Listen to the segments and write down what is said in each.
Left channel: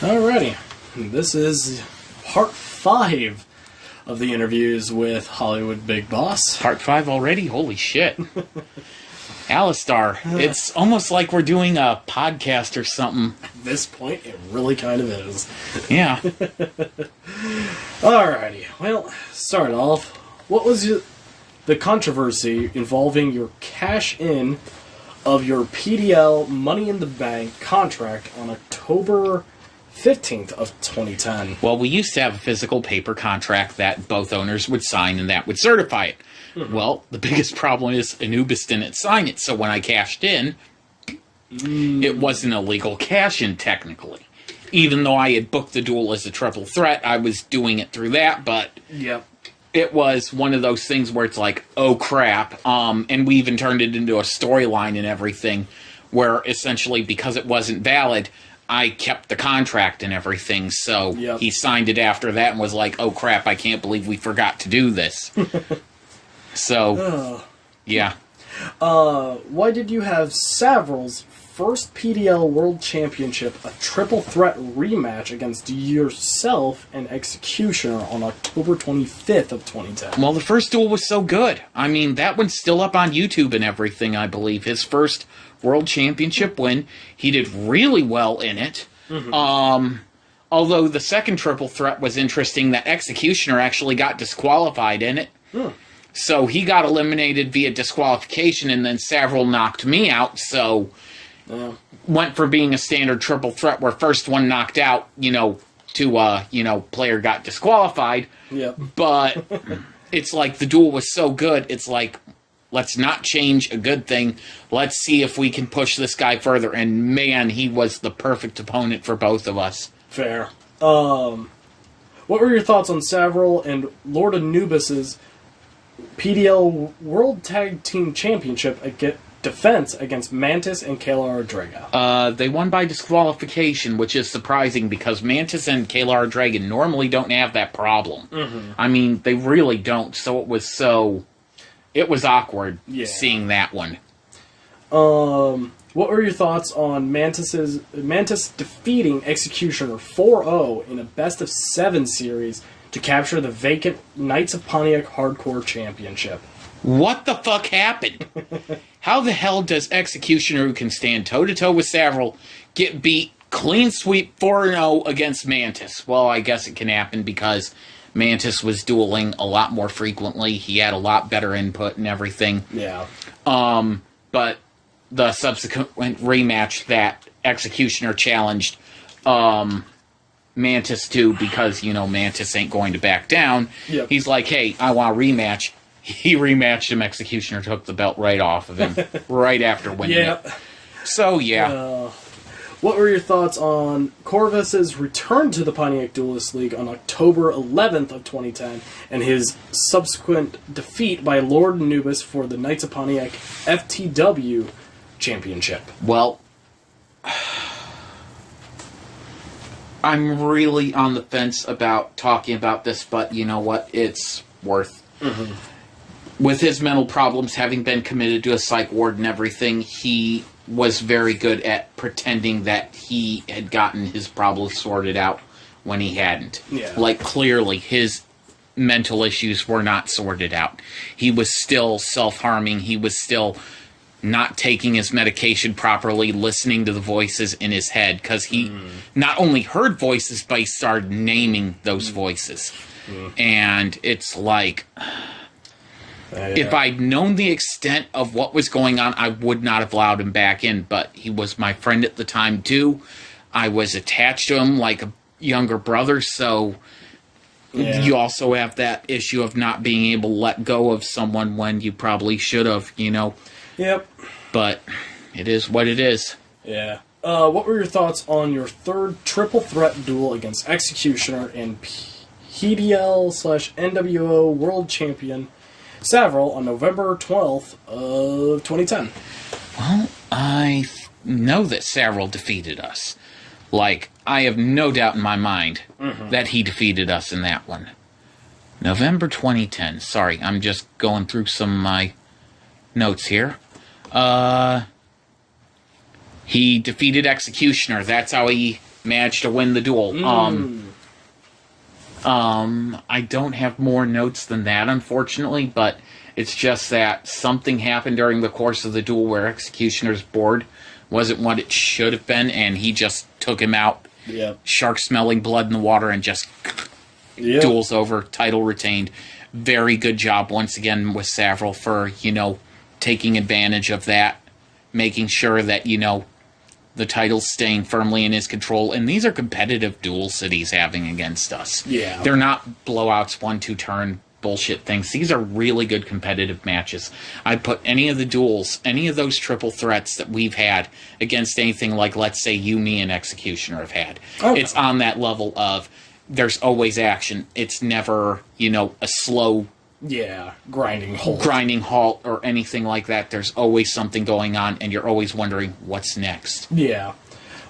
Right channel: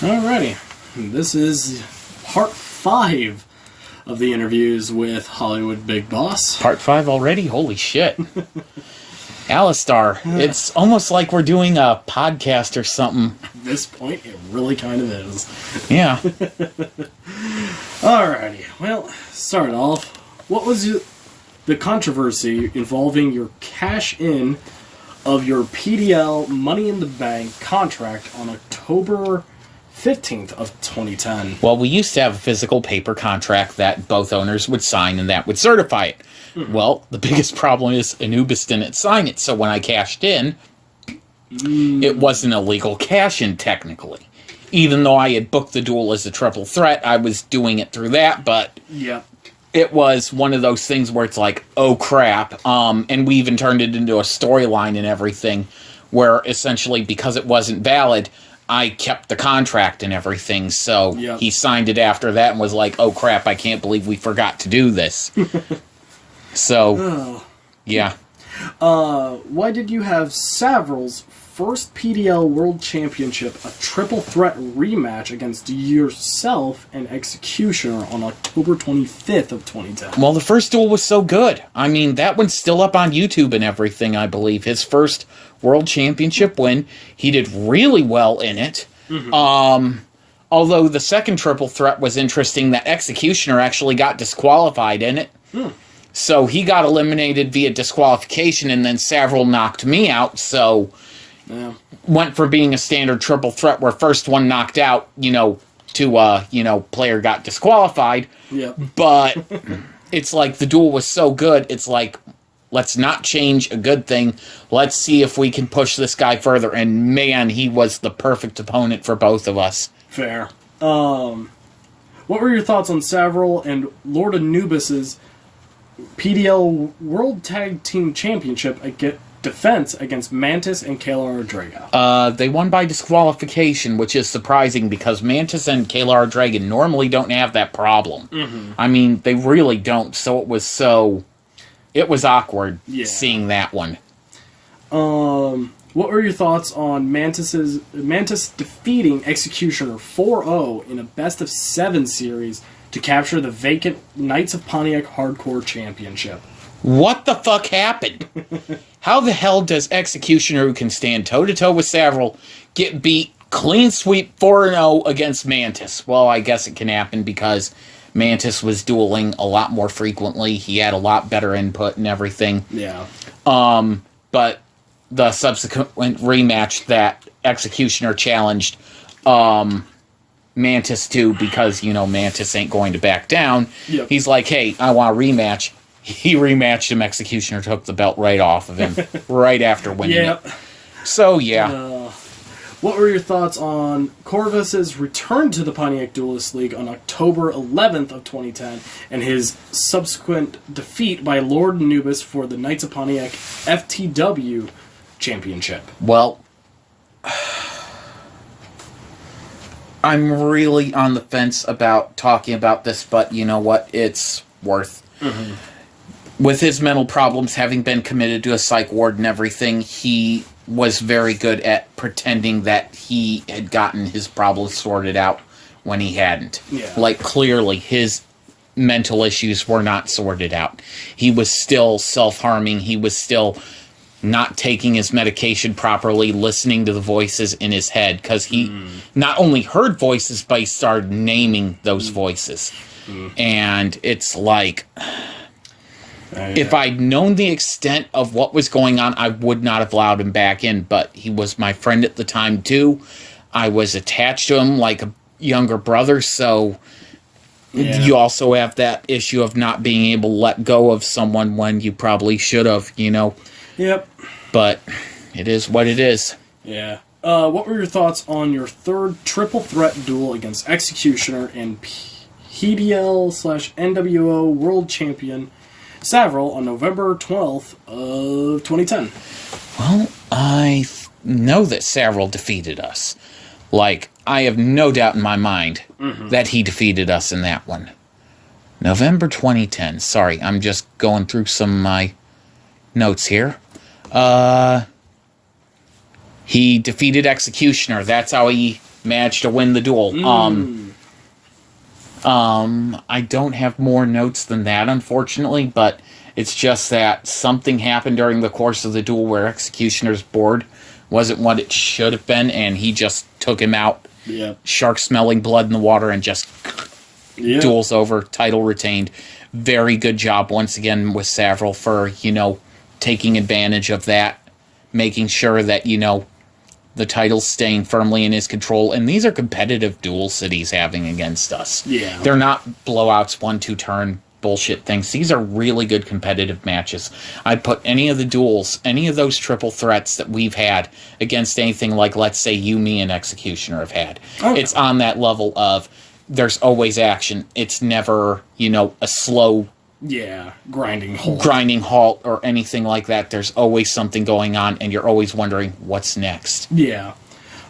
Alrighty, this is part 5 of the interviews with HollywoodBigBoss. Part 5 already? Holy shit. Alistar, it's almost like we're doing a podcast or something. At this point, it really kind of is. Yeah. Alrighty, well, start off. What was the controversy involving your cash-in of your PDL Money in the Bank contract on October 15th of 2010? Well, we used to have a physical paper contract that both owners would sign and that would certify it. Mm-hmm. Well, the biggest problem is Anubis didn't sign it, so when I cashed in, it wasn't a legal cash-in technically. Even though I had booked the duel as a triple threat, I was doing it through that, but it was one of those things where it's like, oh crap, and we even turned it into a storyline and everything, where essentially, because it wasn't valid, I kept the contract and everything, so he signed it after that and was like, oh crap, I can't believe we forgot to do this. So, yeah. Why did you have Savaril's first PDL World Championship a triple threat rematch against yourself and Executioner on October 25th of 2010? Well, the first duel was so good. I mean, that one's still up on YouTube and everything, I believe. His first World Championship win. He did really well in it. Mm-hmm. Although the second triple threat was interesting, that Executioner actually got disqualified in it. So he got eliminated via disqualification, and then Savaril knocked me out, so went for being a standard triple threat where first one knocked out, player got disqualified. But it's like the duel was so good, it's like, let's not change a good thing. Let's see if we can push this guy further. And man, he was the perfect opponent for both of us. Fair. What were your thoughts on Savaril and Lord Anubis's PDL World Tag Team Championship defense against Mantis and Kayla Draga? They won by disqualification, which is surprising because Mantis and Kayla Draga normally don't have that problem. I mean, they really don't. So it was awkward seeing that one. What were your thoughts on Mantis defeating Executioner 4-0 in a best-of-7 series to capture the vacant Knights of Pontiac Hardcore Championship? What the fuck happened? How the hell does Executioner, who can stand toe-to-toe with Savaril, get beat clean sweep 4-0 against Mantis? Well, I guess it can happen because Mantis was dueling a lot more frequently. He had a lot better input and everything. But the subsequent rematch that Executioner challenged Mantis to, because, Mantis ain't going to back down. He's like, hey, I want a rematch. He rematched him. Executioner took the belt right off of him right after winning it. So, what were your thoughts on Corvus's return to the Pontiac Duelist League on October 11th of 2010 and his subsequent defeat by Lord Anubis for the Knights of Pontiac FTW Championship? Well, I'm really on the fence about talking about this, but you know what? It's worth. With his mental problems, having been committed to a psych ward and everything, he was very good at pretending that he had gotten his problems sorted out when he hadn't. Like, clearly, his mental issues were not sorted out. He was still self-harming. He was still not taking his medication properly, listening to the voices in his head, because he not only heard voices, but he started naming those voices. And it's like, if I'd known the extent of what was going on, I would not have allowed him back in, but he was my friend at the time, too. I was attached to him like a younger brother, so you also have that issue of not being able to let go of someone when you probably should have, But it is what it is. What were your thoughts on your third triple threat duel against Executioner and PDL/NWO World Champion Savaril on November 12th of 2010? Well, I know that Savaril defeated us. Like, I have no doubt in my mind that he defeated us in that one. November 2010. Sorry, I'm just going through some of my notes here. He defeated Executioner. That's how he match to win the duel. I don't have more notes than that, unfortunately, but it's just that something happened during the course of the duel where Executioner's board wasn't what it should have been, and he just took him out. Yep. Shark smelling blood in the water and just duel's over, title retained. Very good job once again with Savaril for, taking advantage of that, making sure that, the title's staying firmly in his control. And these are competitive duels that he's having against us. Yeah. They're not blowouts, 1-2 turn bullshit things. These are really good competitive matches. I'd put any of the duels, any of those triple threats that we've had against anything like, let's say, you, me, and Executioner have had. Okay. It's on that level of there's always action. It's never, a slow... grinding halt or anything like that. There's always something going on, and you're always wondering what's next. Yeah.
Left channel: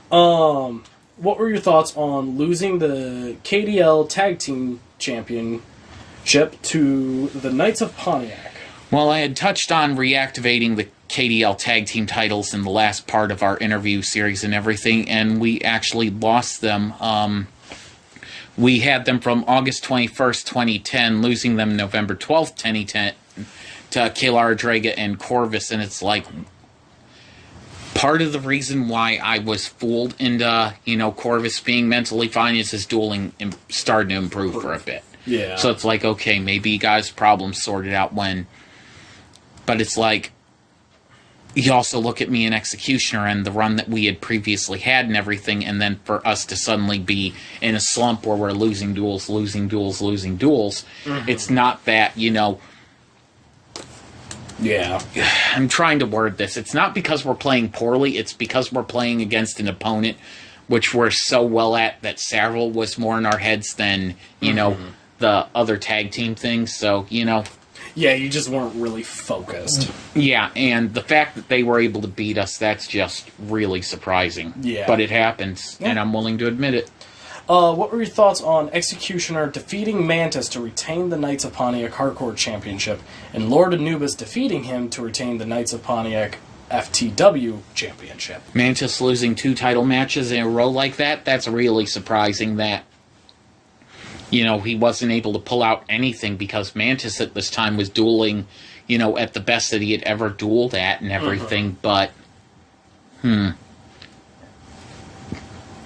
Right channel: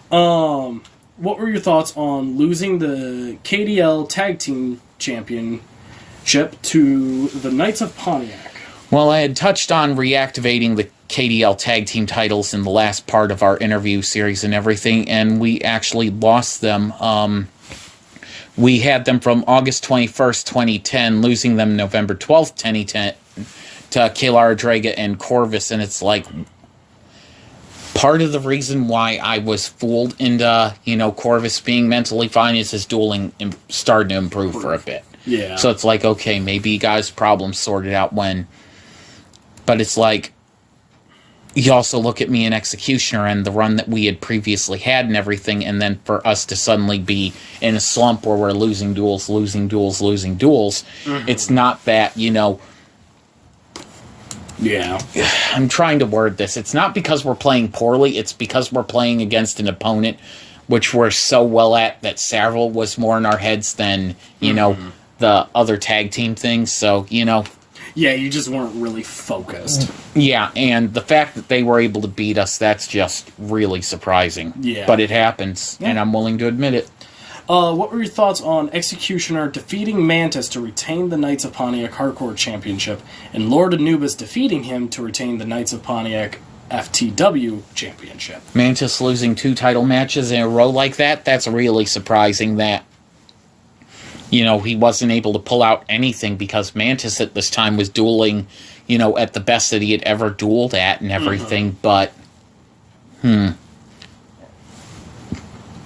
What were your thoughts on losing the KDL Tag Team Championship to the Knights of Pontiac? Well, I had touched on reactivating the KDL Tag Team titles in the last part of our interview series and everything, and we actually lost them. We had them from August 21st, 2010, losing them November 12th, 2010, to Kayla Draga and Corvus, and it's like, part of the reason why I was fooled into, Corvus being mentally fine is his dueling started to improve for a bit. Yeah. So it's like, okay, maybe you guys' problems sorted out when, but it's like, you also look at me in Executioner and the run that we had previously had and everything, and then for us to suddenly be in a slump where we're losing duels, it's not that, Yeah. I'm trying to word this. It's not because we're playing poorly, it's because we're playing against an opponent which we're so well at that Savaril was more in our heads than, the other tag team things, so, Yeah, you just weren't really focused. Yeah, and the fact that they were able to beat us, that's just really surprising. Yeah. But it happens, and I'm willing to admit it. What were your thoughts on Executioner defeating Mantis to retain the Knights of Pontiac Hardcore Championship, and Lord Anubis defeating him to retain the Knights of Pontiac FTW Championship? Mantis losing 2 title matches in a row like that, that's really surprising that he wasn't able to pull out anything, because Mantis at this time was dueling, at the best that he had ever dueled at and everything, but,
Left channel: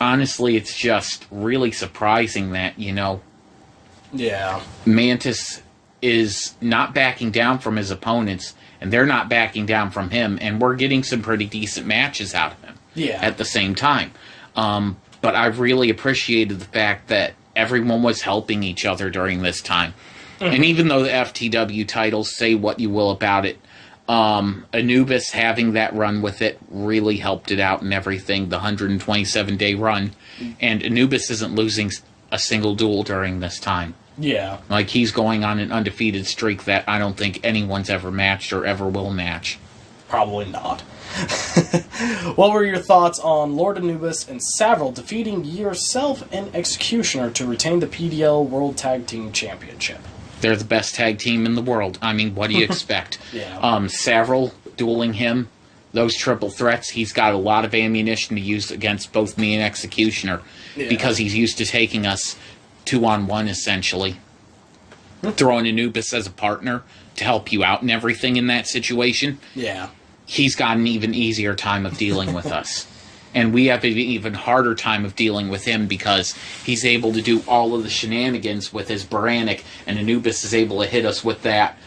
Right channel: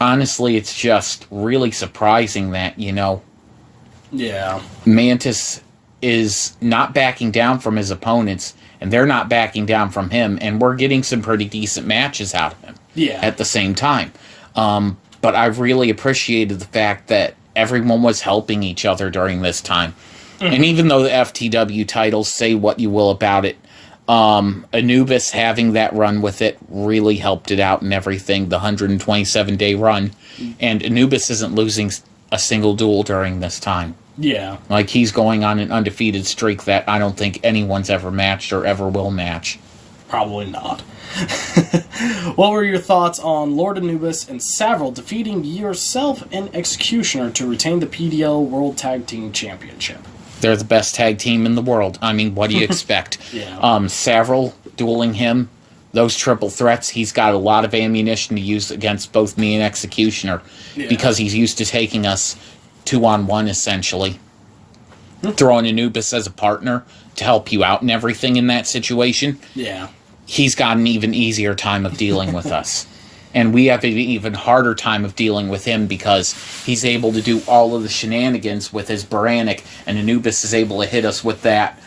honestly, it's just really surprising that, Yeah. Mantis is not backing down from his opponents, and they're not backing down from him, and we're getting some pretty decent matches out of him at the same time. But I've really appreciated the fact that everyone was helping each other during this time. And even though the FTW titles, say what you will about it, Anubis having that run with it really helped it out and everything, the 127-day run. And Anubis isn't losing a single duel during this time. Yeah. Like, he's going on an undefeated streak that I don't think anyone's ever matched or ever will match. Probably not. What were your thoughts on Lord Anubis and Savaril defeating yourself and Executioner to retain the PDL World Tag Team Championship? They're the best tag team in the world. I mean, what do you expect? Savaril dueling him, those triple threats, he's got a lot of ammunition to use against both me and Executioner, because he's used to taking us 2-on-1, essentially. Throwing Anubis as a partner to help you out and everything in that situation. Yeah. He's got an even easier time of dealing with us. And we have an even harder time of dealing with him because he's able to do all of the shenanigans with his Baranic, and Anubis is able to hit us with that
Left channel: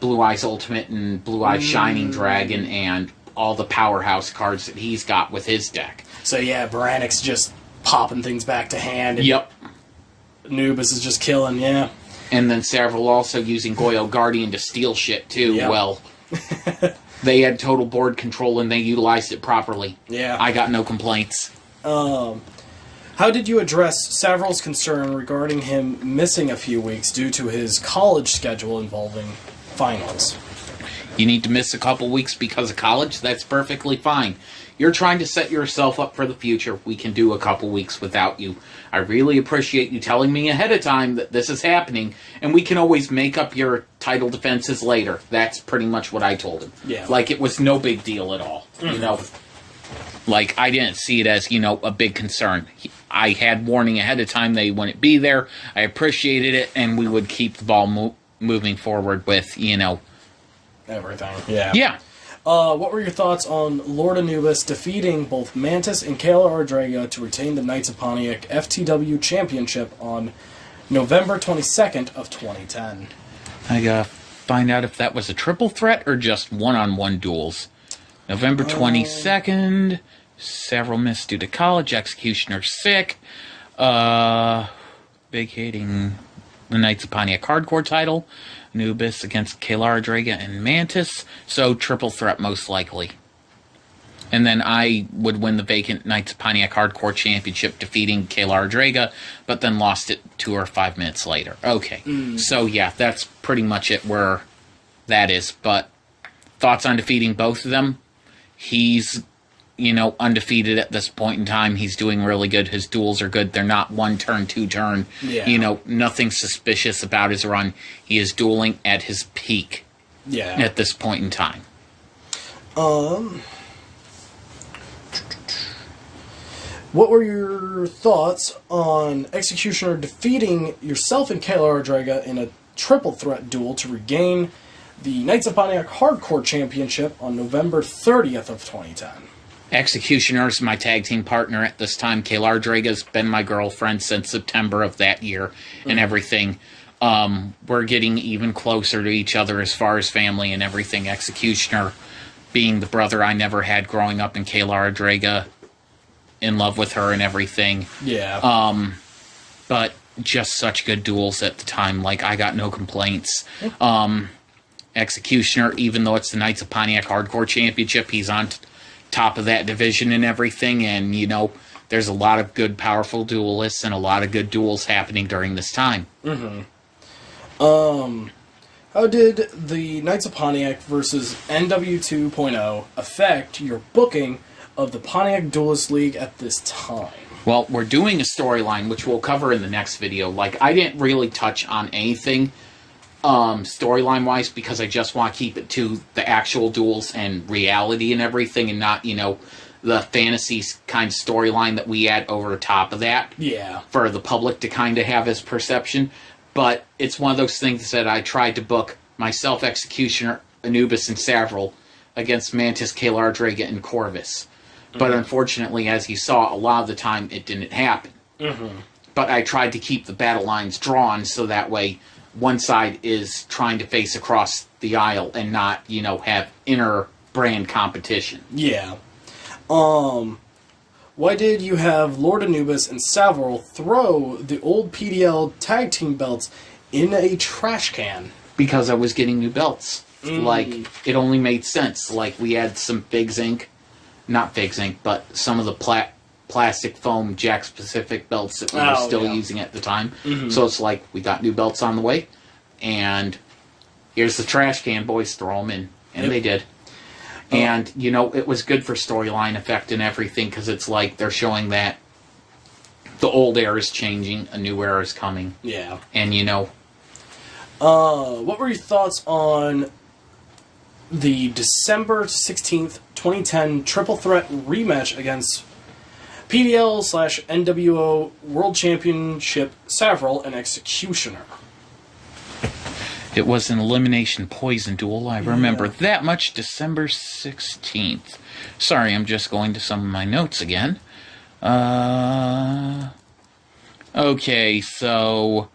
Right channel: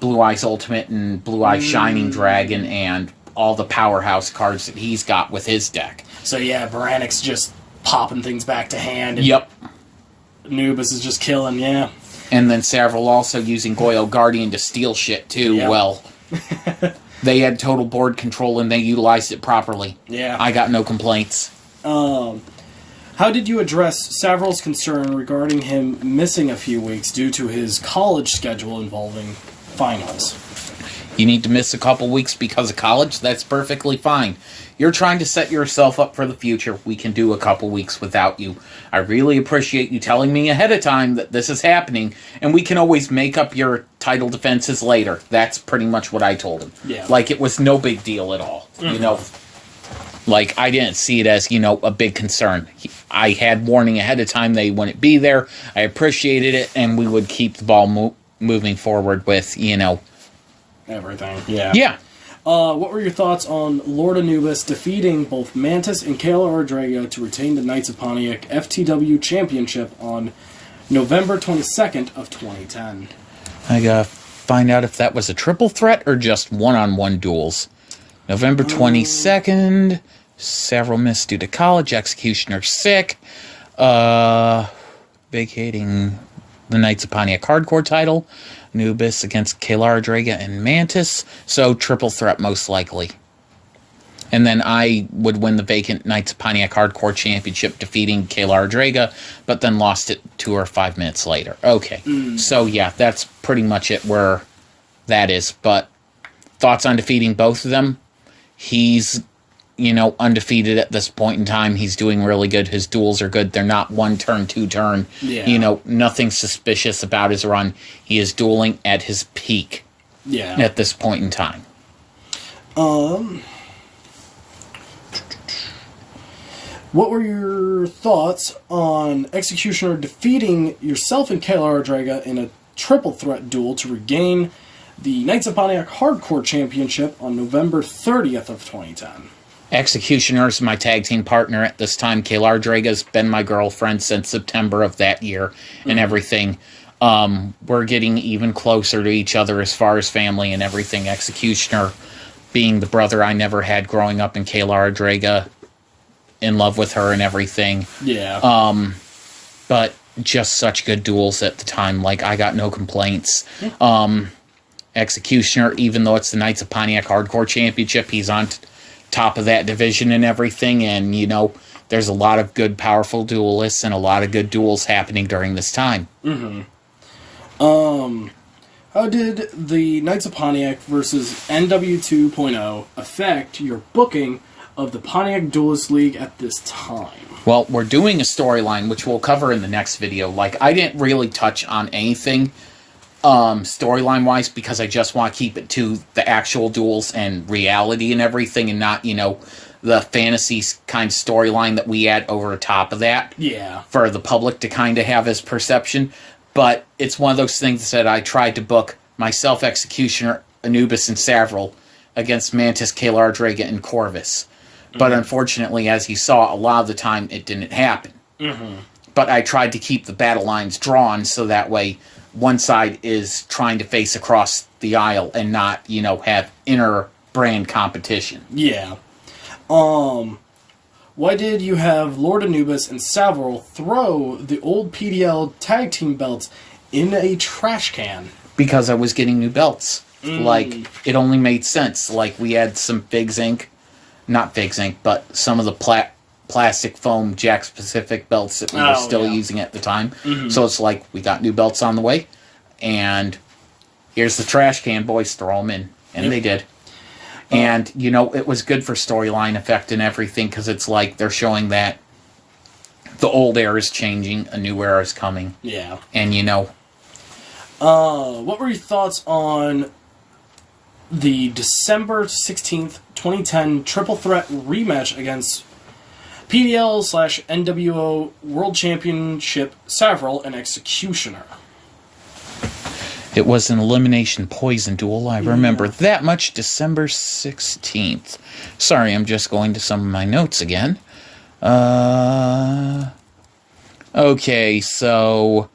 Blue Eyes Ultimate and Blue Eyes Shining Dragon and all the powerhouse cards that he's got with his deck. So yeah, Baranic's just popping things back to hand. And yep. Anubis is just killing, yeah. And then Savaril also using Goyle Guardian to steal shit too. Yep. Well, they had total board control and they utilized it properly. Yeah. I got no complaints. How did you address Savaril's concern regarding him missing a few weeks due to his college schedule involving finals? You need to miss a couple weeks because of college? That's perfectly fine. You're trying to set yourself up for the future. We can do a couple weeks without you. I really appreciate you telling me ahead of time that this is happening, and we can always make up your title defenses later. That's pretty much what I told him. Yeah. Like, it was no big deal at all, you know? Like, I didn't see it as, a big concern. I had warning ahead of time they wouldn't be there. I appreciated it, and we would keep the ball moving forward with, everything. Yeah. Yeah. What were your thoughts on Lord Anubis defeating both Mantis and Kayla Ardrega to retain the Knights of Pontiac FTW Championship on November 22nd of 2010? I gotta find out if that was a triple threat or just one-on-one duels. November 22nd, Savaril missed due to college, Executioner sick, vacating the Knights of Pontiac Hardcore title, Anubis against Kayla Ardrega and Mantis, so triple threat most likely. And then I would win the vacant Knights of Pontiac Hardcore Championship, defeating Kayla Ardrega, but then lost it 2 or 5 minutes later. Okay, so yeah, that's pretty much it where that is. But thoughts on defeating both of them? He's, undefeated at this point in time. He's doing really good. His duels are good. They're not 1 turn, 2 turn. Yeah. Nothing suspicious about his run. He is dueling at his peak. Yeah. At this point in time. What were your thoughts on Executioner defeating yourself and Kayla Ardrega in a triple threat duel to regain the Knights of Pontiac Hardcore Championship on November 30th of 2010? Executioner is my tag team partner at this time. Kayla Ardrega's been my girlfriend since September of that year and everything. We're getting even closer to each other as far as family and everything. Executioner being the brother I never had growing up, and Kayla Ardrega in love with her and everything. Yeah. But just such good duels at the time. Like, I got no complaints. Executioner, even though it's the Knights of Pontiac Hardcore Championship, he's on top of that division and everything, and there's a lot of good, powerful duelists and a lot of good duels happening during this time. How did the Knights of Pontiac versus NW 2.0 affect your booking of the Pontiac Duelist League at this time? Well, we're doing a storyline, which we'll cover in the next video. Like, I didn't really touch on anything storyline-wise, because I just want to keep it to the actual duels and reality and everything, and not, the fantasy kind of storyline that we add over top of that. Yeah. For the public to kind of have as perception. But it's one of those things that I tried to book myself, Executioner, Anubis, and Savaril against Mantis, Kayla Ardrega, and Corvus. But unfortunately, as you saw, a lot of the time it didn't happen. But I tried to keep the battle lines drawn so that way one side is trying to face across the aisle and not, have inner brand competition. Yeah. Why did you have Lord Anubis and Savaril throw the old PDL tag team belts in a trash can? Because I was getting new belts. Like, it only made sense. Like, we had some Figs Inc. Not Figs Inc., but some of the plastic foam Jack Specific belts that we were still using at the time. So it's like, we got new belts on the way, and here's the trash can, boys, throw them in. And they did. And, it was good for storyline effect and everything, because it's like they're showing that the old era is changing, a new era is coming. Yeah. And, what were your thoughts on the December 16th, 2010 triple threat rematch against PDL/NWO World Championship Savaril and Executioner? It was an elimination poison duel. I remember that much. December 16th. Sorry, I'm just going to some of my notes again. Okay, so...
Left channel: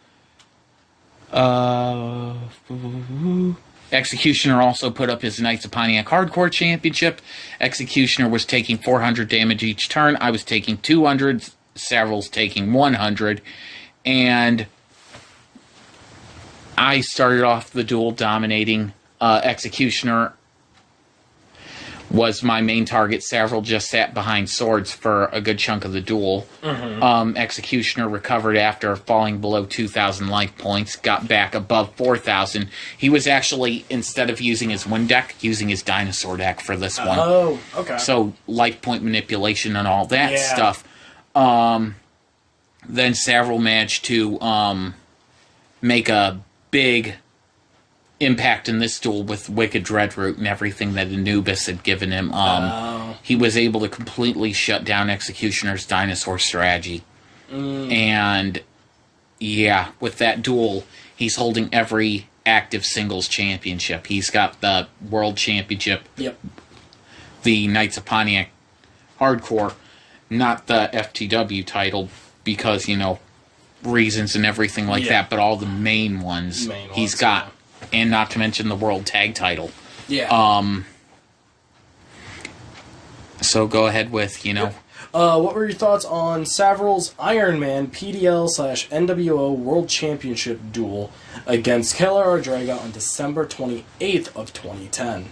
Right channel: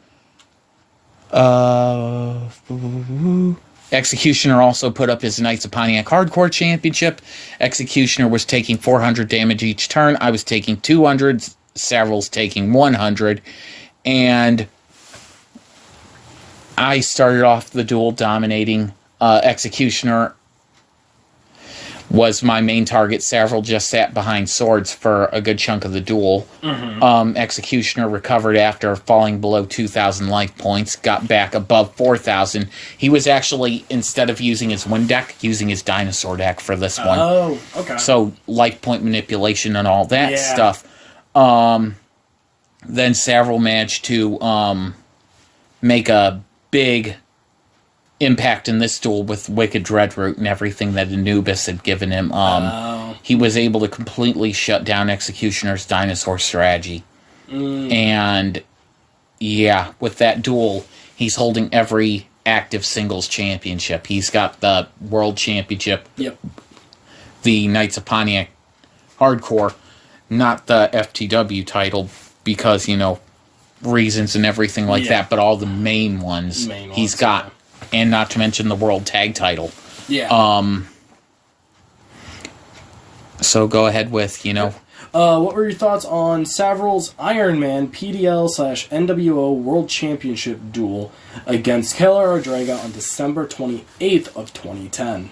Executioner also put up his Knights of Pontiac Hardcore Championship. Executioner was taking 400 damage each turn. I was taking 200. Savaril's taking 100. And I started off the duel dominating. Executioner was my main target. Savaril just sat behind swords for a good chunk of the duel. Executioner recovered after falling below 2,000 life points, got back above 4,000. He was actually, instead of using his wind deck, using his dinosaur deck for this one. Oh, okay. So, life point manipulation and all that stuff. Then Savaril managed to make a big impact in this duel with Wicked Dreadroot and everything that Anubis had given him. he was able to completely shut down Executioner's dinosaur strategy. And, yeah, with that duel, he's holding every active singles championship. He's got the World Championship, the Knights of Pontiac Hardcore, not the FTW title, because, reasons and everything like that, but all the main ones he's got. And not to mention the World Tag title. So go ahead with, what were your thoughts on Savaril's Iron Man PDL/NWO World Championship duel against Kayla Ardraga on December 28th of 2010?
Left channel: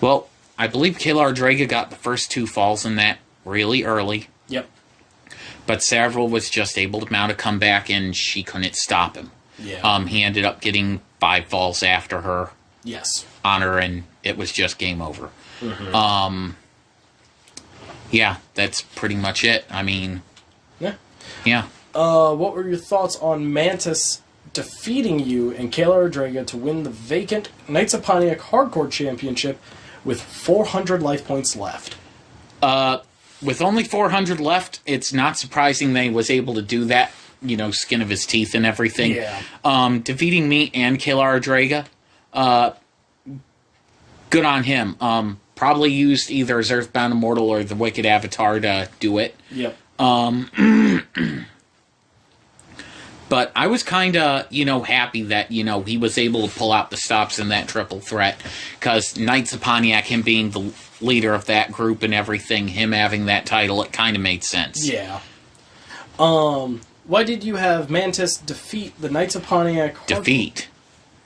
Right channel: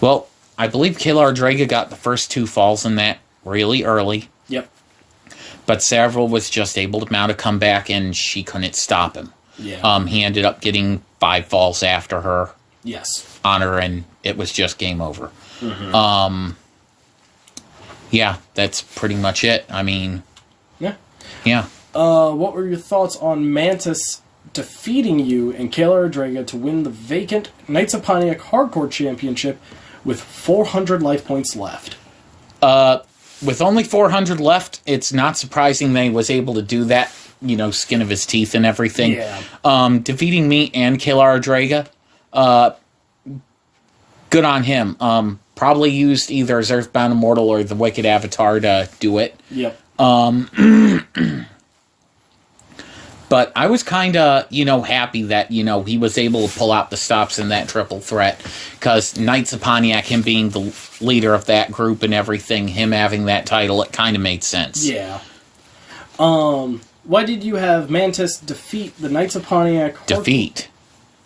Well, I believe Kayla Ardraga got the first 2 falls in that really early. Yep. But Savaril was just able to mount a comeback, and she couldn't stop him. Yeah. He ended up getting 5 falls after her. Yes. On her, and it was just game over. Yeah, that's pretty much it. I mean... Yeah. What were your thoughts on Mantis defeating you and Kayla Ardraga to win the vacant Knights of Pontiac Hardcore Championship with 400 life points left? With only 400 left, it's not surprising that he was able to do that, skin of his teeth and everything. Yeah. Defeating me and Kayla Ardraga, good on him. Probably used either as Earthbound Immortal or the Wicked Avatar to do it. Yep. But I was kind of, happy that, he was able to pull out the stops in that triple threat. Because Knights of Pontiac, him being the leader of that group and everything, him having that title, it kind of made sense. Yeah. Why did you have Mantis defeat the Knights of Pontiac? Defeat.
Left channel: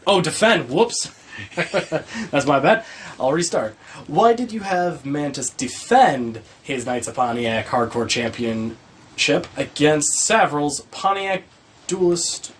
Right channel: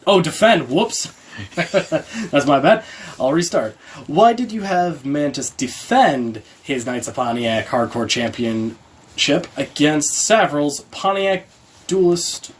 Oh, defend. Whoops. That's my bad. I'll restart. Why did you have Mantis defend his Knights of Pontiac Hardcore Championship against Savaril's Pontiac Duelist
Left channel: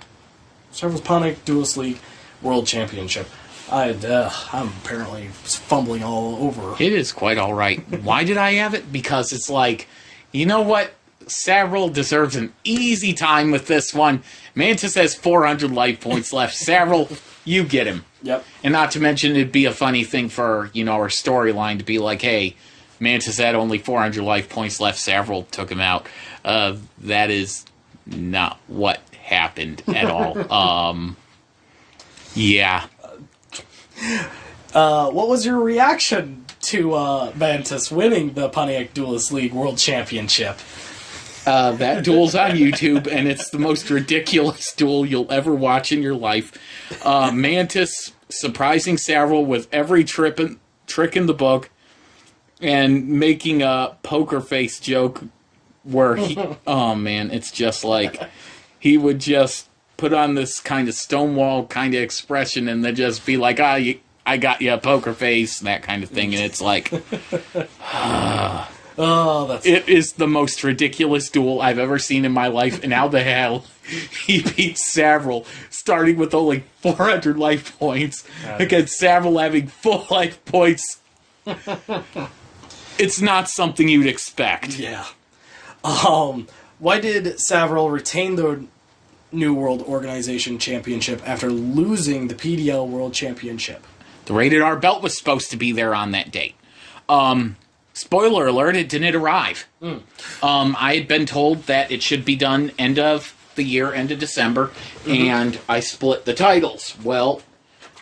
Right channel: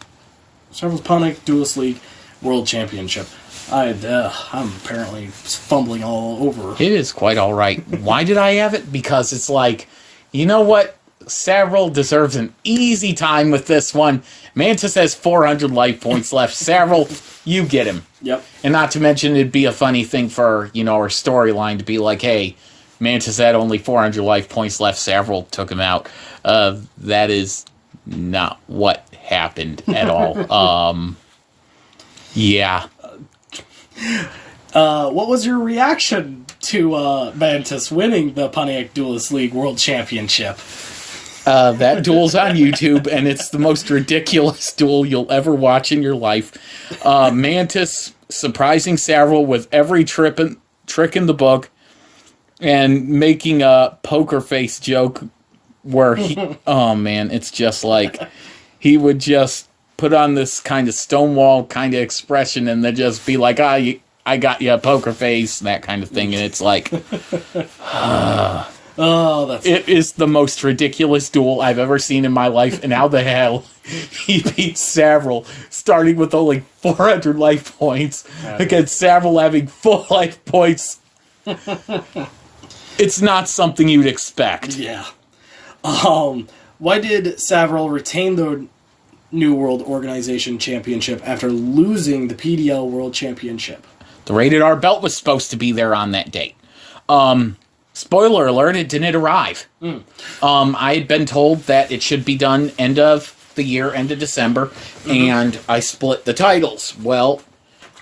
League World Championship? I'm apparently fumbling all over. It is quite all right. Why did I have it? Because it's like, you know what? Savaril deserves an easy time with this one. Mantis has 400 life points left. Savaril, you get him. Yep. And not to mention, it'd be a funny thing for, our storyline to be like, hey, Mantis had only 400 life points left. Savaril took him out. That is not what happened at all. Yeah. What was your reaction to Mantis winning the Pontiac Duelist League World Championship? That duel's on YouTube, and it's the most ridiculous duel you'll ever watch in your life. Mantis surprising Savaril with every trick in the book, and making a poker face joke where he... oh, man, it's just like... He would just put on this kind of stonewall kind of expression, and then just be like, I got you a poker face, that kind of thing, and it's like... It is the most ridiculous duel I've ever seen in my life, and how the hell he beat Savaril, starting with only 400 life points, against Savaril having full life points. It's not something you'd expect. Yeah. Why did Savaril retain the New World Organization Championship after losing the PDL World Championship? The Rated R belt was supposed to be there on that date. Spoiler alert, it didn't arrive. I had been told that it should be done end of the year, end of December, and I split the titles. Well,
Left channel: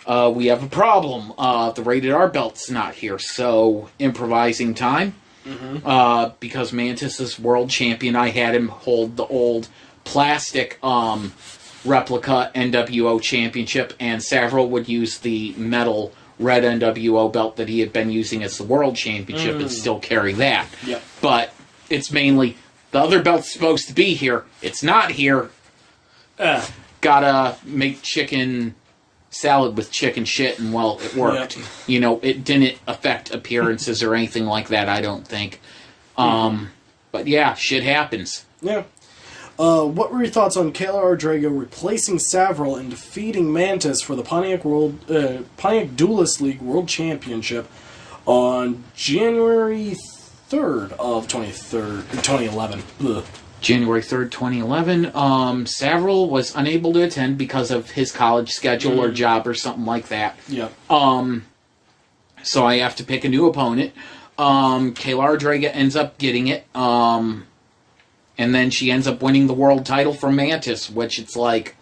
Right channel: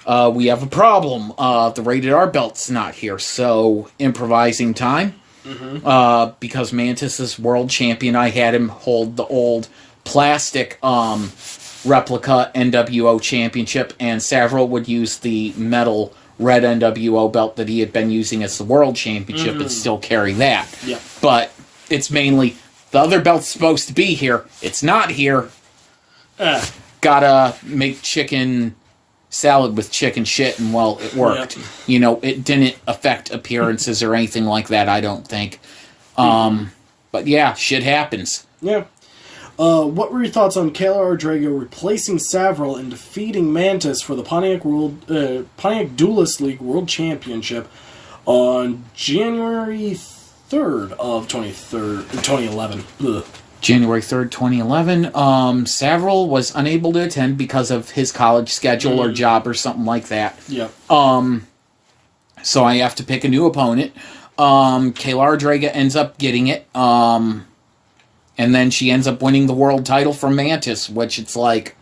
we have a problem. The Rated R belt's not here, so improvising time. Because Mantis is world champion, I had him hold the old plastic replica NWO championship, and Savaril would use the metal red NWO belt that he had been using as the world championship and still carry that. Yep. But it's mainly, the other belt's supposed to be here. It's not here. Gotta make chicken salad with chicken shit, and well, it worked. Yep. It didn't affect appearances or anything like that, I don't think. But yeah, shit happens. Yeah. What were your thoughts on Kayla Ardraga replacing Savaril and defeating Mantis for the Pontiac Duelist League World Championship on January 3rd of 2011? Ugh. January 3rd, 2011. Savaril was unable to attend because of his college schedule or job or something like that. Yep. So I have to pick a new opponent. Kayla Drega ends up getting it. And then she ends up winning the world title from Mantis, which it's like...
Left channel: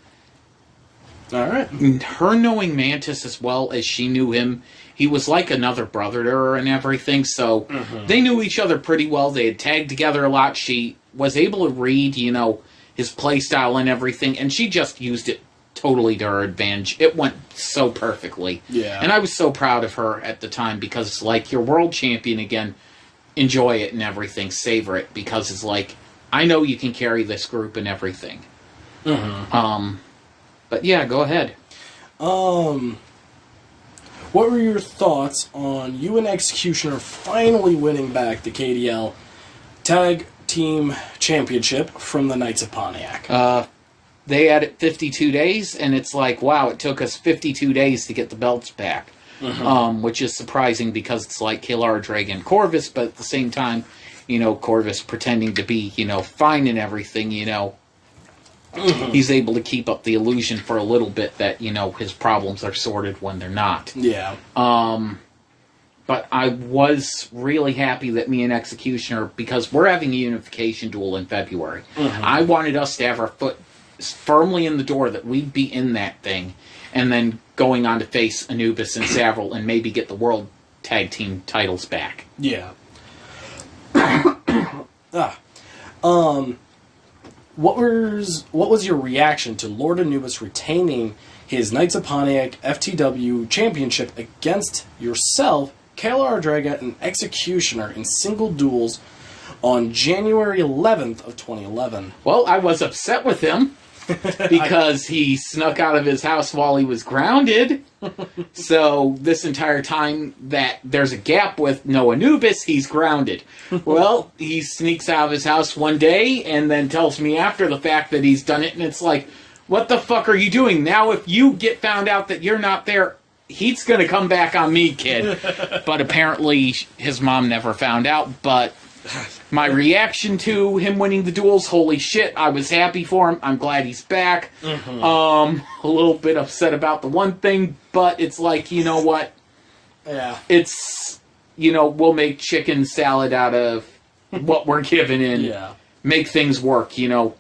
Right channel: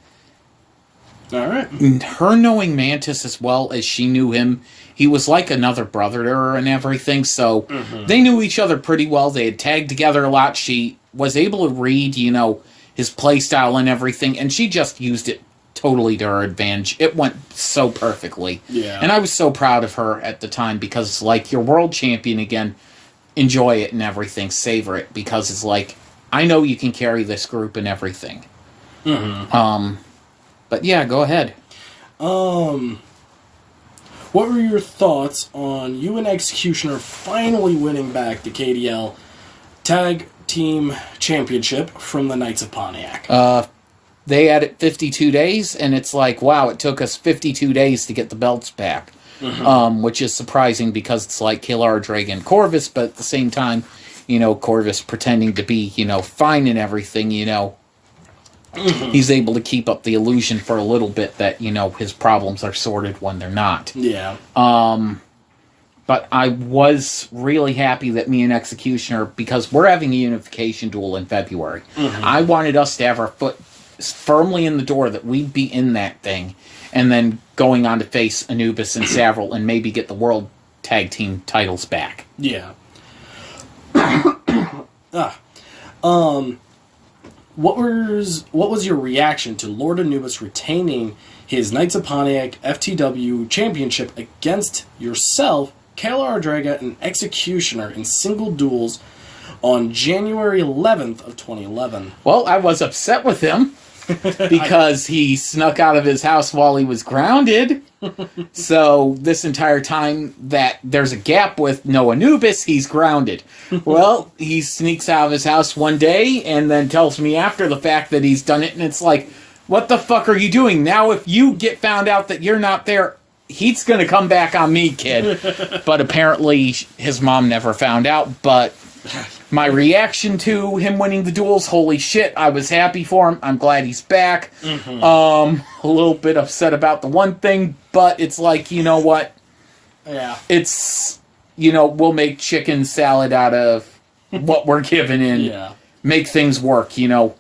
All right. Her knowing Mantis as well as she knew him, he was like another brother to her and everything, so they knew each other pretty well. They had tagged together a lot. She was able to read, his playstyle and everything, and she just used it totally to her advantage. It went so perfectly. Yeah. And I was so proud of her at the time because, like, you're world champion again. Enjoy it and everything. Savor it because it's like, I know you can carry this group and everything. But yeah, go ahead. What were your thoughts on you and Executioner finally winning back the KDL Tag Team Championship from the Knights of Pontiac? They had it 52 days, and it's like, wow, it took us 52 days to get the belts back. Which is surprising because it's like Kayla Drega and Corvus, but at the same time, Corvus pretending to be, fine and everything, he's able to keep up the illusion for a little bit that, his problems are sorted when they're not. Yeah. But I was really happy that me and Executioner, because we're having a unification duel in February, I wanted us to have our foot firmly in the door that we'd be in that thing, and then going on to face Anubis and Savaril and maybe get the world tag team titles back. Yeah. What was your reaction to Lord Anubis retaining his Knights of Pontiac FTW championship against yourself, Kayla Drega, and Executioner in single duels on January 11th of 2011? Well, I was upset with him because he snuck out of his house while he was grounded. So this entire time that there's a gap with no Anubis, he's grounded. Well, he sneaks out of his house one day and then tells me after the fact that he's done it, and it's like, what the fuck are you doing? Now if you get found out that you're not there, he's gonna come back on me, kid. But apparently his mom never found out, but my reaction to him winning the duels, holy shit, I was happy for him. I'm glad he's back. A little bit upset about the one thing, but it's like, you know what? Yeah. It's, we'll make chicken salad out of what we're given and make things work, and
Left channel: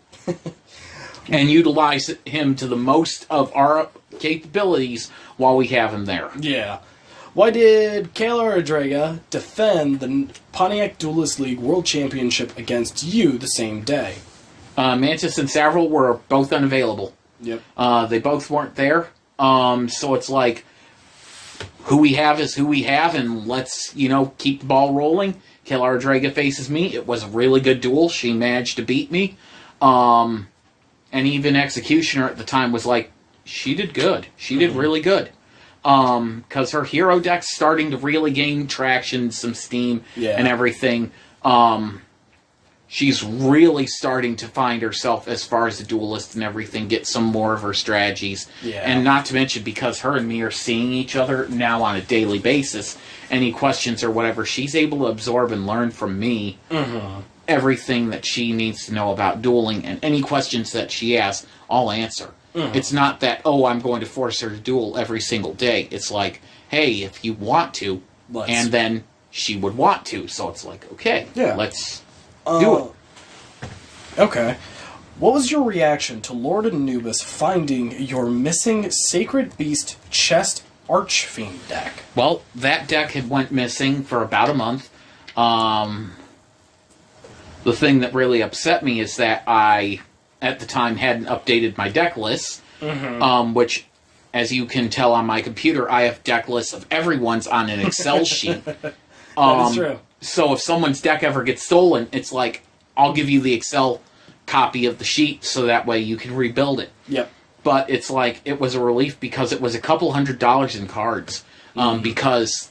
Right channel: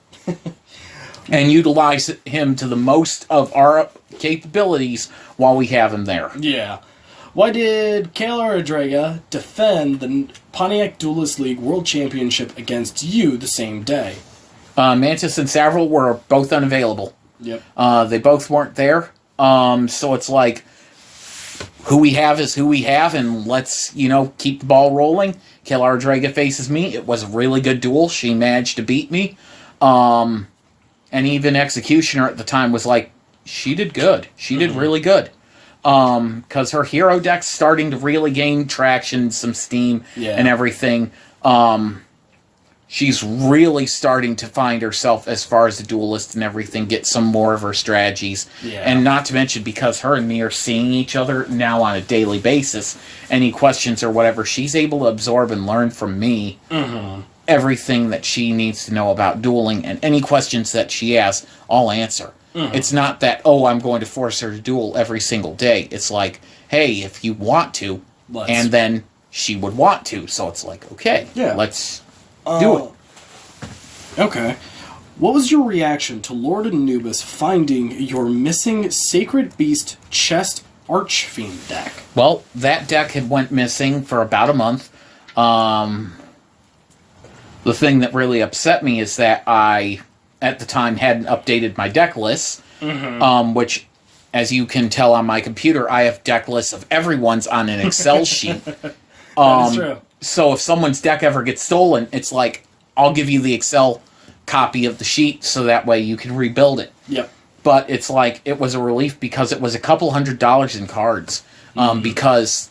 utilize him to the most of our capabilities while we have him there. Yeah. Why did Kayla Drega defend the Pontiac Duelist League World Championship against you the same day? Mantis and Savaril were both unavailable. Yep. They both weren't there. So it's like, who we have is who we have, and let's, keep the ball rolling. Kayla Drega faces me. It was a really good duel. She managed to beat me. And even Executioner at the time was like, she did good. She did really good. Because her hero deck's starting to really gain traction, some steam, and everything. She's really starting to find herself as far as the duelist and everything, get some more of her strategies. Yeah. And not to mention, because her and me are seeing each other now on a daily basis, any questions or whatever, she's able to absorb and learn from me everything that she needs to know about dueling, and any questions that she asks, I'll answer. It's not that, I'm going to force her to duel every single day. It's like, hey, if you want to, and then she would want to. So it's like, okay, let's do it. Okay. What was your reaction to Lord Anubis finding your missing Sacred Beast Chest Archfiend deck? Well, that deck had went missing for about a month. The thing that really upset me is that I, at the time, hadn't updated my deck lists, which, as you can tell on my computer, I have deck lists of everyone's on an Excel sheet. That is true. So if someone's deck ever gets stolen, it's like, I'll give you the Excel copy of the sheet so that way you can rebuild it. Yep. But it's like, it was a relief because it was a couple $100 in cards. Because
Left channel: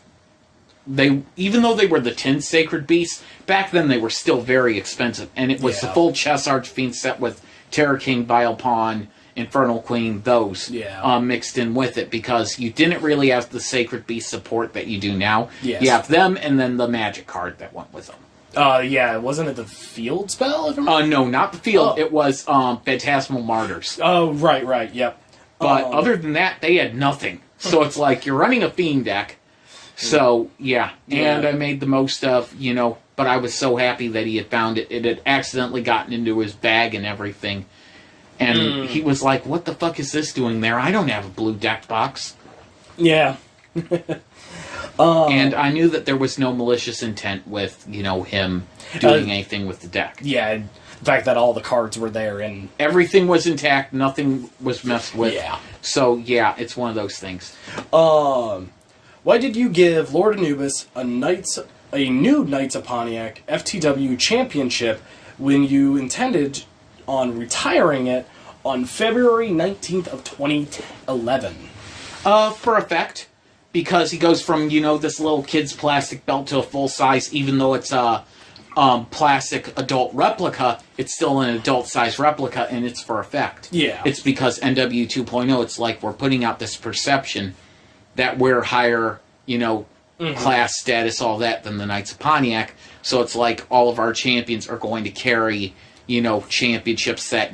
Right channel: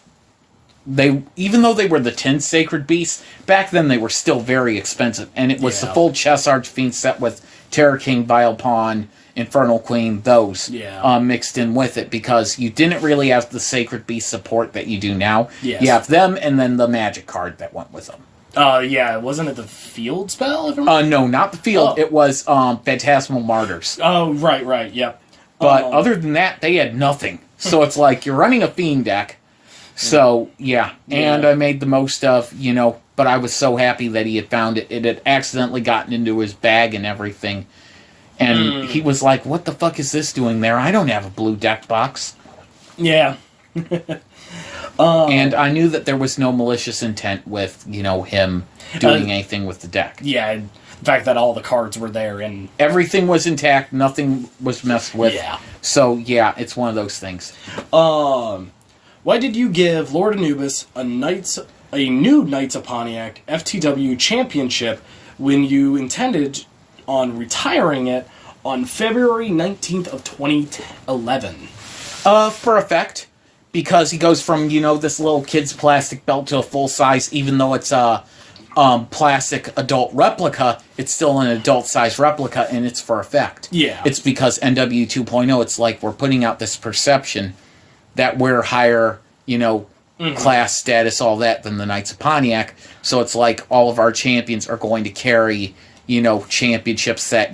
they, even though they were the 10 Sacred Beasts, back then they were still very expensive. And it was the full Chess Archfiend set with Terror King, Vile Pawn, Infernal Queen, those mixed in with it, because you didn't really have the Sacred Beast support that you do now. Yes. You have them and then the Magic card that went with them. Yeah, wasn't it the field spell? No, not the field. Oh. It was Phantasmal Martyrs. Oh, right, yep. But other than that, they had nothing. So it's like, you're running a Fiend deck. So, yeah. And I made the most of, but I was so happy that he had found it. It had accidentally gotten into his bag and everything. And he was like, what the fuck is this doing there? I don't have a blue deck box. Yeah. And I knew that there was no malicious intent with, him doing anything with the deck. Yeah, the fact that all the cards were there and... Everything was intact, nothing was messed with. Yeah. So, yeah, it's one of those things. Why did you give Lord Anubis a new Knights of Pontiac FTW championship when you intended on retiring it on February 19th of 2011? For effect. Because he goes from, this little kid's plastic belt to a full size, even though it's a plastic adult replica, it's still an adult size replica, and it's for effect. Yeah. It's because NW 2.0, it's like we're putting out this perception that we're higher, class, status, all that, than the Knights of Pontiac. So it's like all of our champions are going to carry, championships that,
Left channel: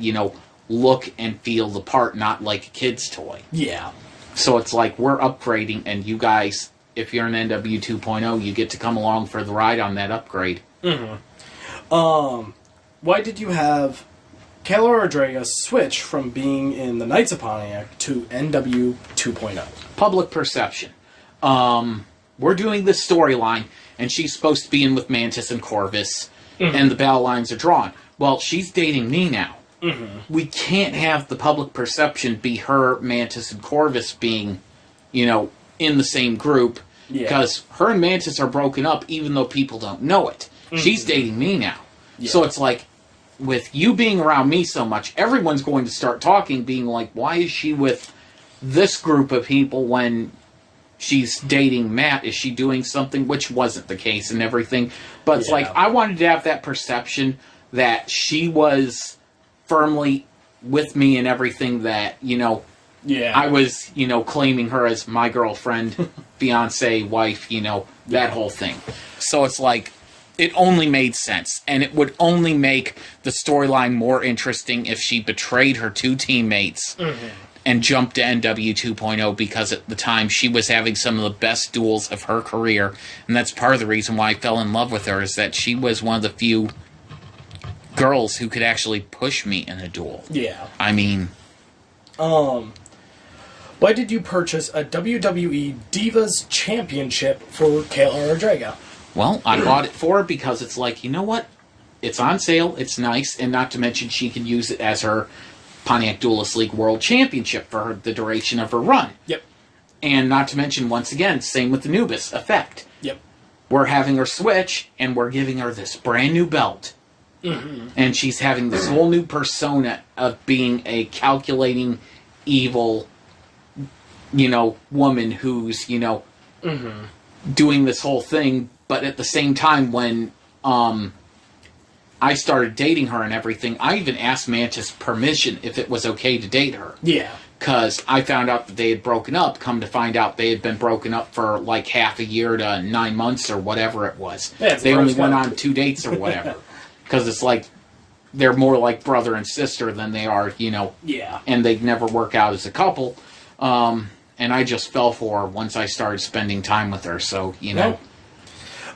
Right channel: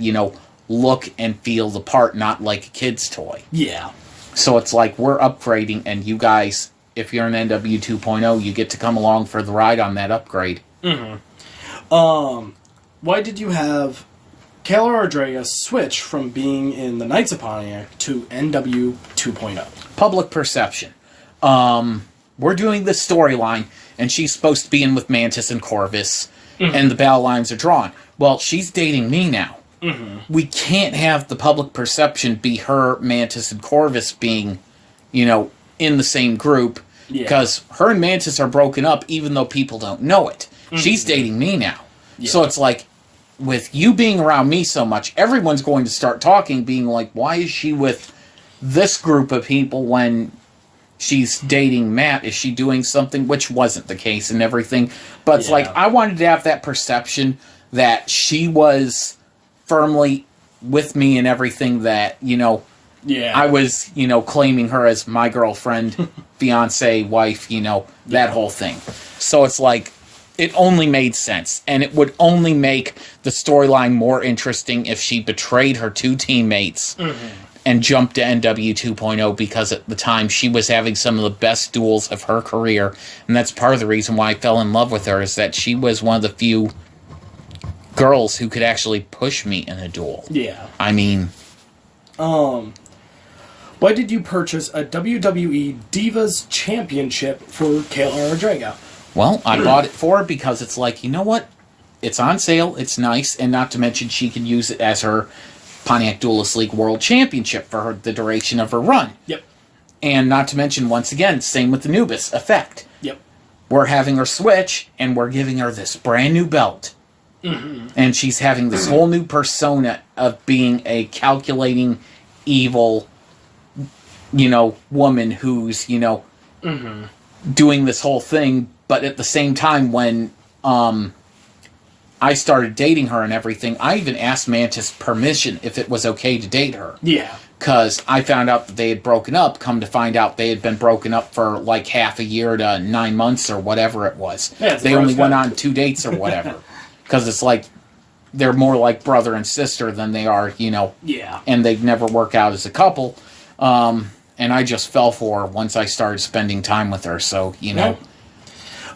look and feel the part, not like a kid's toy. Yeah. So it's like we're upgrading, and you guys, if you're an NW 2.0, you get to come along for the ride on that upgrade. Why did you have Kayla Rodriguez switch from being in the Knights of Pontiac to NW 2.0? Public perception. We're doing this storyline, and she's supposed to be in with Mantis and Corvus, and the battle lines are drawn. Well, she's dating me now. We can't have the public perception be her, Mantis, and Corvus being, in the same group, because her and Mantis are broken up, even though people don't know it. She's dating me now. Yeah. So it's like, with you being around me so much, everyone's going to start talking, being like, why is she with this group of people when she's dating Matt? Is she doing something? Which wasn't the case and everything. But it's like, I wanted to have that perception that she was firmly with me and everything, that, I was, claiming her as my girlfriend, fiance, wife, that whole thing. So it's like, it only made sense. And it would only make the storyline more interesting if she betrayed her two teammates and jumped to NW 2.0, because at the time she was having some of the best duels of her career. And that's part of the reason why I fell in love with her, is that she was one of the few girls who could actually push me in a duel. Yeah. I mean... Why did you purchase a WWE Divas Championship for Kayla Rodriguez? Well, I bought it for her because it's like, you know what? It's on sale, it's nice, and not to mention she can use it as her Pontiac Duelist League World Championship for the duration of her run. Yep. And not to mention, once again, same with Anubis, effect. Yep. We're having her switch, and we're giving her this brand new belt. And she's having this whole new persona of being a calculating, evil, woman who's, doing this whole thing. But at the same time, when I started dating her and everything, I even asked Mantis permission if it was okay to date her. Yeah. Because I found out that they had broken up. Come to find out, they had been broken up for like half a year to 9 months or whatever it was. Yeah, they only went on 2 dates or whatever. Because it's like, they're more like brother and sister than they are, Yeah. And they'd never work out as a couple. And I just fell for her once I started spending time with her, so, Right.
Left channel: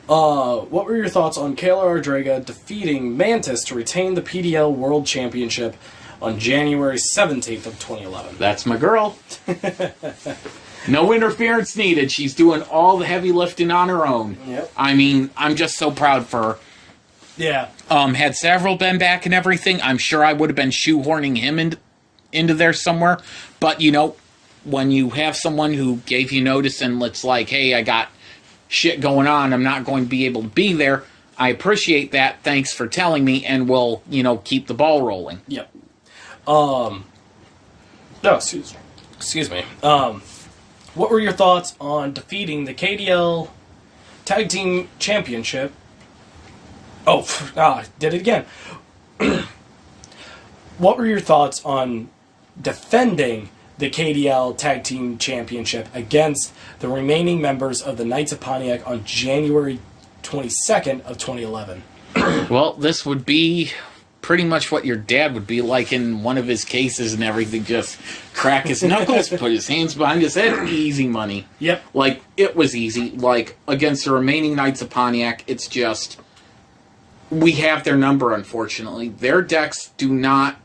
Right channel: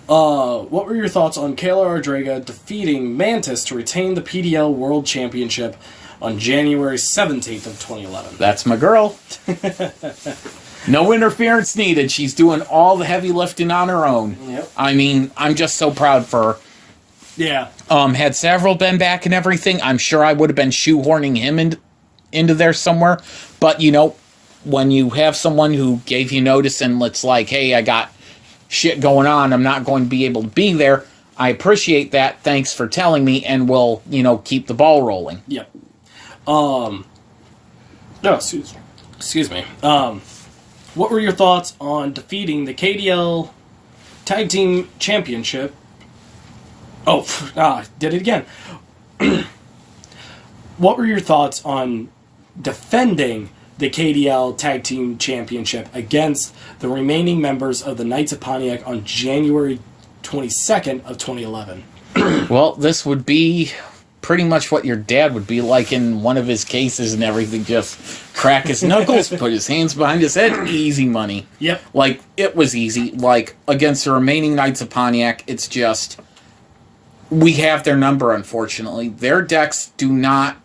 What were your thoughts on Kayla Rodriguez defeating Mantis to retain the PDL World Championship on January 17th of 2011? That's my girl. No interference needed. She's doing all the heavy lifting on her own. Yep. I mean, I'm just so proud for her. Yeah. Had Savaril been back and everything, I'm sure I would have been shoehorning him into there somewhere. But, when you have someone who gave you notice and it's like, hey, I got shit going on, I'm not going to be able to be there, I appreciate that. Thanks for telling me, and we'll, keep the ball rolling. Yep. No, excuse me. What were your thoughts on defeating the KDL Tag Team Championship? Did it again. What were your thoughts on defending the KDL Tag Team Championship against the remaining members of the Knights of Pontiac on January 22nd of 2011? Well, this would be pretty much what your dad would be like in one of his cases and everything. Just crack his knuckles, put his hands behind his head, easy money. Yep. Like, it was easy. Like, against the remaining Knights of Pontiac, it's just... We have their number, unfortunately. Their decks do not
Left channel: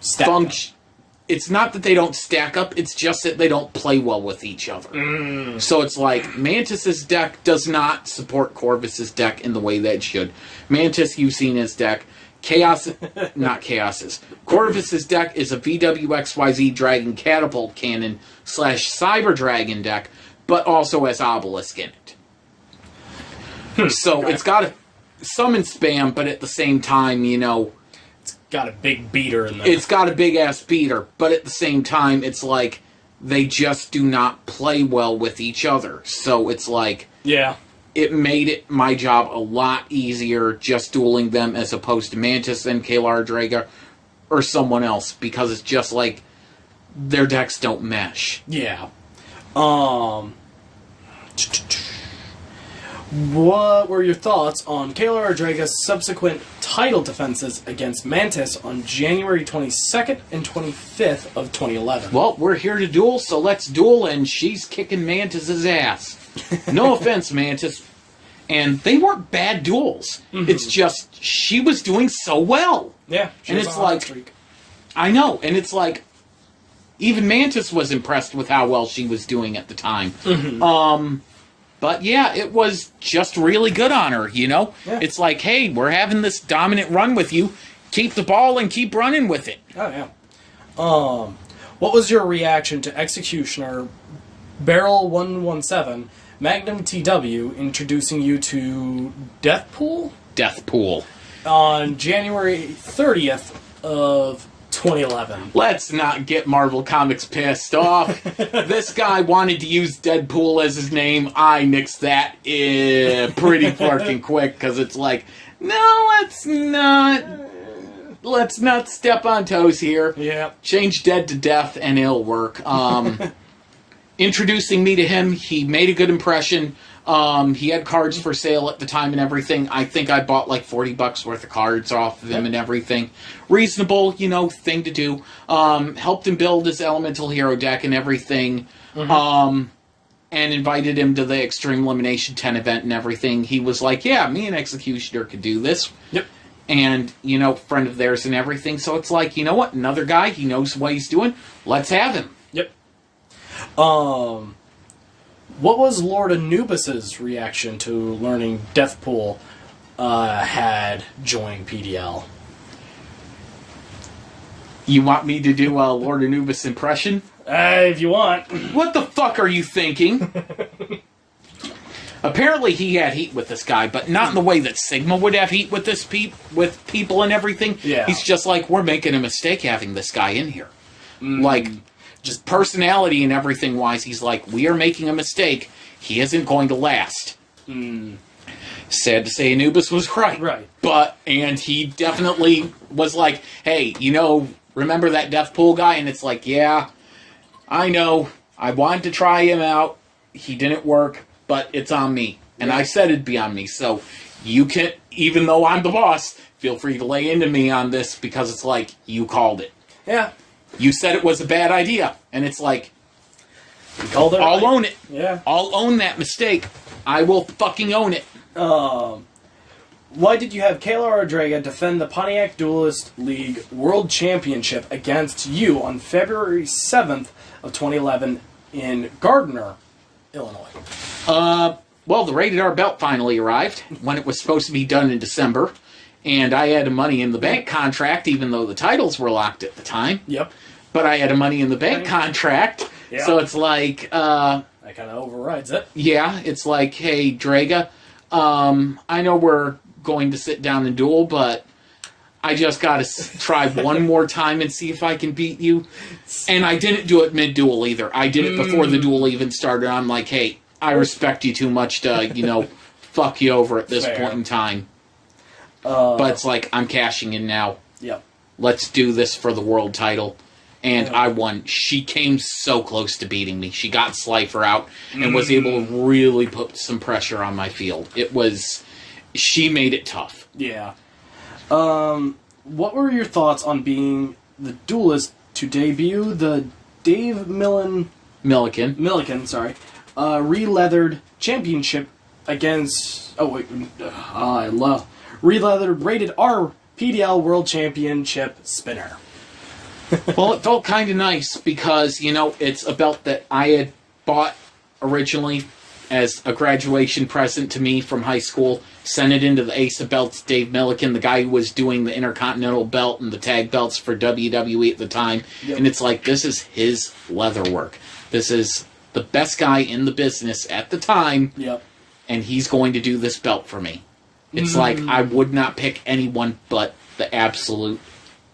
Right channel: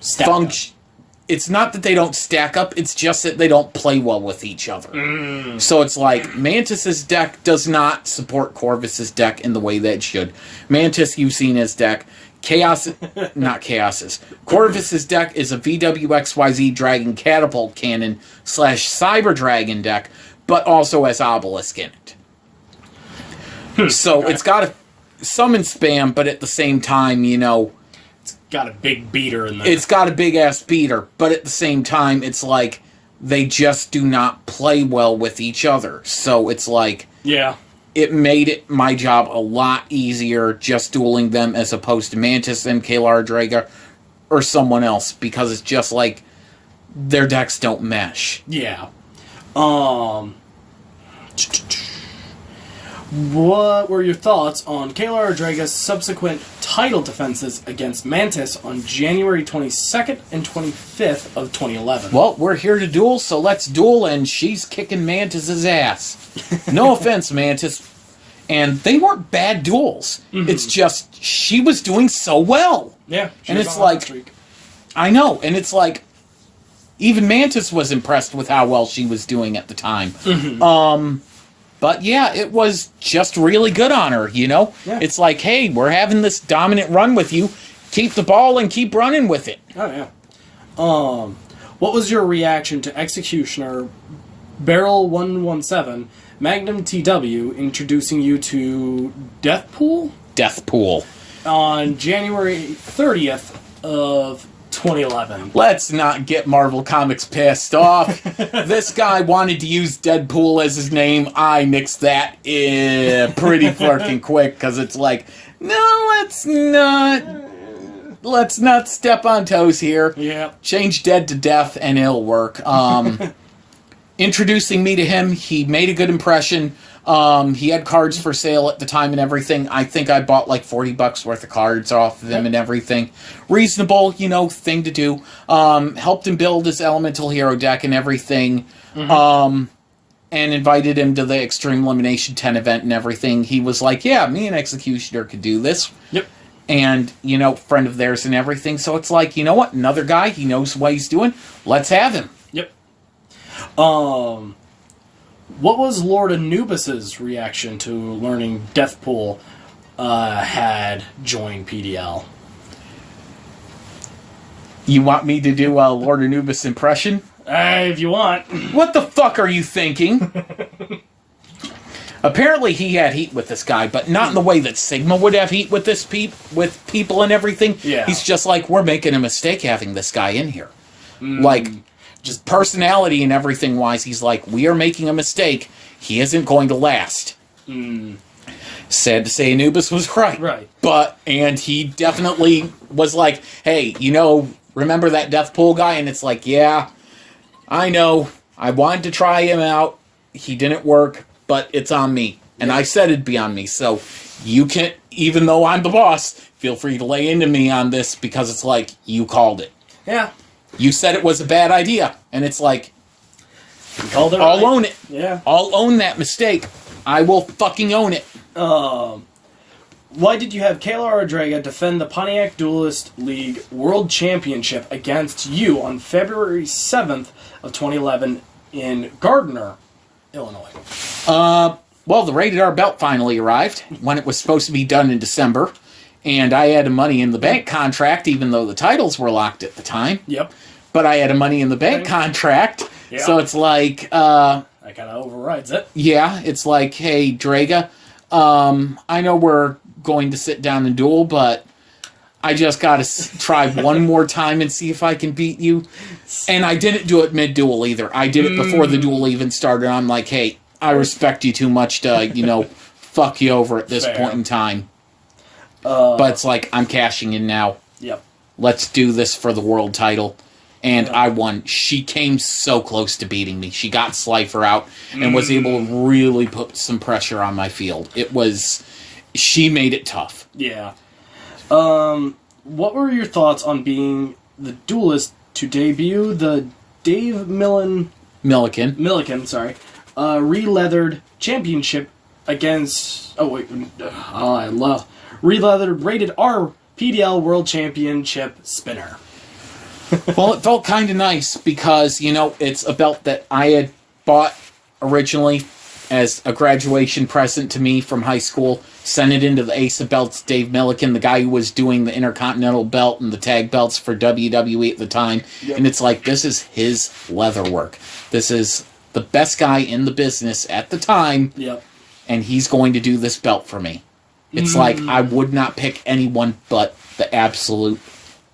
function. It's not that they don't stack up, it's just that they don't play well with each other. So it's like, Mantis's deck does not support Corvus's deck in the way that it should. Mantis, you've seen his deck. Not Chaos's. Corvus's deck is a VWXYZ Dragon Catapult Cannon / Cyber Dragon deck, but also has Obelisk in it. So it's got a summon spam, but at the same time, It's got a big beater in there. It's got a big-ass beater, but at the same time, it's like, they just do not play well with each other. So it's like... Yeah. It made my job a lot easier just dueling them as opposed to Mantis and Kalar Draga or someone else, because it's just like, their decks don't mesh. Yeah. What were your thoughts on Kalar Draga's subsequent title defenses against Mantis on January 22nd and 25th of 2011? Well, we're here to duel, so let's duel, and she's kicking Mantis's ass. No offense, Mantis. And they weren't bad duels. It's just, she was doing so well. Yeah. And it's like, I know, and it's like, even Mantis was impressed with how well she was doing at the time. But yeah, it was just really good on her, Yeah. It's like, hey, we're having this dominant run with you. Keep the ball and keep running with it. Oh, yeah. What was your reaction to Executioner Barrel 117 Magnum TW introducing you to Deathpool? Deathpool. On January 30th of 2011. Let's not get Marvel Comics pissed off. This guy wanted to use Deadpool as his name. I nixed that pretty fucking quick, because it's like, no, let's not step on toes here. Yeah. Change dead to death and it'll work. Introducing me to him, he made a good impression. He had cards for sale at the time and everything. I think I bought like $40 worth of cards off of him and everything. Reasonable, thing to do. Helped him build his Elemental Hero deck and everything. And invited him to the Extreme Elimination 10 event and everything. He was like, yeah, me and Executioner could do this. Yep. And, friend of theirs and everything. So it's like, you know what? Another guy, he knows what he's doing. Let's have him. Yep. What was Lord Anubis's reaction to learning Deathpool had joined PDL? You want me to do a Lord Anubis impression? If you want. What the fuck are you thinking? Apparently he had heat with this guy, but not in the way that Sigma would have heat with this with people and everything. Yeah. He's just like, we're making a mistake having this guy in here. Like, just personality and everything wise, he's like, we are making a mistake. He isn't going to last. Sad to say, Anubis was right. Right. And he definitely was like, hey, remember that Deathpool guy? And it's like, yeah, I know. I wanted to try him out. He didn't work, but it's on me. And I said it'd be on me. So you can, even though I'm the boss, feel free to lay into me on this, because it's like, you called it. Yeah. You said it was a bad idea. And it's like, you called it right. I'll own it. Yeah. I'll own that mistake. I will fucking own it. Why did you have Kalar Draga defend the Pontiac Duelist League World Championship against you on February 7th of 2011 in Gardner, Illinois? Well, the Rated R belt finally arrived when it was supposed to be done in December. And I had a Money in the Bank contract, even though the titles were locked at the time. Yep. But I had a Money in the Bank contract, so it's like... that kind of overrides it. Yeah, it's like, hey, Draga, I know we're going to sit down and duel, but I just got to try one more time and see if I can beat you. And I didn't do it mid-duel either. I did it before the duel even started. I'm like, hey, I respect you too much to, fuck you over at this point in time. But it's like, I'm cashing in now. Yep. Let's do this for the world title. And I won. She came so close to beating me. She got Slifer out and was able to really put some pressure on my field. It was she made it tough. Yeah. What were your thoughts on being the Duelist to debut the Dave Milliken, sorry, re-leathered championship against... Oh, wait. I love... Re-leathered rated R PDL World Championship spinner. Well, it felt kind of nice because, you know, it's a belt that I had bought originally as a graduation present to me from high school. Sent it into the Ace of Belts, Dave Milliken, the guy who was doing the Intercontinental belt and the tag belts for WWE at the time. Yep. And it's like, this is his leather work. This is the best guy in the business at the time. Yep. And he's going to do this belt for me. It's like, I would not pick anyone but the absolute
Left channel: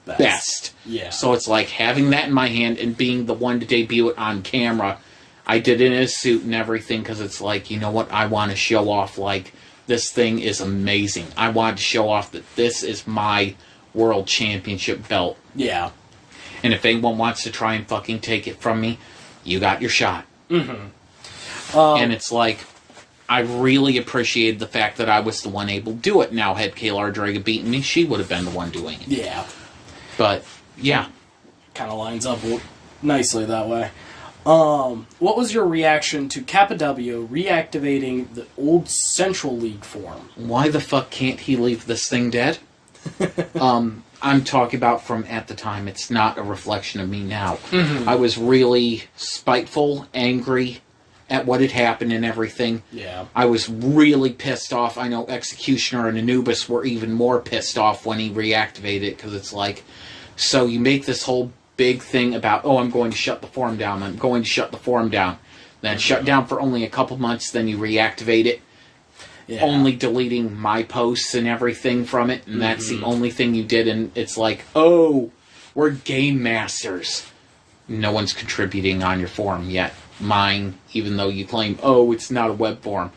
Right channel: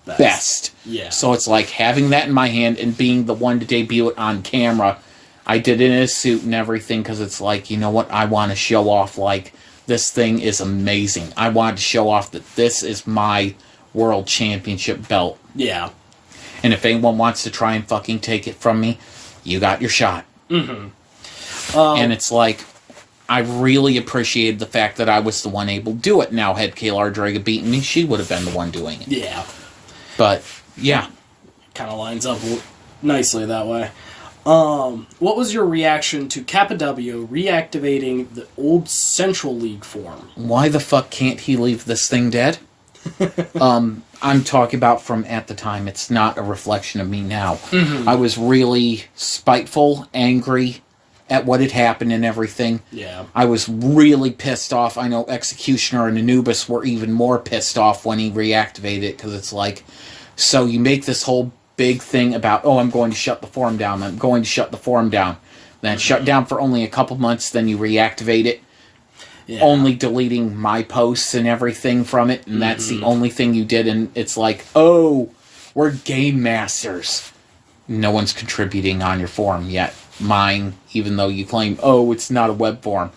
best. Yeah. So it's like having that in my hand and being the one to debut it on camera. I did it in a suit and everything because it's like, you know what? I want to show off, like, this thing is amazing. I wanted to show off that this is my world championship belt. Yeah. And if anyone wants to try and fucking take it from me, you got your shot. Mm-hmm. And it's like, I really appreciated the fact that I was the one able to do it. Now, had Kayla Draga beaten me, she would have been the one doing it. Yeah. But, yeah. Kind of lines up nicely that way. What was your reaction to Kappa W reactivating the old Central League form? Why the fuck can't he leave this thing dead? I'm talking about from at the time. It's not a reflection of me now. Mm-hmm. I was really spiteful, angry at what had happened and everything. Yeah. I was really pissed off. I know Executioner and Anubis were even more pissed off when he reactivated it, because it's like, so you make this whole big thing about, oh, I'm going to shut the forum down. I'm going to shut the forum down. Then shut down for only a couple months, then you reactivate it. Yeah. Only deleting my posts and everything from it, and that's the only thing you did, and it's like, oh, we're game masters. No one's contributing on your forum yet. Mine, even though you claim, oh, it's not a web forum,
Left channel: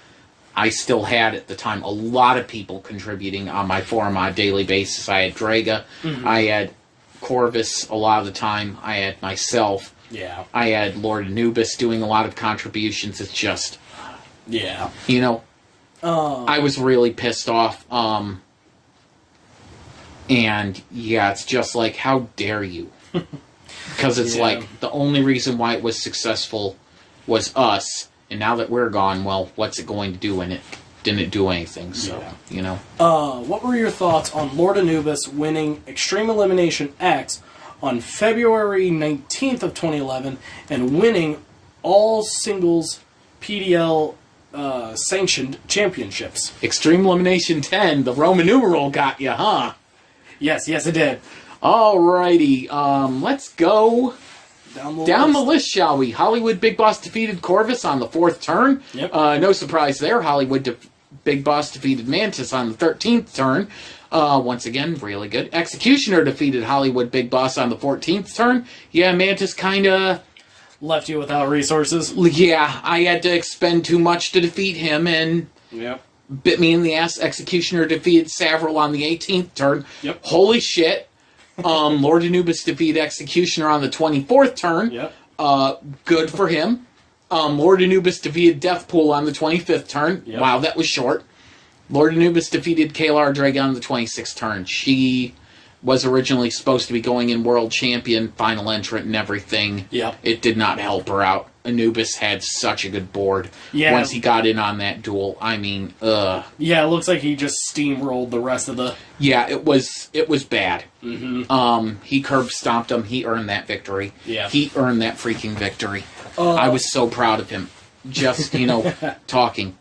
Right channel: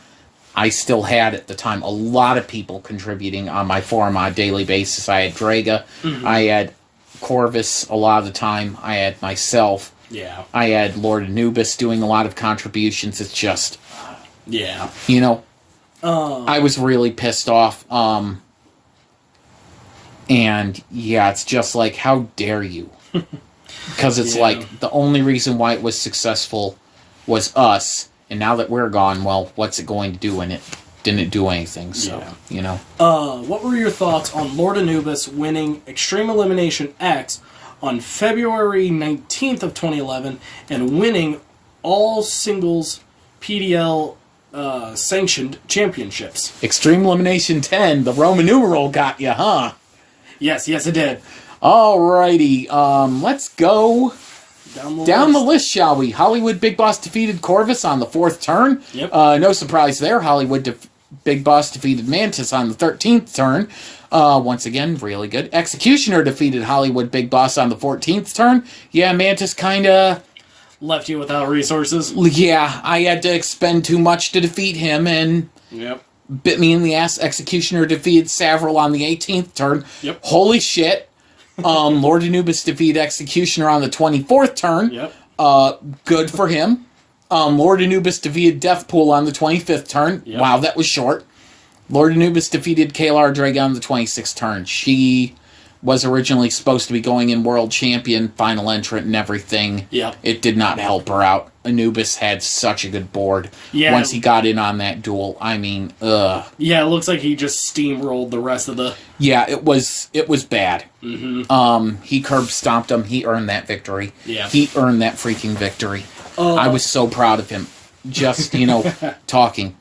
I still had at the time a lot of people contributing on my forum on a daily basis. I had Draga, I had Corvus a lot of the time, I had myself, I had Lord Anubis doing a lot of contributions. It's just, you know, I was really pissed off, and yeah, it's just like, how dare you? Because it's like, the only reason why it was successful was us, and now that we're gone, well, what's it going to do? And it didn't do anything, so, you know. What were your thoughts on Lord Anubis winning Extreme Elimination X on February 19th of 2011 and winning all singles PDL sanctioned championships? Extreme Elimination 10, the Roman numeral got you, huh? Yes, it did. Alrighty, let's go down the list, shall we? Hollywood Big Boss defeated Corvus on the 4th turn. Yep. No surprise there. Hollywood Big Boss defeated Mantis on the 13th turn. Once again, really good. Executioner defeated Hollywood Big Boss on the 14th turn. Yeah, Mantis kind of left you without resources. Yeah, I had to expend too much to defeat him, and bit me in the ass. Executioner defeated Savaril on the 18th turn. Yep. Holy shit. Lord Anubis defeated Executioner on the 24th turn. Yep. Good for him. Lord Anubis defeated Deathpool on the 25th turn. Yep. Wow, that was short. Lord Anubis defeated Kayla Draga on the 26th turn. She was originally supposed to be going in World Champion, final entrant and everything. Yep. It did not help her out. Anubis had such a good board. Yeah. Once he got in on that duel, I mean, Yeah, it looks like he just steamrolled the rest of the... Yeah, it was bad. He curb stomped him. He earned that victory. Yeah. He earned that freaking victory. I was so proud of him. Just, you know, talking.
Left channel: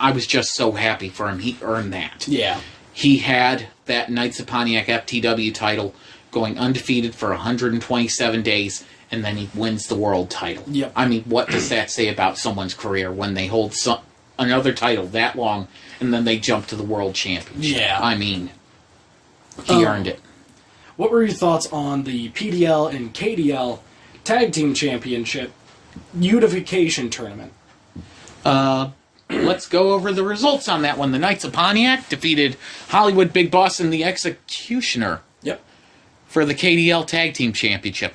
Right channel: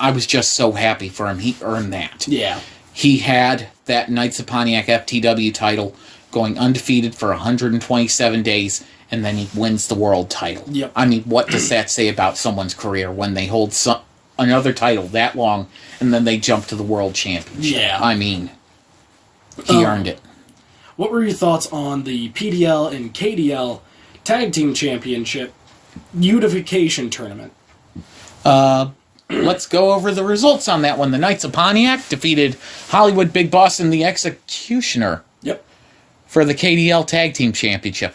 I was just so happy for him. He earned that. Yeah. He had that Knights of Pontiac FTW title going undefeated for 127 days, and then he wins the world title. Yep. I mean, what does that say about someone's career when they hold another title that long, and then they jump to the world championship? Yeah. I mean, he earned it. What were your thoughts on the PDL and KDL Tag Team Championship Unification Tournament? Let's go over the results on that one. The Knights of Pontiac defeated Hollywood Big Boss and the Executioner. Yep. For the KDL Tag Team Championship.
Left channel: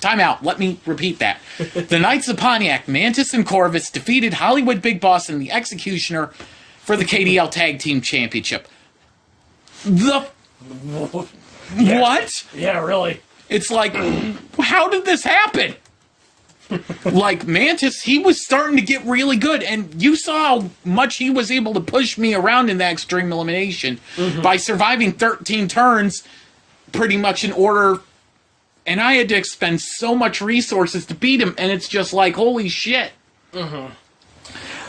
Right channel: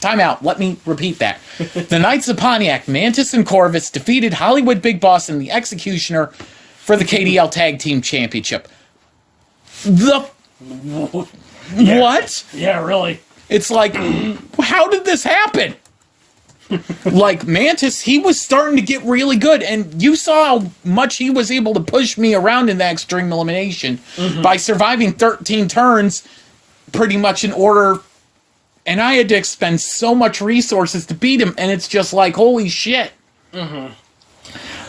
Time out. Let me repeat that. The Knights of Pontiac, Mantis and Corvus defeated Hollywood Big Boss and the Executioner for the KDL Tag Team Championship. The... Yeah. What? Yeah, really. It's like, how did this happen? Like, Mantis, he was starting to get really good, and you saw how much he was able to push me around in that Extreme Elimination by surviving 13 turns pretty much in order, and I had to expend so much resources to beat him, and it's just like, holy shit.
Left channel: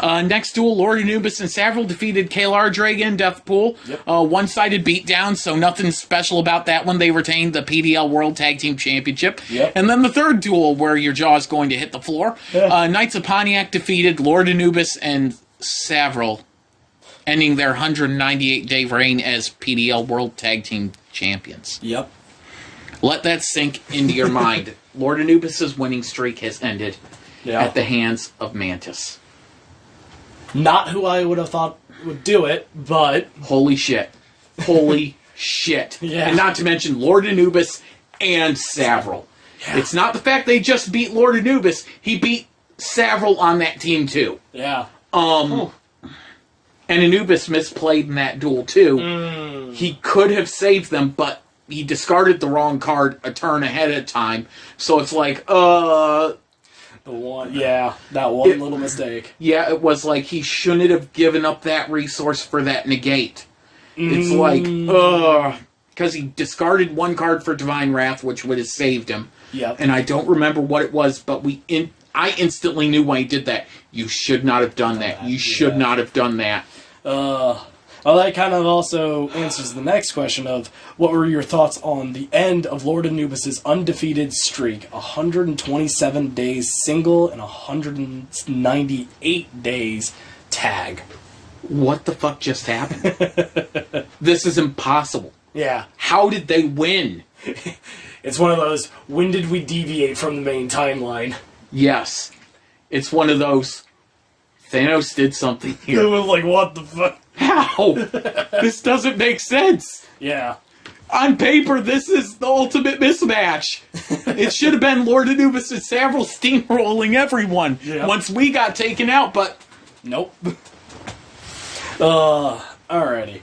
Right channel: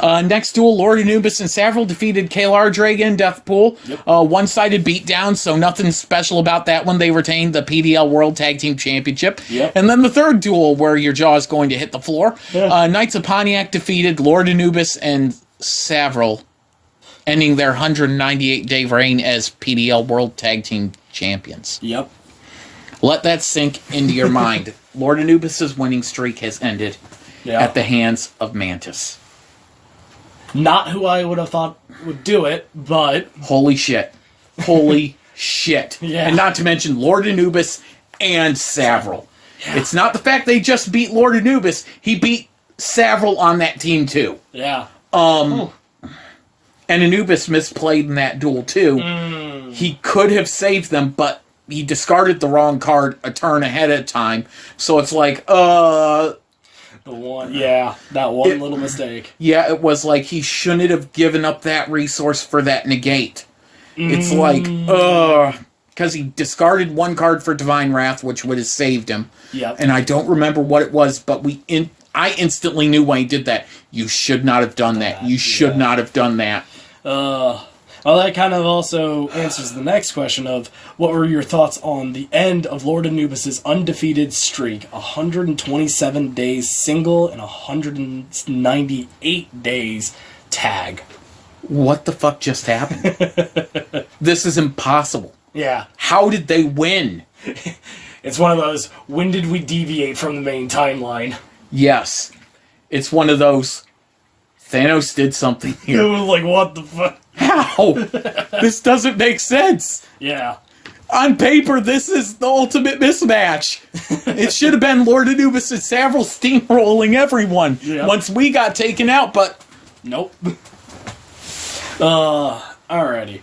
Next duel, Lord Anubis and Savaril defeated Kalar Dragon and Deathpool. One-sided beatdown, so nothing special about that one. They retained the PDL World Tag Team Championship. And then the third duel, where your jaw is going to hit the floor. Knights of Pontiac defeated Lord Anubis and Savaril, ending their 198-day reign as PDL World Tag Team Champions. Let that sink into your mind. Lord Anubis' winning streak has ended at the hands of Mantis. Not who I would have thought would do it, but... Holy shit. Holy shit. And not to mention Lord Anubis and Savaril. It's not the fact they just beat Lord Anubis. He beat Savaril on that team, too. And Anubis misplayed in that duel, too. He could have saved them, but he discarded the wrong card a turn ahead of time. So it's like, that one little mistake. Yeah, it was like he shouldn't have given up that resource for that negate. It's like, because he discarded one card for Divine Wrath, which would have saved him. And I don't remember what it was, but I instantly knew when he did that. You should not have done that. You should not have done that. Well, that kind of also answers the next question of what were your thoughts on the end of Lord Anubis' undefeated streak, 127 days single and 198 days tag. What the fuck just happened? This is impossible. How did they win? It's one of those, when did we deviate from the main timeline? Yes. It's one of those, Thanos did something here. It was like, what the fuck? How? This doesn't make sense. On paper, this is the ultimate mismatch. It should have been Lord Anubis and Savaril steamrolling everyone once we got taken out, but... Nope. Alrighty.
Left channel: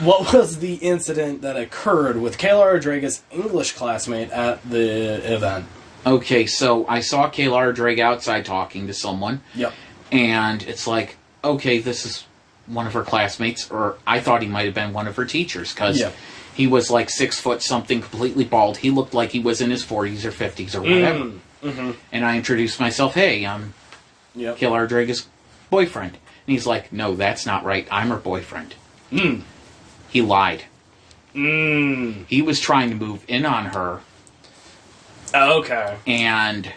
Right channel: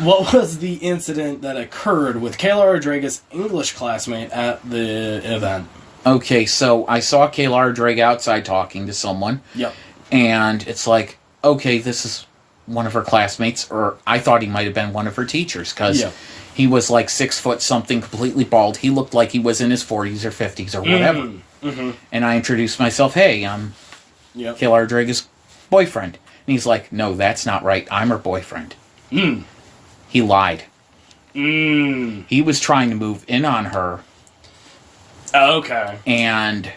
What was the incident that occurred with Kayla Rodriguez's English classmate at the event? Okay, so I saw Kayla Rodriguez outside talking to someone. And it's like, okay, this is one of her classmates, or I thought he might have been one of her teachers, because he was like 6 foot something, completely bald. He looked like he was in his 40s or 50s or whatever. And I introduced myself, hey, I'm Kayla Rodriguez's boyfriend. And he's like, no, that's not right. I'm her boyfriend. He lied. He was trying to move in on her. And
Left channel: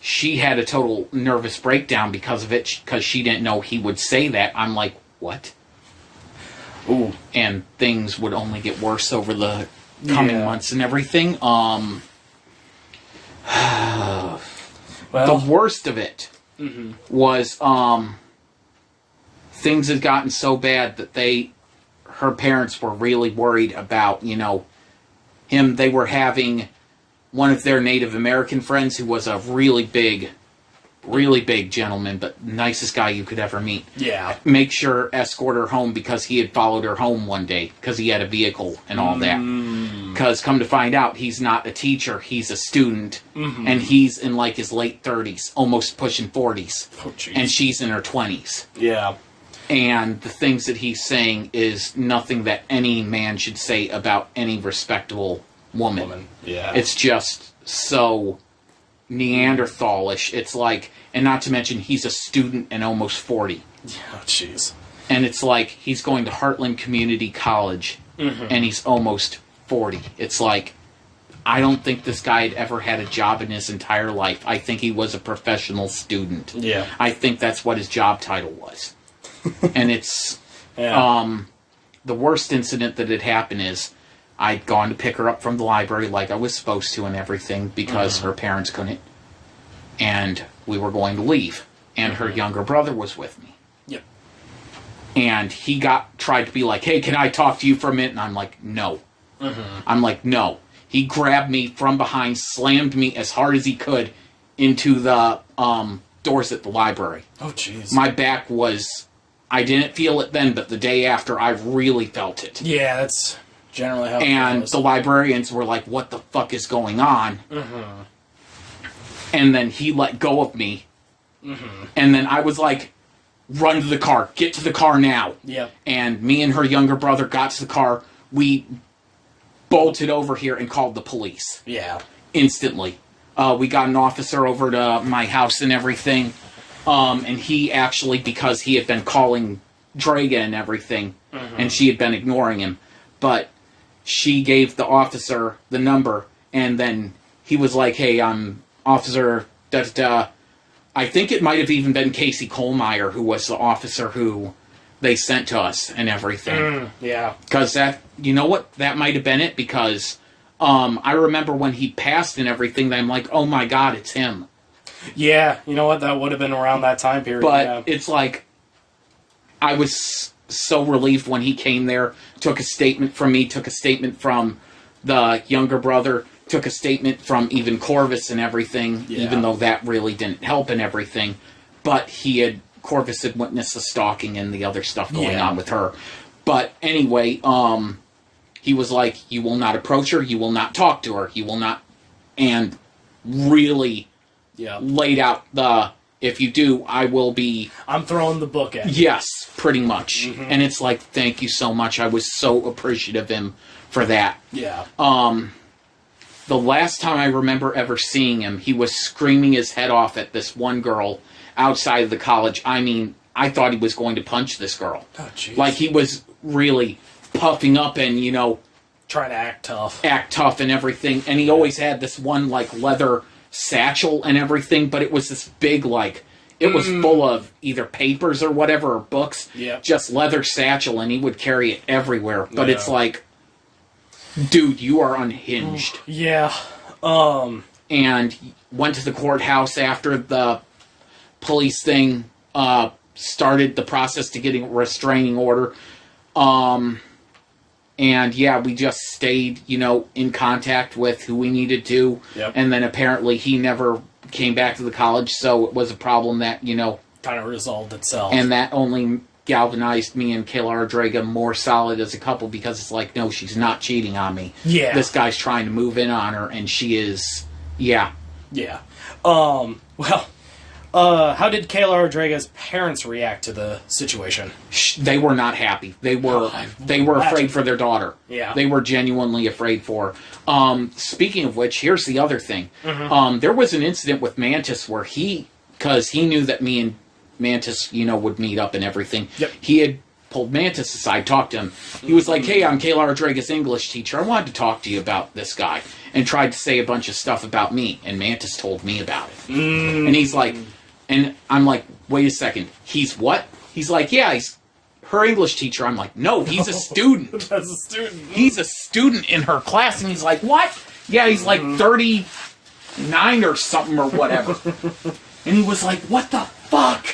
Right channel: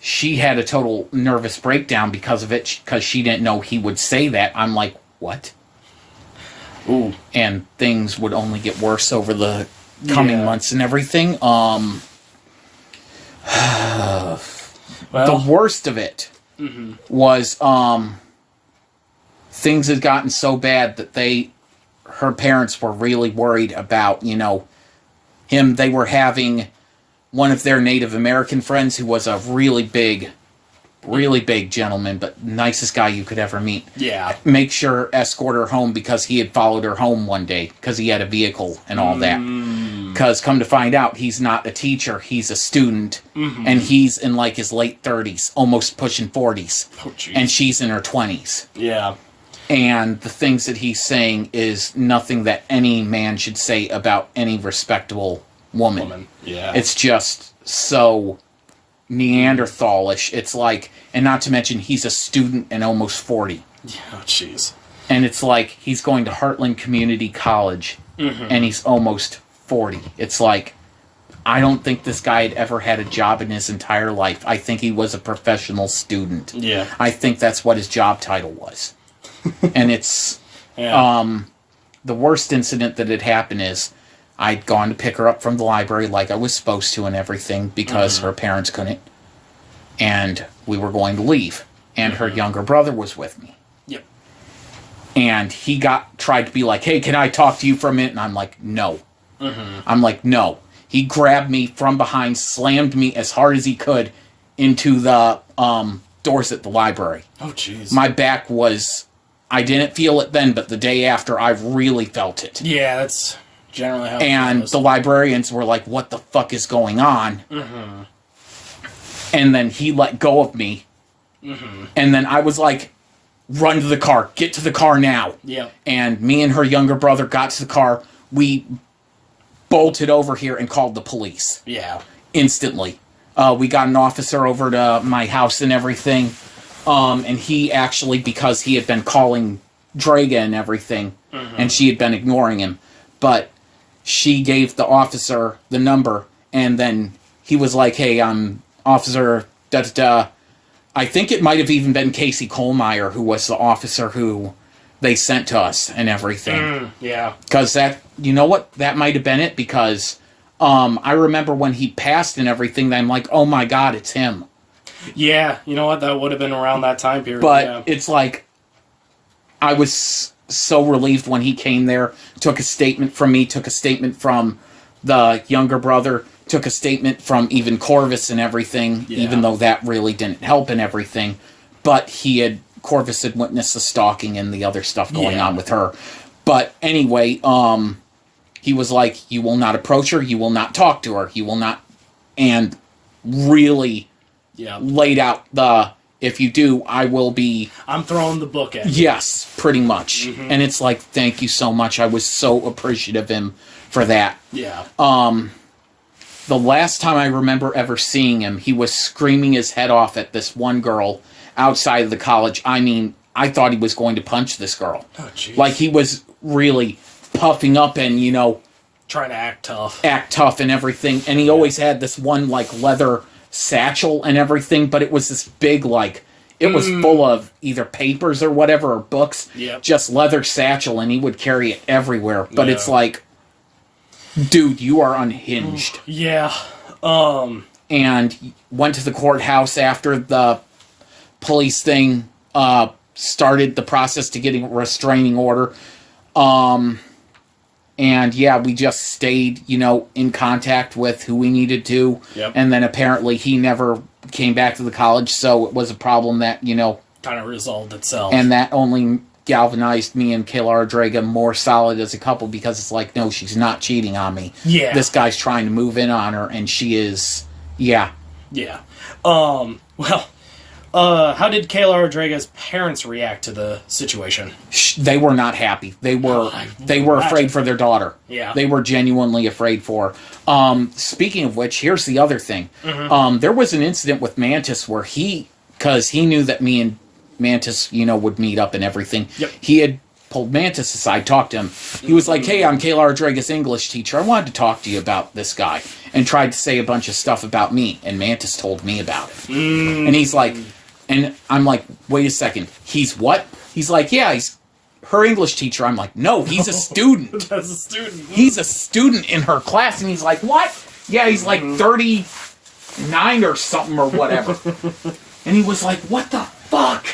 she had a total nervous breakdown because of it, because she didn't know he would say that. I'm like, what? And things would only get worse over the coming months and everything. The worst of it was things had gotten so bad that her parents were really worried about, him. They were having one of their Native American friends who was a really big gentleman, but nicest guy you could ever meet. Make sure escort her home because he had followed her home one day because he had a vehicle and all that. Because come to find out, he's not a teacher, he's a student, and he's in like his late 30s, almost pushing 40s, and she's in her 20s. And the things that he's saying is nothing that any man should say about any respectable woman. It's just so Neanderthalish. It's like, and not to mention he's a student and almost 40. And it's like he's going to Heartland Community College and he's almost 40. It's like, I don't think this guy had ever had a job in his entire life. I think he was a professional student. I think that's what his job title was. And it's the worst incident that had happened is I'd gone to pick her up from the library like I was supposed to and everything because her parents couldn't. And we were going to leave. And her younger brother was with me. And he tried to be like, hey, can I talk to you for a minute? And I'm like, no. I'm like, no. He grabbed me from behind, slammed me as hard as he could into the doors at the library. My back was I didn't feel it then, but the day after, I really felt it. Yeah, that's generally how it And goes. the librarians were like, what the fuck is going on? Mm-hmm. And then he let go of me. Mm-hmm. And then I was like, run to the car. Get to the car now. Yep. And me and her younger brother got to the car. We bolted over here and called the police. Yeah. Instantly. We got an officer over to my house and everything. And he actually, because he had been calling Draga and everything, and she had been ignoring him, but she gave the officer the number, and then he was like, hey, I'm Officer da-da-da. I think it might have even been Casey Kohlmeyer, who was the officer who they sent to us and everything. Yeah. Because that, you know what, that might have been it, because I remember when he passed and everything, I'm like, oh my god, it's him. Yeah, you know what, that would have been around that time period. But it's like, I was so relieved when he came there, took a statement from me, took a statement from the younger brother, took a statement from even Corvus and everything, even though that really didn't help and everything. But Corvus had witnessed the stalking and the other stuff going on with her. But anyway, he was like, you will not approach her, you will not talk to her, you will not, and really laid out the, if you do, I will be... I'm throwing the book at you. Yes, pretty much. And it's like, thank you so much. I was so appreciative of him for that. Yeah. The last time I remember ever seeing him, he was screaming his head off at this one girl outside of the college. I mean, I thought he was going to punch this girl. Oh, jeez. Like, he was really puffing up and, you know... trying to act tough. Act tough and everything. And he always had this one, like, leather satchel and everything, but it was this big, like... It was full of either papers or whatever, or books. Yep. Just leather satchel, and he would carry it everywhere. But it's like... Dude, you are unhinged. Yeah. And went to the courthouse after the police thing started the process to getting a restraining order. And yeah, we just stayed, you know, in contact with who we needed to. Yep. And then apparently he never came back to the college, so it was a problem that, you know... kind of resolved itself. And that only galvanized me and Kayla Draga more solid as a couple, because it's like, no, she's not cheating on me. Yeah. This guy's trying to move in on her, and she is... Yeah. Yeah. Well, how did Kayla Rodriguez's parents react to the situation? They were not happy. They were afraid for their daughter. Yeah. They were genuinely afraid for her. Speaking of which, here's the other thing. There was an incident with Mantis where because he knew that me and Mantis, you know, would meet up and everything. Yep. He had pulled Mantis aside, talked to him. He was like, hey, I'm Kayla Rodriguez's English teacher. I wanted to talk to you about this guy. And tried to say a bunch of stuff about me. And Mantis told me about it. And he's like... And I'm like, wait a second. He's what? He's like, yeah, he's her English teacher. I'm like, no, he's a student. That's a student. He's a student in her class. And he's like, what? Yeah, he's like 39 or something or whatever. And he was like, what the fuck?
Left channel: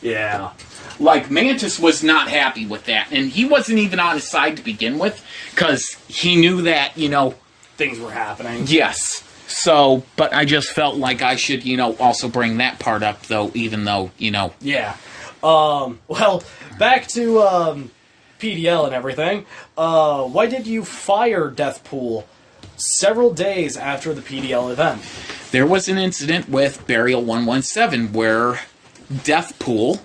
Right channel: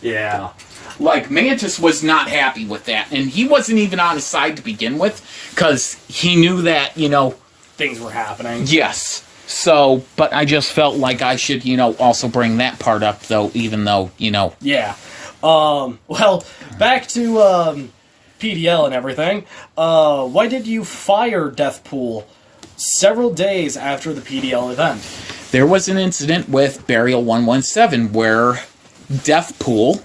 Yeah. Like, Mantis was not happy with that. And he wasn't even on his side to begin with. Because he knew that, you know... things were happening. Yes. So, but I just felt like I should, you know, also bring that part up, though, even though, you know... Yeah. Well, back to, PDL and everything. Why did you fire Deathpool several days after the PDL event? There was an incident with Burial 117 where Deathpool,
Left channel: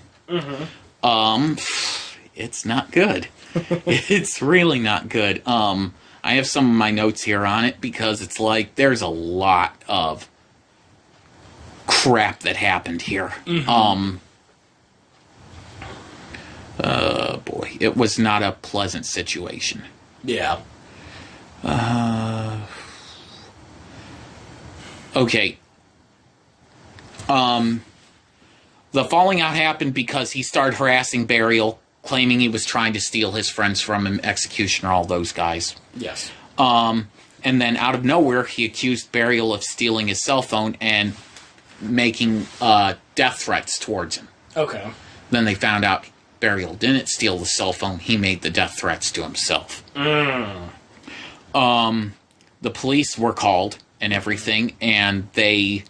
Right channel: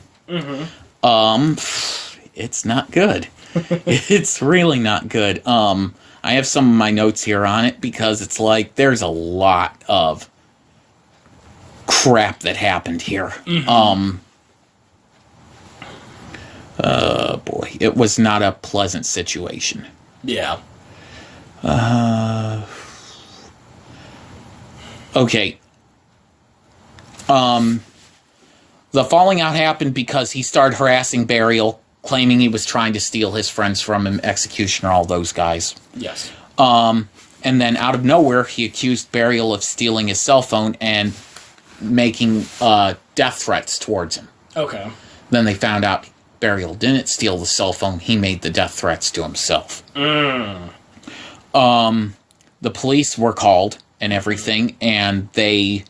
it's not good. It's really not good. I have some of my notes here on it because it's like there's a lot of crap that happened here. Boy, it was not a pleasant situation. Yeah. Okay. The falling out happened because he started harassing Burial, claiming he was trying to steal his friends from him, Executioner, all those guys. Yes. And then out of nowhere, he accused Burial of stealing his cell phone and making death threats towards him. Okay. Then they found out Burial didn't steal the cell phone. He made the death threats to himself. The police were called and everything, and they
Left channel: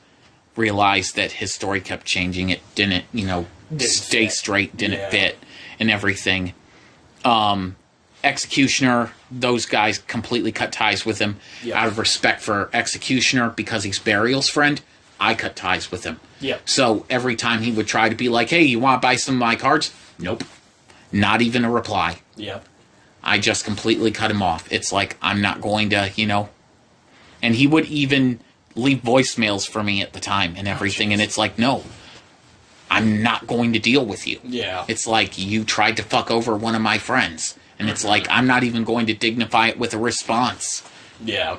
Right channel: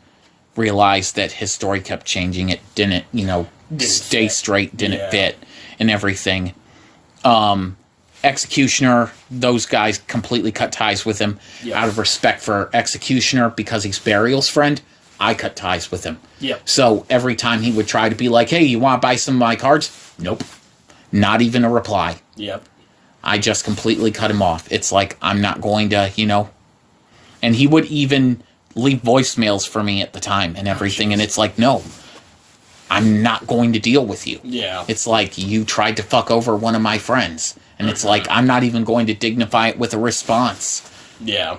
realized that his story kept changing. It didn't, you know, stay fit. straight, didn't fit. and everything. Executioner, those guys completely cut ties with him. Yep. Out of respect for Executioner, because he's Burial's friend, I cut ties with him. Yep. So every time he would try to be like, hey, you want to buy some of my cards? Nope. Not even a reply. Yep. I just completely cut him off. It's like, I'm not going to, And he would even leave voicemails for me at the time and everything. And it's like, no, I'm not going to deal with you. Yeah. It's like, you tried to fuck over one of my friends. And it's like, I'm not even going to dignify it with a response. Yeah.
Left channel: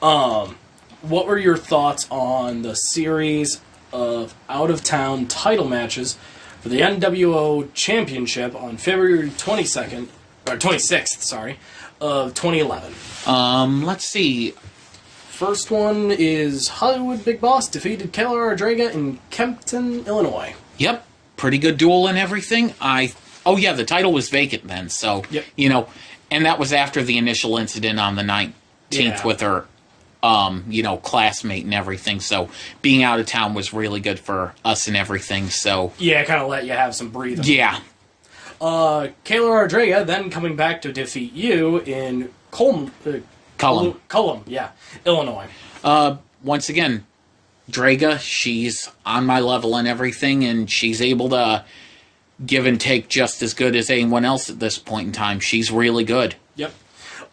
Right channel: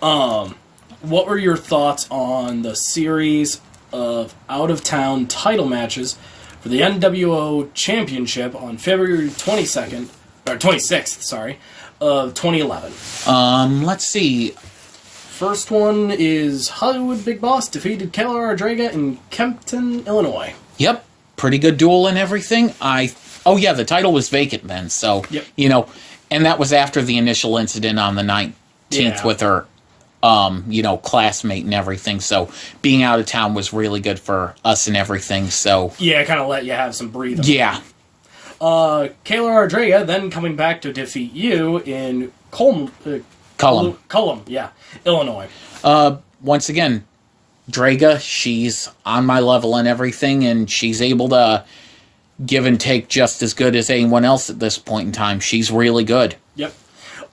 What were your thoughts on the series of out-of-town title matches for the NWO Championship on February 22nd, or 26th, sorry, of 2011? Let's see. First one is HollywoodBigBoss defeated Kayla Ardraga in Kempton, Illinois. Yep. Pretty good duel and everything. Oh, yeah, the title was vacant then, so, Yep. And that was after the initial incident on the 19th with her, classmate and everything, so being out of town was really good for us and everything, so... Yeah, kind of let you have some breathing. Yeah. Kayla Ardraga then coming back to defeat you in Cullum, Illinois. Once again, Draga, she's on my level and everything, and she's able to give and take just as good as anyone else at this point in time. She's really good. Yep.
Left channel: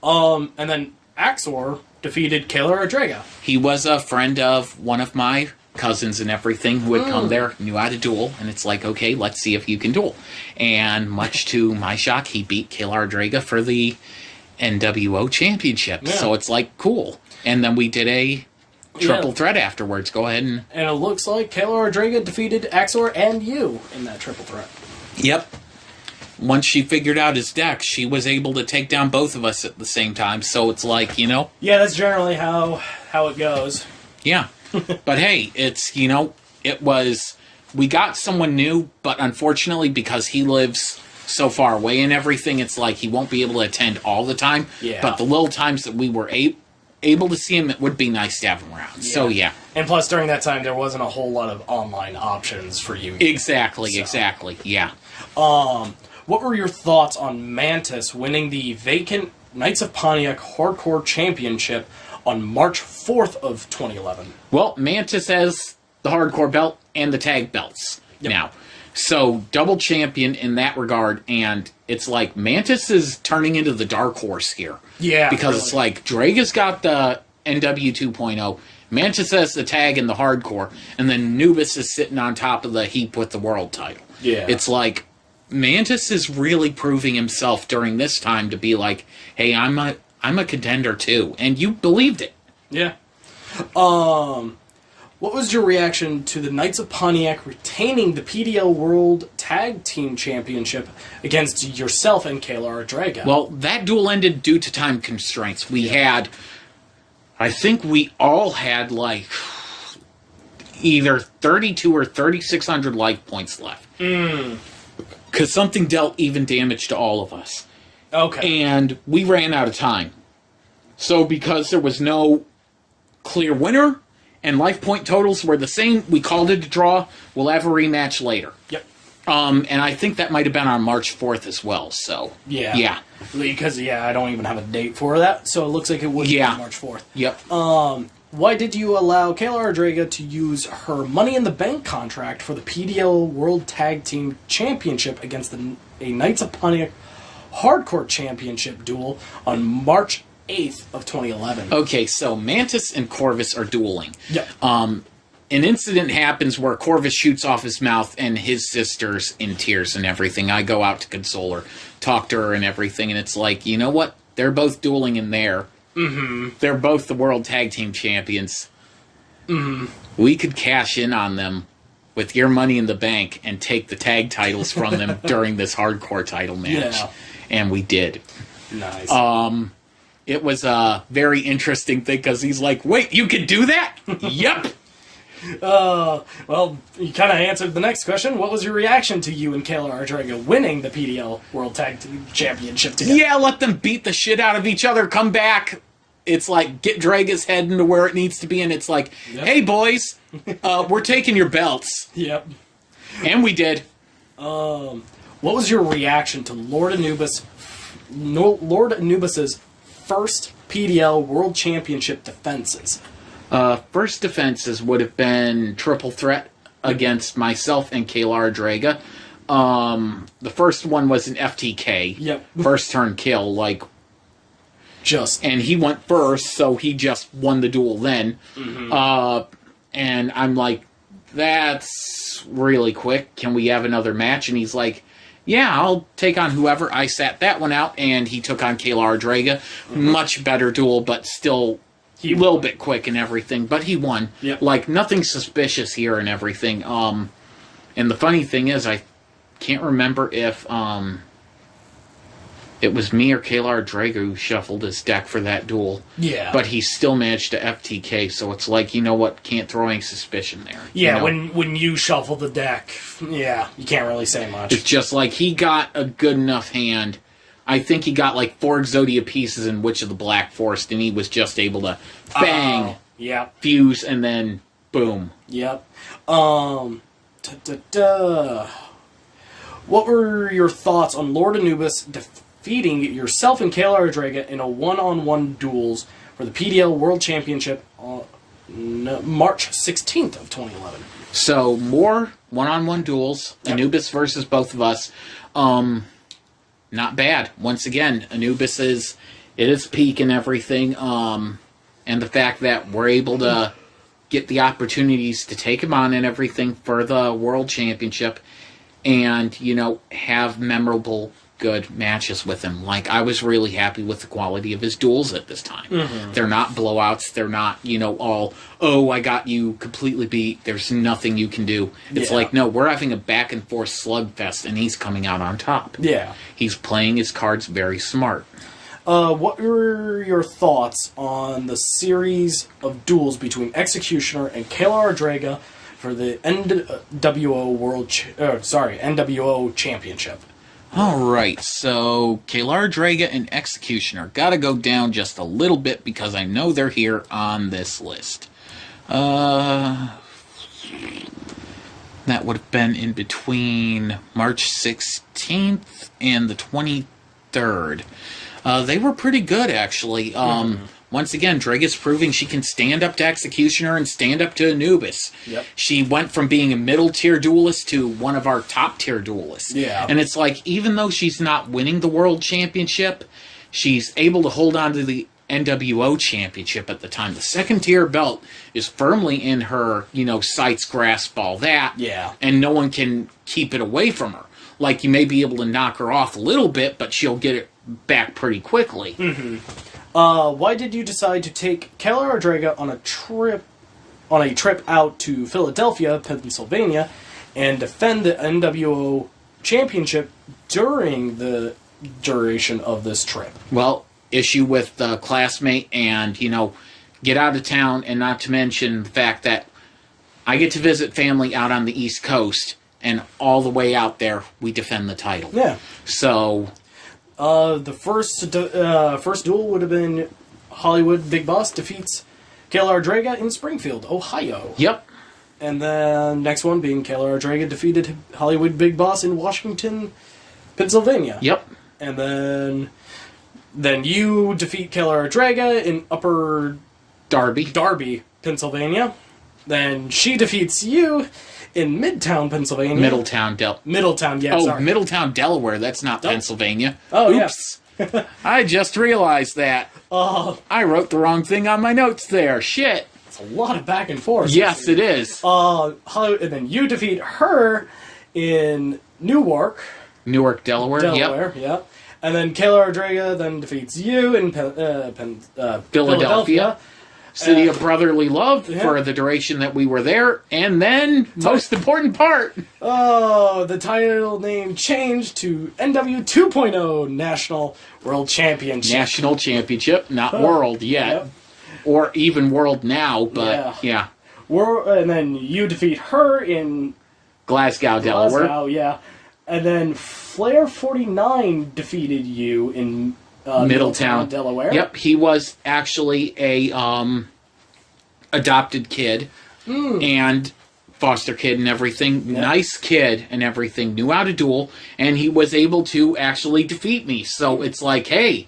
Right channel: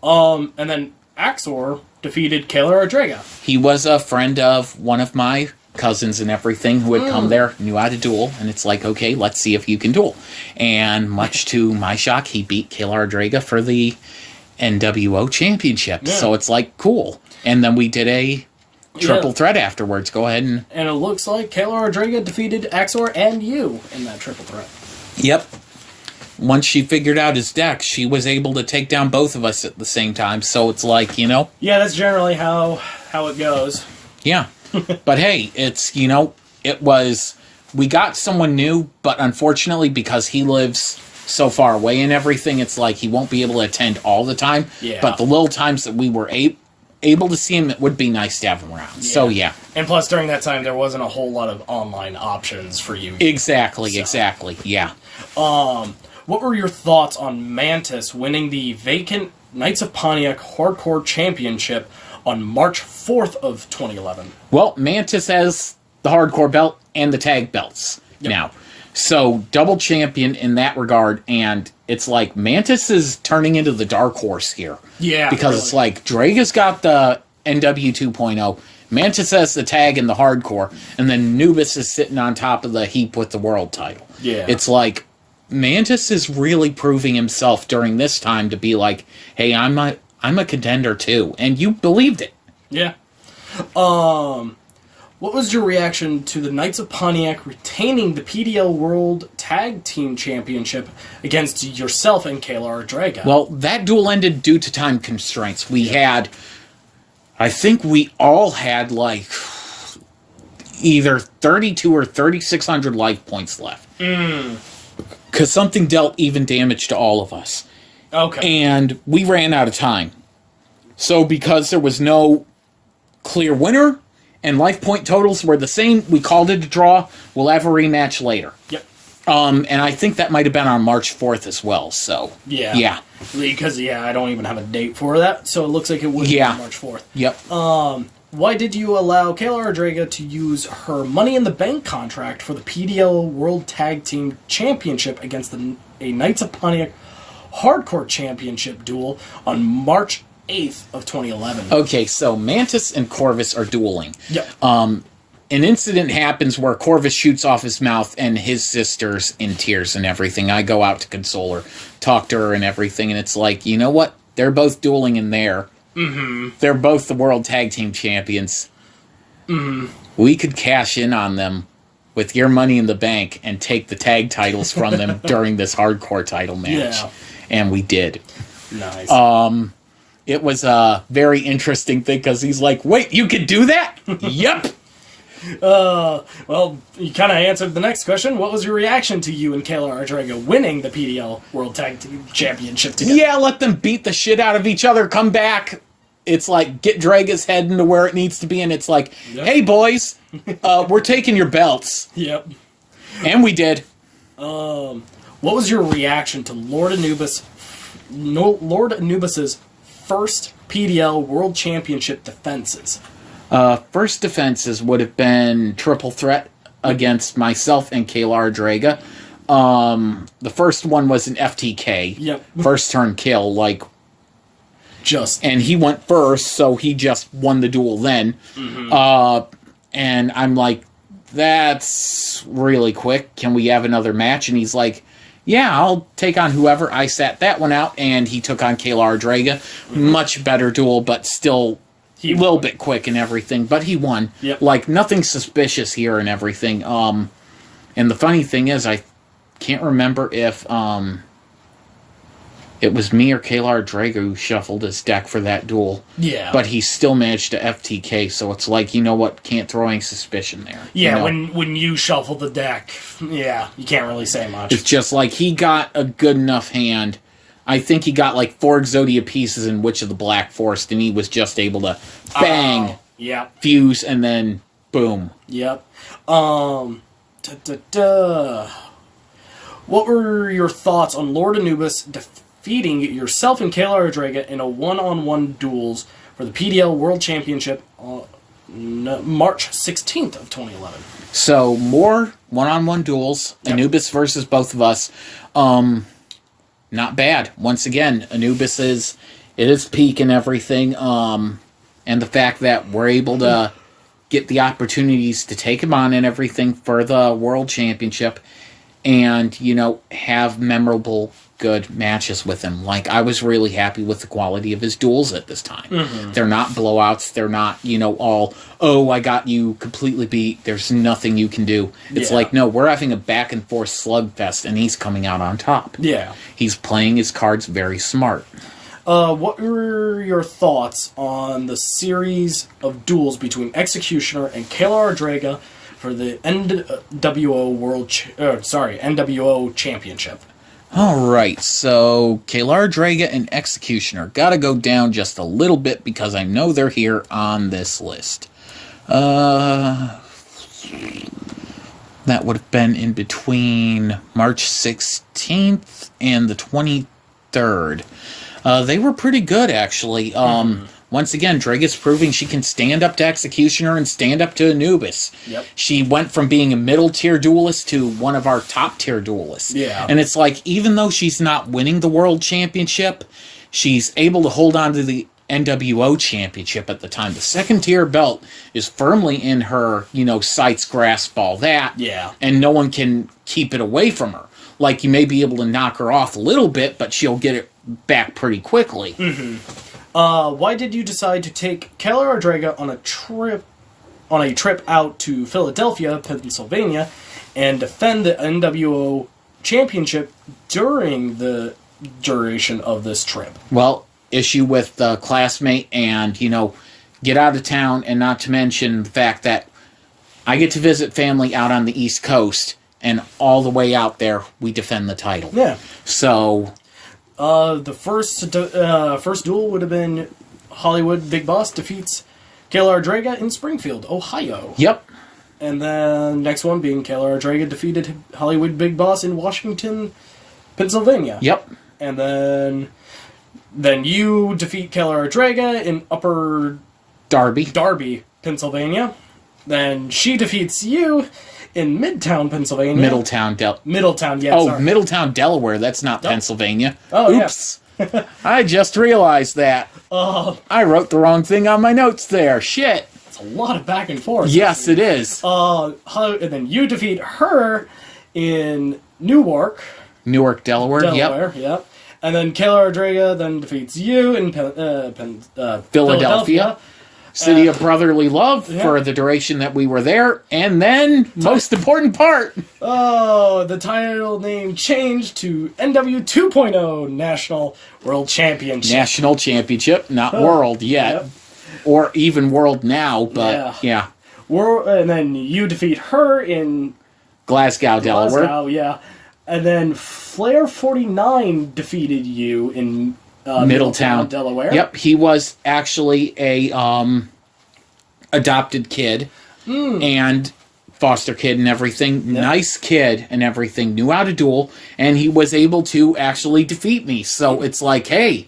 And then Axor defeated Kayla Ardraga. He was a friend of one of my cousins and everything who had come there, knew how to duel, and it's like, okay, let's see if you can duel. And much to my shock, he beat Kayla Ardraga for the NWO Championship. Yeah. So it's like, cool. And then we did a triple threat afterwards. Go ahead and... And it looks like Kayla Ardraga defeated Axor and you in that triple threat. Yep. Once she figured out his deck, she was able to take down both of us at the same time. So it's like, Yeah, that's generally how it goes. Yeah. But hey, it's, it was... We got someone new, but unfortunately, because he lives so far away and everything, it's like he won't be able to attend all the time. Yeah. But the little times that we were able to see him, it would be nice to have him around. Yeah. So, yeah. And plus, during that time, there wasn't a whole lot of online options for you. Exactly, yeah. What were your thoughts on Mantis winning the vacant Knights of Pontiac Hardcore Championship on March 4th of 2011? Well, Mantis has the hardcore belt and the tag belts now. So, double champion in that regard, and it's like Mantis is turning into the dark horse here. Yeah, because it's like Draga's got the NW 2.0, Mantis has the tag and the hardcore, and then Anubis is sitting on top of the heap with the world title. Yeah. It's like Mantis is really proving himself during this time to be like, hey, I'm a contender too, and you believed it. Yeah. What was your reaction to the Knights of Pontiac retaining the PDL World Tag Team Championship against yourself and Kayla Ardraga? Well, that duel ended due to time constraints. I think we all had like either 32 or 3,600 life points left. Because something dealt even damage to all of us. Okay. And we ran out of time. So because there was no clear winner, and life point totals were the same, we called it a draw. We'll have a rematch later. Yep. And I think that might have been on March 4th as well, so... Yeah. Yeah. Because, I don't even have a date for that, so it looks like it would be on March 4th. Yep. Why did you allow Kayla Ardraga to use her Money in the Bank contract for the PDL World Tag Team Championship against a Knights of Pontiac Hardcore Championship duel on March 8th of 2011? Okay, so Mantis and Corvus are dueling. Yep. An incident happens where Corvus shoots off his mouth and his sister's in tears and everything. I go out to console her, talk to her and everything, and it's like, you know what? They're both dueling in there. Mm-hmm. They're both the World Tag Team Champions. Mm-hmm. We could cash in on them with your Money in the Bank and take the tag titles from them during this hardcore title match. Yeah. And we did. Nice. It was a very interesting thing because he's like, wait, you could do that? Yep. Well, you kind of answered the next question. What was your reaction to you and Kayla Ardraga winning the PDL World Tag Team Championship together? Yeah, let them beat the shit out of each other, come back. It's like, get Draga's head into where it needs to be, and it's like, hey, boys, we're taking your belts. Yep. And we did. What What was your reaction to Lord Anubis's first PDL World Championship defenses? First defenses would have been triple threat against myself and Kalar Draga. The first one was an FTK. Yep. First turn kill, and he went first, so he just won the duel then. And I'm like, that's really quick. Can we have another match? And he's like, yeah, I'll take on whoever. I sat that one out, and he took on Kalar Draga. Much better duel, but still a little bit quick and everything. But he won. Yep. Nothing suspicious here and everything. And the funny thing is, I can't remember if it was me or Kalar Draga who shuffled his deck for that duel. Yeah. But he still managed to FTK, so it's like, you know what, can't throw any suspicion there. Yeah, you know? when you shuffle the deck, yeah, you can't really say much. It's just like, he got a good enough hand. I think he got 4 Exodia pieces in Witch of the Black Forest, and he was just able to bang, fuse, and then boom. Yep. What were your thoughts on Lord Anubis defeating yourself and Kalar Draga in a one-on-one duels for the PDL World Championship on March 16th of 2011? So, more one-on-one duels, Anubis versus both of us. Not bad. Once again, Anubis is at his peak and everything, and the fact that we're able to get the opportunities to take him on and everything for the World Championship, and, have memorable, good matches with him. I was really happy with the quality of his duels at this time. They're not blowouts. They're not, all, oh, I got you completely beat. There's nothing you can do. It's no, we're having a back-and-forth slugfest, and he's coming out on top. Yeah. He's playing his cards very smart. What were your thoughts on the series of duels between Executioner and Kalar Draga for the NWO Championship? Alright, so Kalar Draga and Executioner. Gotta go down just a little bit because I know they're here on this list. That would have been in between March 16th and the 23rd. They were pretty good, actually. Once again, Draga's proving she can stand up to Executioner and stand up to Anubis. Yep. She went from being a middle-tier duelist to one of our top-tier duelists. Yeah. And it's like, even though she's not winning the World Championship, she's able to hold on to the NWO Championship at the time. The second-tier belt is firmly in her, sights grasp, all that. Yeah. And no one can keep it away from her. You may be able to knock her off a little bit, but she'll get it back pretty quickly. Why did you decide to take Kalar Draga on a trip out to Philadelphia, Pennsylvania, and defend the NWO Championship during the duration of this trip? Well, issue with the classmate and, get out of town, and not to mention the fact that I get to visit family out on the East Coast, and all the way out there, we defend the title. Yeah. So... the first duel would have been HollywoodBigBoss defeats Kalar Draga in Springfield, Ohio. Yep. And then next one being Kalar Draga defeated HollywoodBigBoss in Washington, Pennsylvania. Yep. And then you defeat Kalar Draga in Upper Darby, Pennsylvania. Then she defeats you in Midtown, Pennsylvania. Middletown, sorry. Middletown, Delaware. That's not Pennsylvania. Oh, oops. Yeah. I just realized that. I wrote the wrong thing on my notes there. Shit. It's a lot of back and forth. Yes, it is. And then you defeat her in Newark, Delaware. Yep. And then Kalar Draga then defeats you in Philadelphia. City of brotherly love for the duration that we were there. And then, most important part. The title name changed to NW 2.0 National World Championship. National Championship, not World yet. Yep. Or even World now, but yeah. And then you defeat her in Glasgow, Delaware. Yeah. And then Flair 49 defeated you in Middletown, Delaware. Yep, he was actually a adopted kid, and foster kid and everything, nice kid and everything, knew how to duel, and he was able to actually defeat me. So it's like, hey,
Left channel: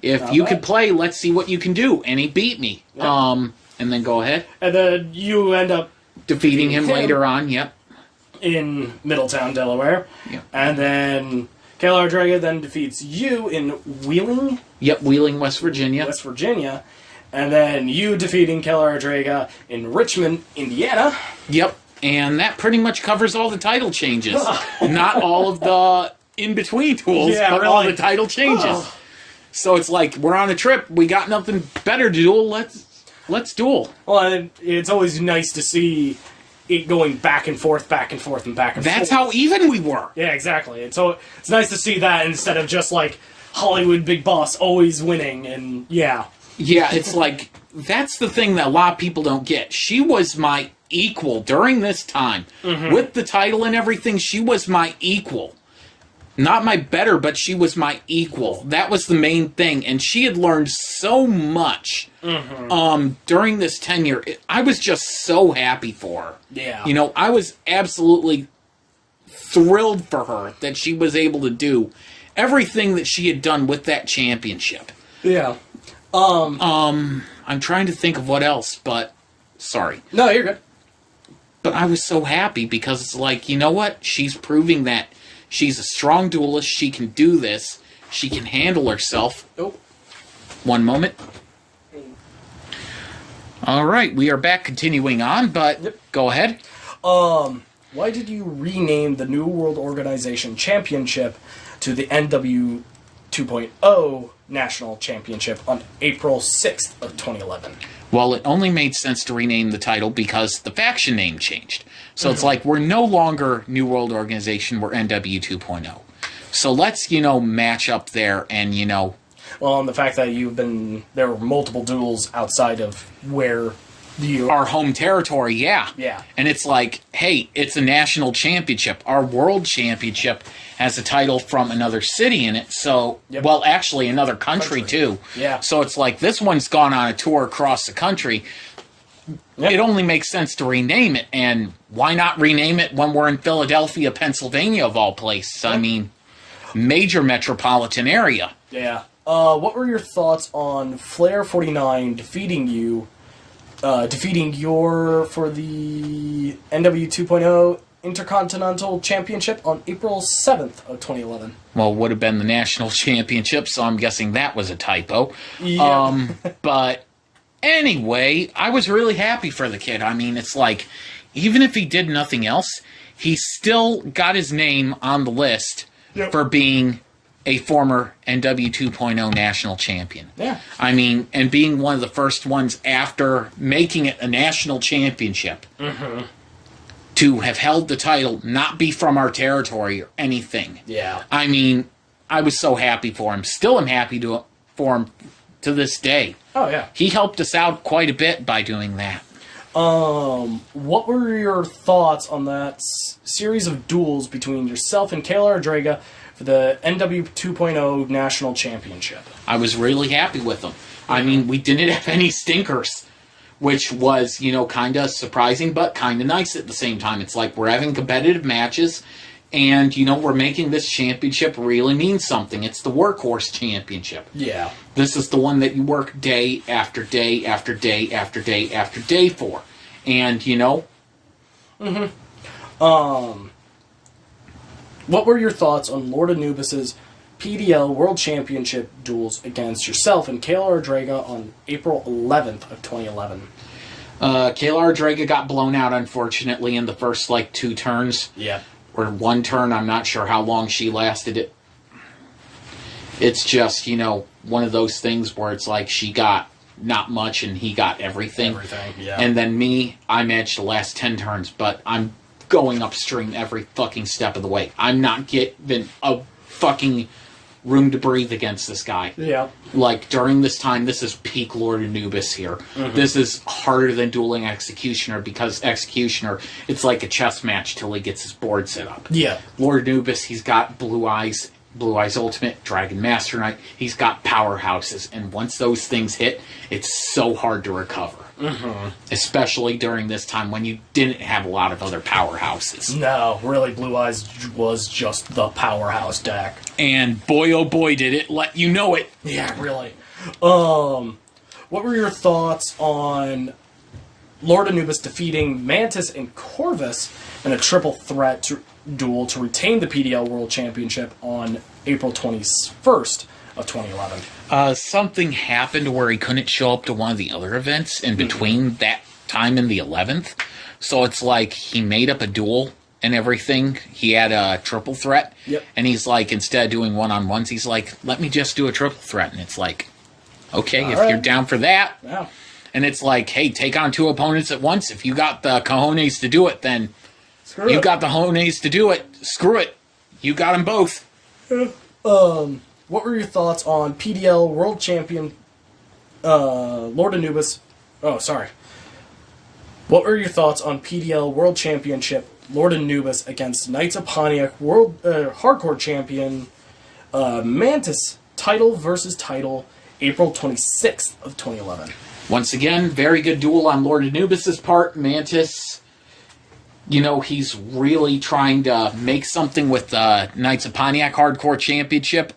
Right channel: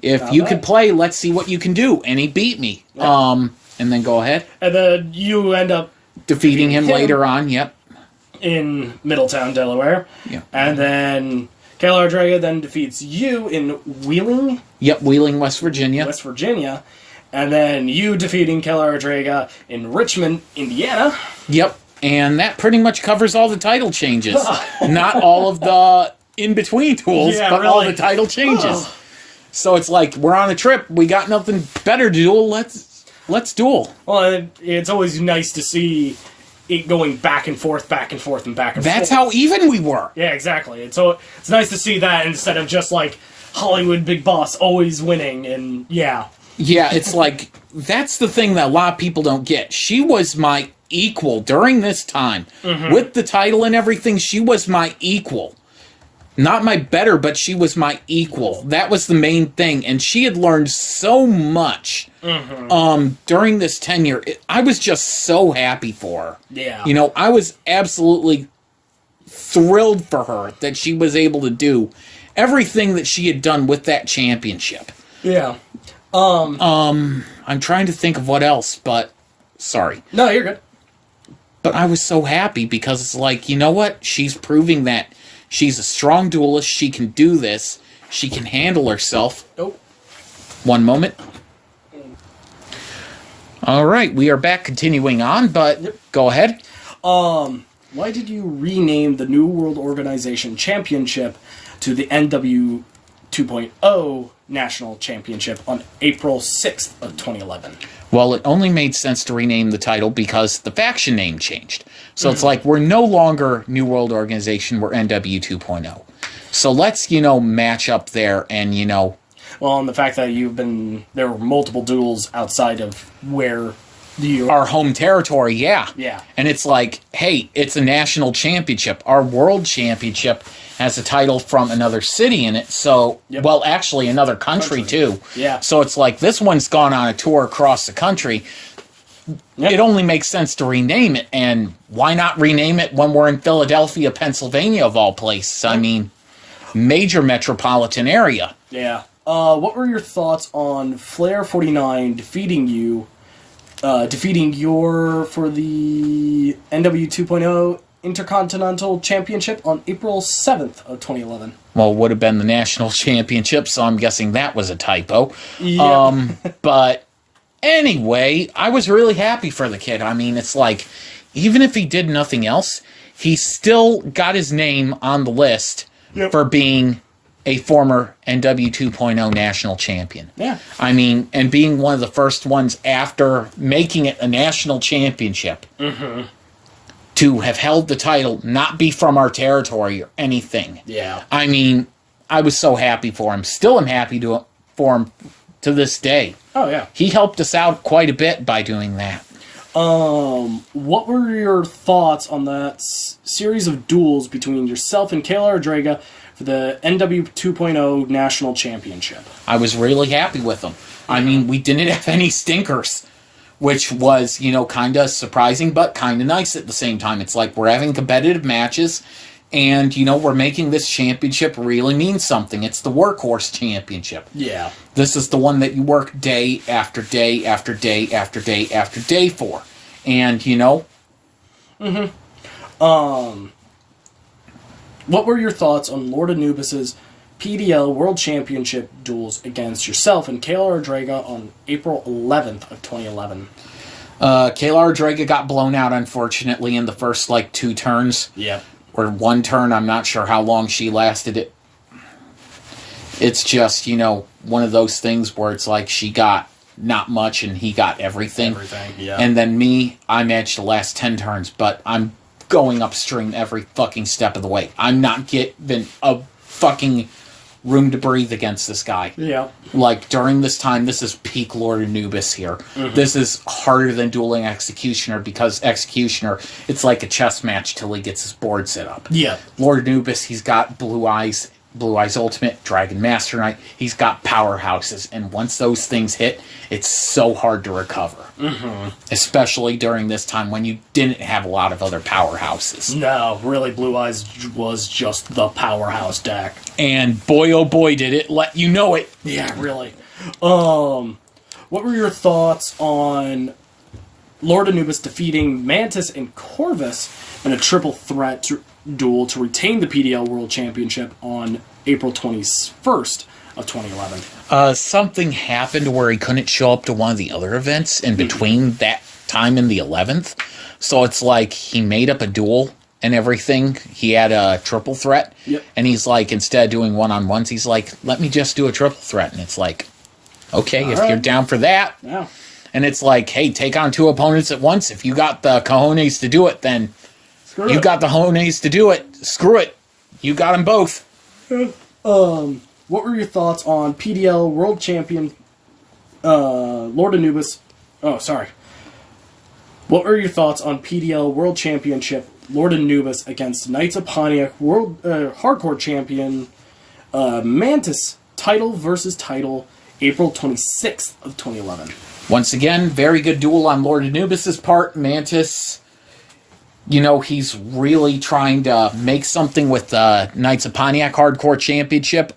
if you could play, let's see what you can do. And he beat me. And then go ahead. And then you end up defeating him later on, in Middletown, Delaware. Yep. And then Kalar Draga then defeats you in Wheeling. Yep, Wheeling, West Virginia. West Virginia. And then you defeating Kalar Draga in Richmond, Indiana. Yep. And that pretty much covers all the title changes. Not all of the in-between duels, but really. All the title changes. So it's like, we're on a trip, we got nothing better to duel, let's duel. Well, it's always nice to see it going back and forth, and back and forth. That's how even we were. Yeah, exactly. And so it's nice to see that instead of just like Hollywood Big Boss always winning, and Yeah, it's like, that's the thing that a lot of people don't get. She was my equal during this time. With the title and everything, she was my equal. Not my better, but she was my equal. That was the main thing. And she had learned so much during this tenure. I was just so happy for her. Yeah. You know, I was absolutely thrilled for her that she was able to do everything that she had done with that championship. Yeah. I'm trying to think of what else, but sorry. No, you're good. But I was so happy because it's like, you know what? She's proving that she's a strong duelist. She can do this. She can handle herself. Nope. One moment. All right, we are back continuing on, but go ahead. Why did you rename the New World Organization Championship to the NW 2.0 National Championship on April 6th of 2011? Well, it only made sense to rename the title because the faction name changed. So it's like, we're no longer New World Organization, we're NW 2.0. So let's, match up there and, Well, and the fact that there were multiple duels outside of where our home territory, yeah. Yeah. And it's like, hey, it's a national championship. Our world championship has a title from another city in it. So, well, actually another country too. Yeah. So it's like, this one's gone on a tour across the country. Yep. It only makes sense to rename it. And why not rename it when we're in Philadelphia, Pennsylvania, of all places? Yep. I mean, major metropolitan area. Yeah. What were your thoughts on Flair 49 defeating your for the NW 2.0 Intercontinental Championship on April 7th of 2011? Well, it would have been the national championship, so I'm guessing that was a typo. Yeah. But anyway, I was really happy for the kid. I mean, it's like, even if he did nothing else, he still got his name on the list for being a former NW 2.0 national champion. Yeah. I mean, and being one of the first ones after making it a national championship to have held the title, not be from our territory or anything. Yeah. I mean, I was so happy for him. Still am happy for him to this day. Oh, yeah. He helped us out quite a bit by doing that. What were your thoughts on that series of duels between yourself and Kalar Draga for the NW 2.0 National Championship? I was really happy with them. I mean, we didn't have any stinkers, which was, kind of surprising, but kind of nice at the same time. It's like we're having competitive matches, and, we're making this championship really mean something. It's the workhorse championship. Yeah. This is the one that you work day after day after day after day after day for. And, What were your thoughts on Lord Anubis's PDL World Championship duels against yourself and Kalar Draga on April 11th of 2011? Kalar Draga got blown out, unfortunately, in the first, 2 turns. Yeah. Or 1 turn, I'm not sure how long she lasted it. It's just, one of those things where it's like she got not much and he got everything. Everything, yeah. And then me, I managed the last 10 turns, but I'm going upstream every fucking step of the way. I'm not getting a fucking room to breathe against this guy. Yeah. During this time, this is peak Lord Anubis here. This is harder than dueling Executioner, because Executioner, it's like a chess match till he gets his board set up. Yeah. Lord Anubis, he's got blue eyes, Blue Eyes Ultimate, Dragon Master Knight. He's got powerhouses, and once those things hit, it's so hard to recover. Mm-hmm. Especially during this time when you didn't have a lot of other powerhouses. No, really, Blue Eyes was just the powerhouse deck. And boy, oh boy, did it let you know it. Yeah, really. What were your thoughts on Lord Anubis defeating Mantis and Corvus in a triple threat duel to retain the PDL World Championship on April 21st of 2011? Something happened where he couldn't show up to one of the other events in between that time and the 11th. So it's like he made up a duel and everything. He had a triple threat. Yep. And he's like, instead of doing one-on-ones, he's like, let me just do a triple threat. And it's like, okay, if you're down for that. Yeah. And it's like, hey, take on 2 opponents at once. If you got the cojones to do it, then you got the cojones to do it. Screw it. You got them both. What were your thoughts on PDL World Champion Lord Anubis? Oh, sorry. What were your thoughts on PDL World Championship Lord Anubis against Knights of Pontiac World Hardcore Champion Mantis title versus title, April 26th of 2011? Once again, very good duel on Lord Anubis' part. Mantis, you know, he's really trying to make something with the Knights of Pontiac Hardcore Championship.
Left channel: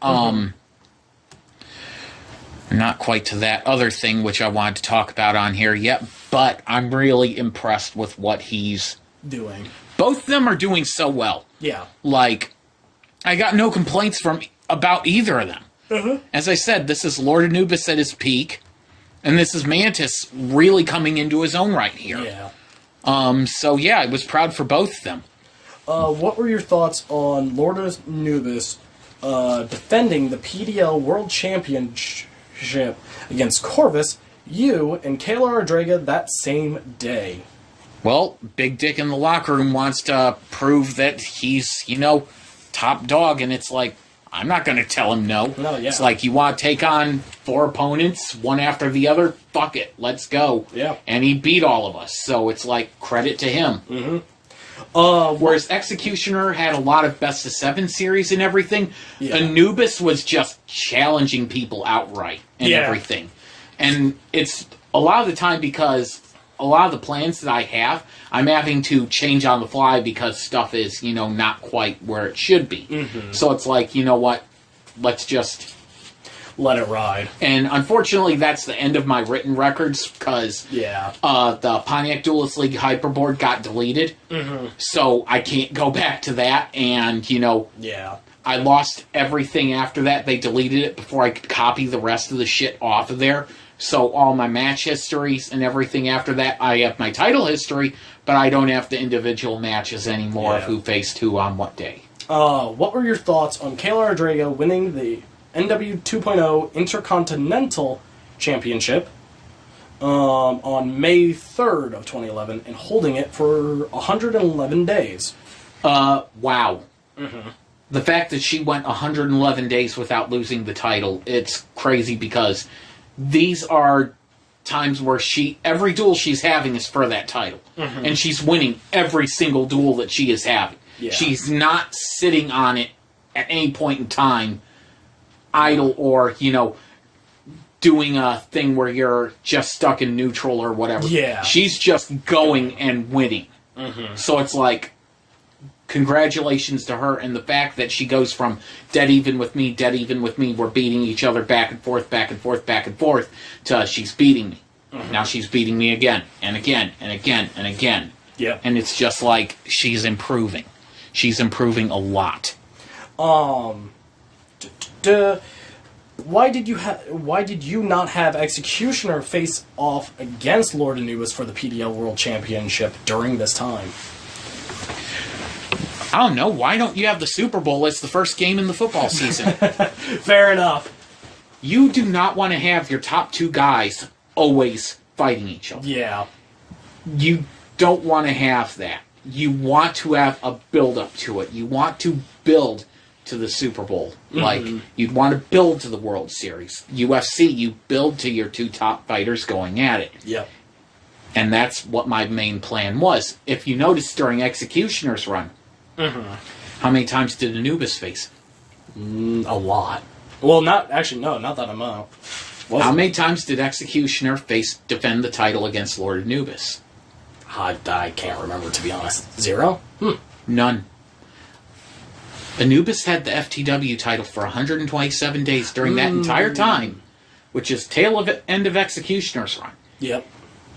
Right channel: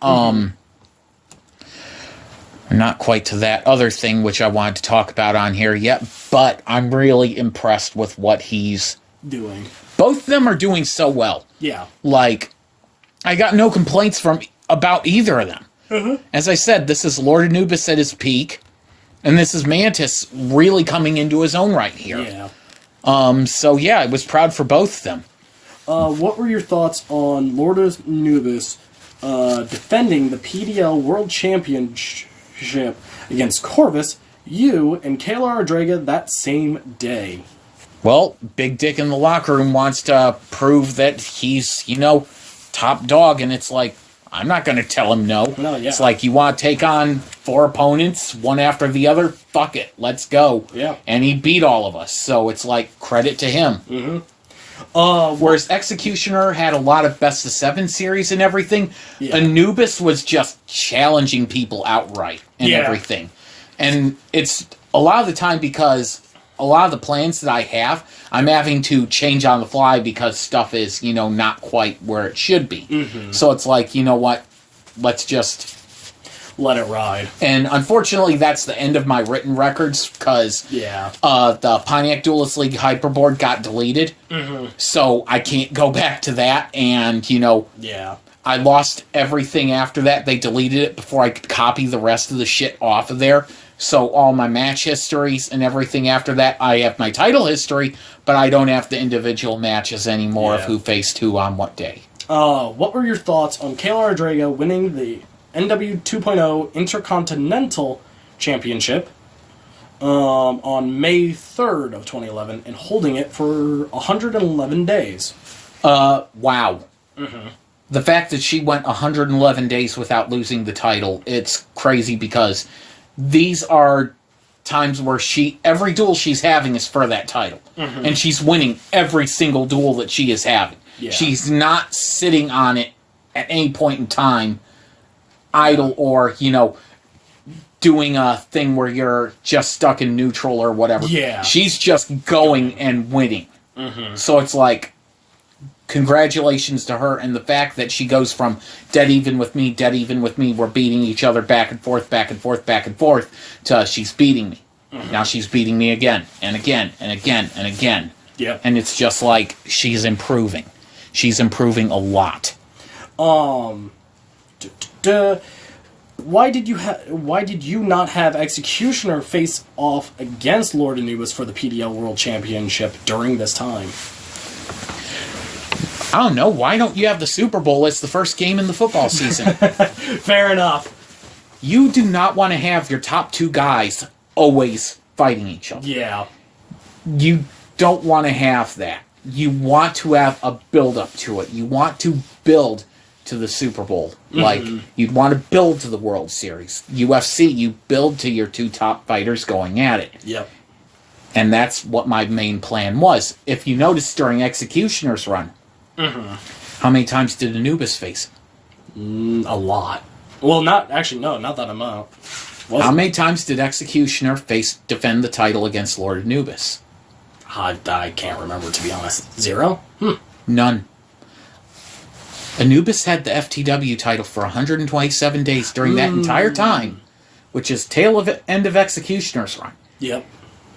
Not quite to that other thing which I wanted to talk about on here yet, but I'm really impressed with what he's doing. Both of them are doing so well. Yeah. Like, I got no complaints about either of them. As I said, this is Lord Anubis at his peak. And this is Mantis really coming into his own right here. Yeah. So yeah, I was proud for both of them. What were your thoughts on Lord Anubis defending the PDL World Championship against Corvus, you, and Kayla Ardraga that same day? Well, Big Dick in the locker room wants to prove that he's, you know, top dog, and it's like, I'm not going to tell him no. No, yeah. It's like, you want to take on 4 opponents, one after the other? Fuck it, let's go. Yeah. And he beat all of us, so it's like, credit to him. Whereas Executioner had a lot of best of 7 series and everything, Anubis was just challenging people outright and everything. And it's a lot of the time because a lot of the plans that I have, I'm having to change on the fly because stuff is, you know, not quite where it should be. So it's like, you know what, let's just let it ride. And unfortunately, that's the end of my written records because the Pontiac Duelist League Hyperboard got deleted. So I can't go back to that. And, you know, I lost everything after that. They deleted it before I could copy the rest of the shit off of there. So all my match histories and everything after that, I have my title history, but I don't have the individual matches anymore of who faced who on what day. What were your thoughts on Kayla Ardraga winning the NW 2.0 Intercontinental Championship on May 3rd of 2011 and holding it for 111 days? Wow. The fact that she went 111 days without losing the title, it's crazy because these are times where every duel she's having is for that title. And she's winning every single duel that she is having. She's not sitting on it at any point in time idle or, you know, doing a thing where you're just stuck in neutral or whatever. She's just going and winning. So it's like, congratulations to her, and the fact that she goes from dead even with me, we're beating each other back and forth, to she's beating me. Now she's beating me again, and again, and again, and again. And it's just like, she's improving. She's improving a lot. Why did you not have Executioner face off against Lord Anubis for the PDL World Championship during this time? I don't know. Why don't you have the Super Bowl as the first game in the football season? Fair enough. You do not want to have your top 2 guys always fighting each other. You don't want to have that. You want to have a build-up to it. You want to build to the Super Bowl. Like, you'd want to build to the World Series. UFC, you build to your 2 top fighters going at it. And that's what my main plan was. If you notice during Executioner's run, how many times did Anubis face? A lot. Well, not that amount. How many times did Executioner defend the title against Lord Anubis? I can't remember, to be honest. 0? None. Anubis had the FTW title for 127 days during that entire time, which is end of Executioner's run. Yep.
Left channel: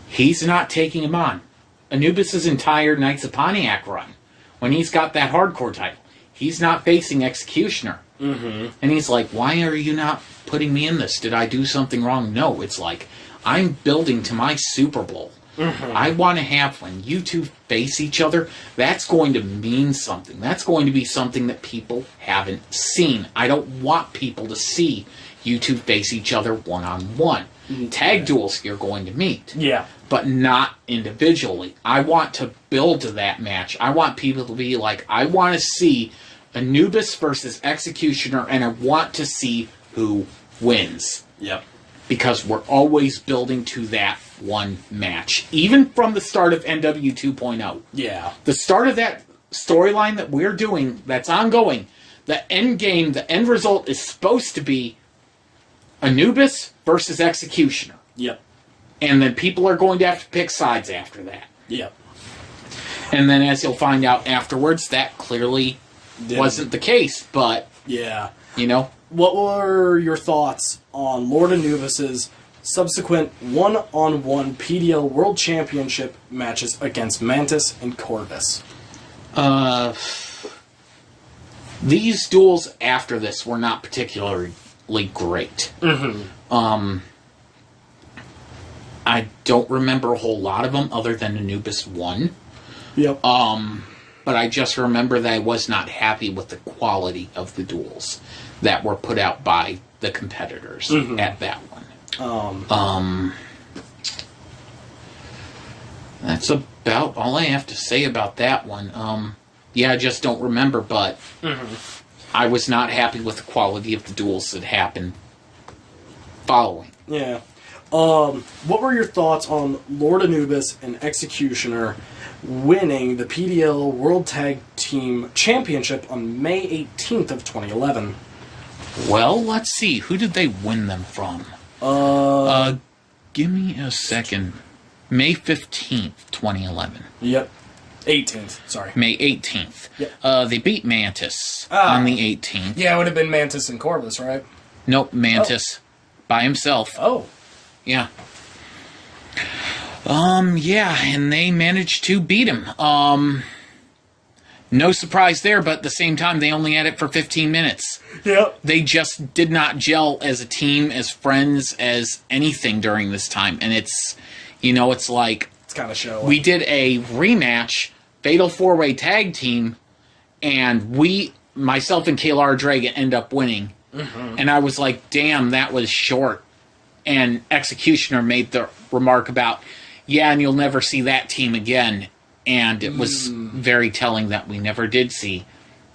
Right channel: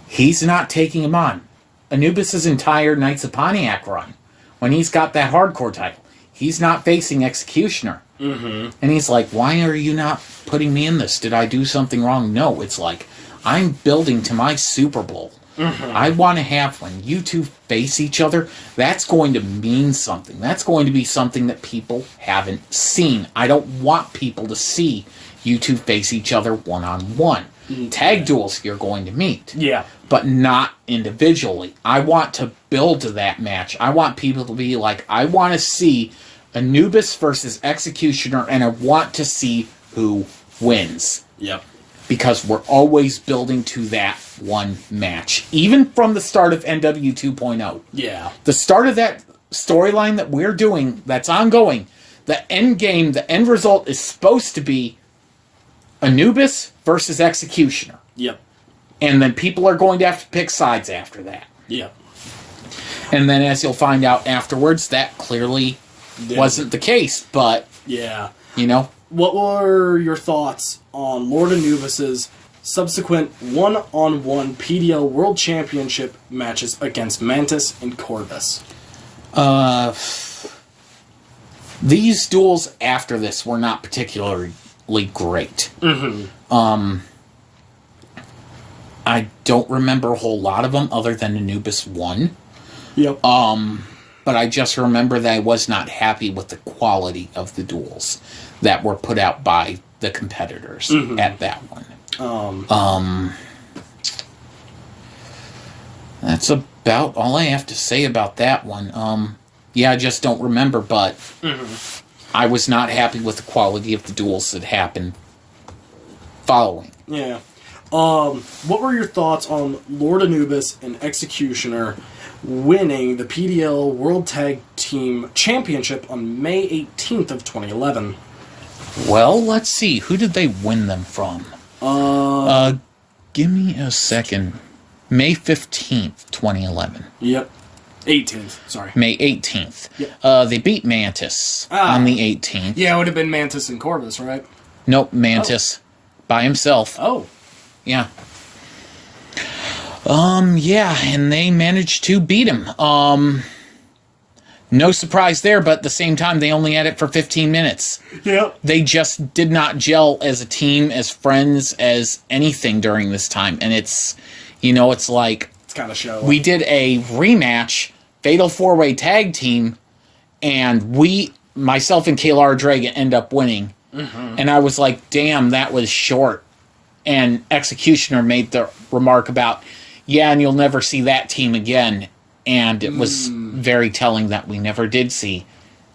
He's not taking him on. Anubis' entire Knights of Pontiac run, when he's got that hardcore title, he's not facing Executioner. Mm-hmm. And he's like, why are you not putting me in this? Did I do something wrong? No, it's like, I'm building to my Super Bowl. Mm-hmm. I want to have, when you two face each other, that's going to mean something. That's going to be something that people haven't seen. I don't want people to see you two face each other one-on-one. Tag duels you're going to meet. Yeah. But not individually. I want to build to that match. I want people to be like, I want to see Anubis versus Executioner, and I want to see who wins. Yep. Because we're always building to that one match. Even from the start of NW 2.0. Yeah. The start of that storyline that we're doing, that's ongoing, the end game, the end result is supposed to be Anubis versus Executioner. Yep. And then people are going to have to pick sides after that. Yep. And then as you'll find out afterwards, that clearly wasn't the case, but... Yeah. You know? What were your thoughts on Lord Anubis' subsequent one-on-one PDL World Championship matches against Mantis and Corvus? These duels after this were not particularly great. Mm-hmm. I don't remember a whole lot of them other than Anubis won. Yep. But I just remember that I was not happy with the quality of the duels that were put out by the competitors at that one. That's about all I have to say about that one. Yeah, I just don't remember, but I was not happy with the quality of the duels that happened following. Yeah. What were your thoughts on Lord Anubis and Executioner winning the PDL World Tag Team Championship on May 18th of 2011? Well, let's see. Who did they win them from? Give me a second. May 15th, 2011. Yep. 18th, sorry. May 18th. Yep. They beat Mantis on the 18th. Yeah, it would have been Mantis and Corvus, right? Nope, Mantis. By himself. Oh. Yeah. Yeah, and they managed to beat him. No surprise there, but at the same time, they only had it for 15 minutes. Yep. They just did not gel as a team, as friends, as anything during this time. And it's, it's like... It's kind of show. We did a rematch, Fatal 4-Way Tag Team, and myself and Kayla Draga end up winning. Mm-hmm. And I was like, damn, that was short. And Executioner made the remark about, yeah, and you'll never see that team again. And it was very telling that we never did see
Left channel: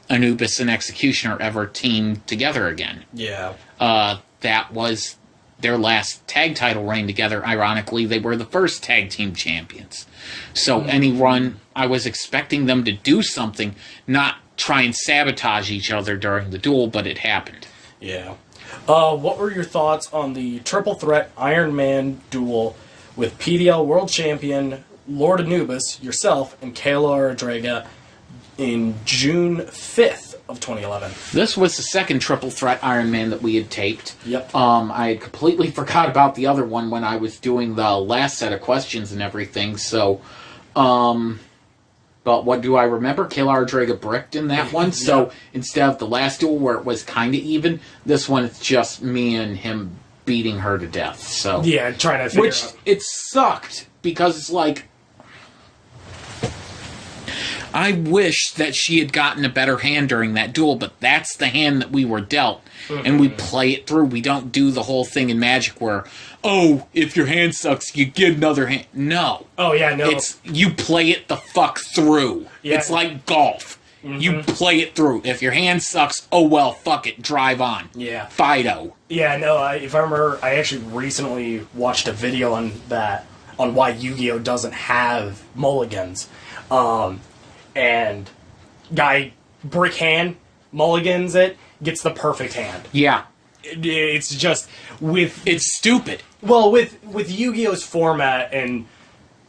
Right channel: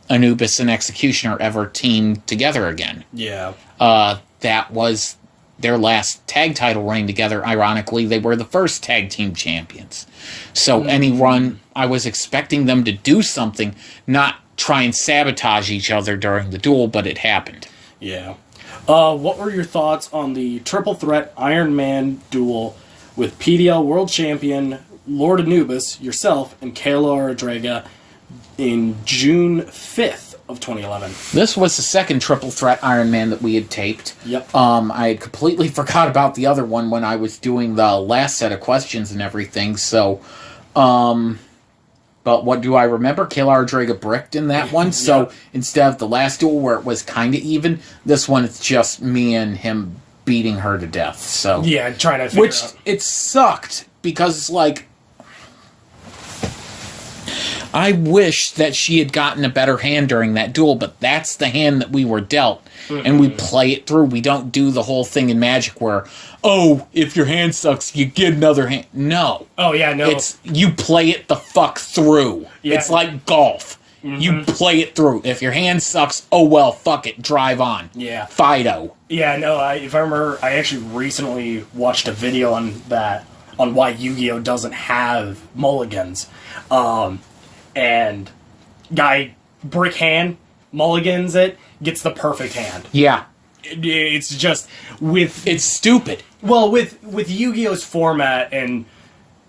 Anubis and Executioner ever team together again. Yeah. That was their last tag title reign together. Ironically, they were the first tag team champions. So any run, I was expecting them to do something, not try and sabotage each other during the duel, but it happened. Yeah. What were your thoughts on the triple threat Iron Man duel with PDL World Champion Lord Anubis, yourself, and Kayla Draga in June 5th of 2011? This was the second triple threat Iron Man that we had taped. Yep. I had completely forgot about the other one when I was doing the last set of questions and everything, so... But what do I remember? Kayla Draga bricked in that one, so instead of the last duel where it was kind of even, this one it's just me and him beating her to death, so... Yeah, trying to figure out... It sucked, because it's like... I wish that she had gotten a better hand during that duel, but that's the hand that we were dealt. Mm-hmm. And we play it through. We don't do the whole thing in Magic where, oh, if your hand sucks, you get another hand. No. Oh, yeah, no. It's, you play it the fuck through. Yeah. It's like golf. Mm-hmm. You play it through. If your hand sucks, oh well, fuck it, drive on. Yeah. Fido. Yeah, no, if I remember, I actually recently watched a video on that, on why Yu-Gi-Oh! Doesn't have mulligans. And guy brick hand mulligans it, gets the perfect hand. Yeah. It's just with It's stupid. well with Yu-Gi-Oh's format and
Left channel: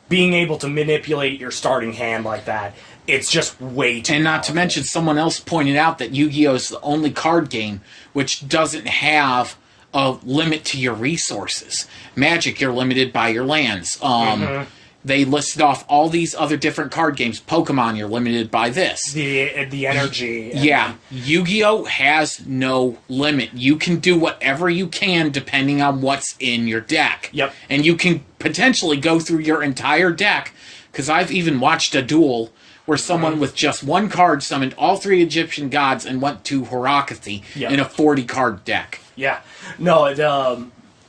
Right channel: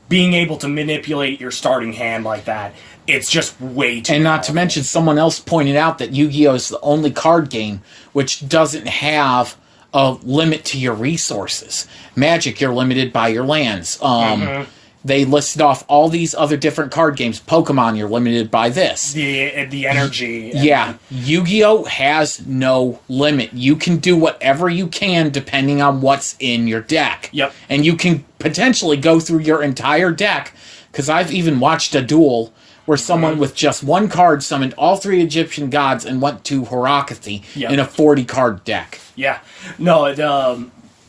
being able to manipulate your starting hand like that, it's just way too And not powerful. to mention, someone else pointed out that Yu-Gi-Oh! Is the only card game which doesn't have a limit to your resources. Magic, you're limited by your lands. They listed off all these other different card games. Pokemon, you're limited by this. The energy. Yeah, Yu-Gi-Oh! Has no limit. You can do whatever you can depending on what's in your deck. Yep. And you can potentially go through your entire deck, because I've even watched a duel where someone with just one card summoned all 3 Egyptian gods and went to Horakathy Yep. in a 40-card deck. Yeah. No,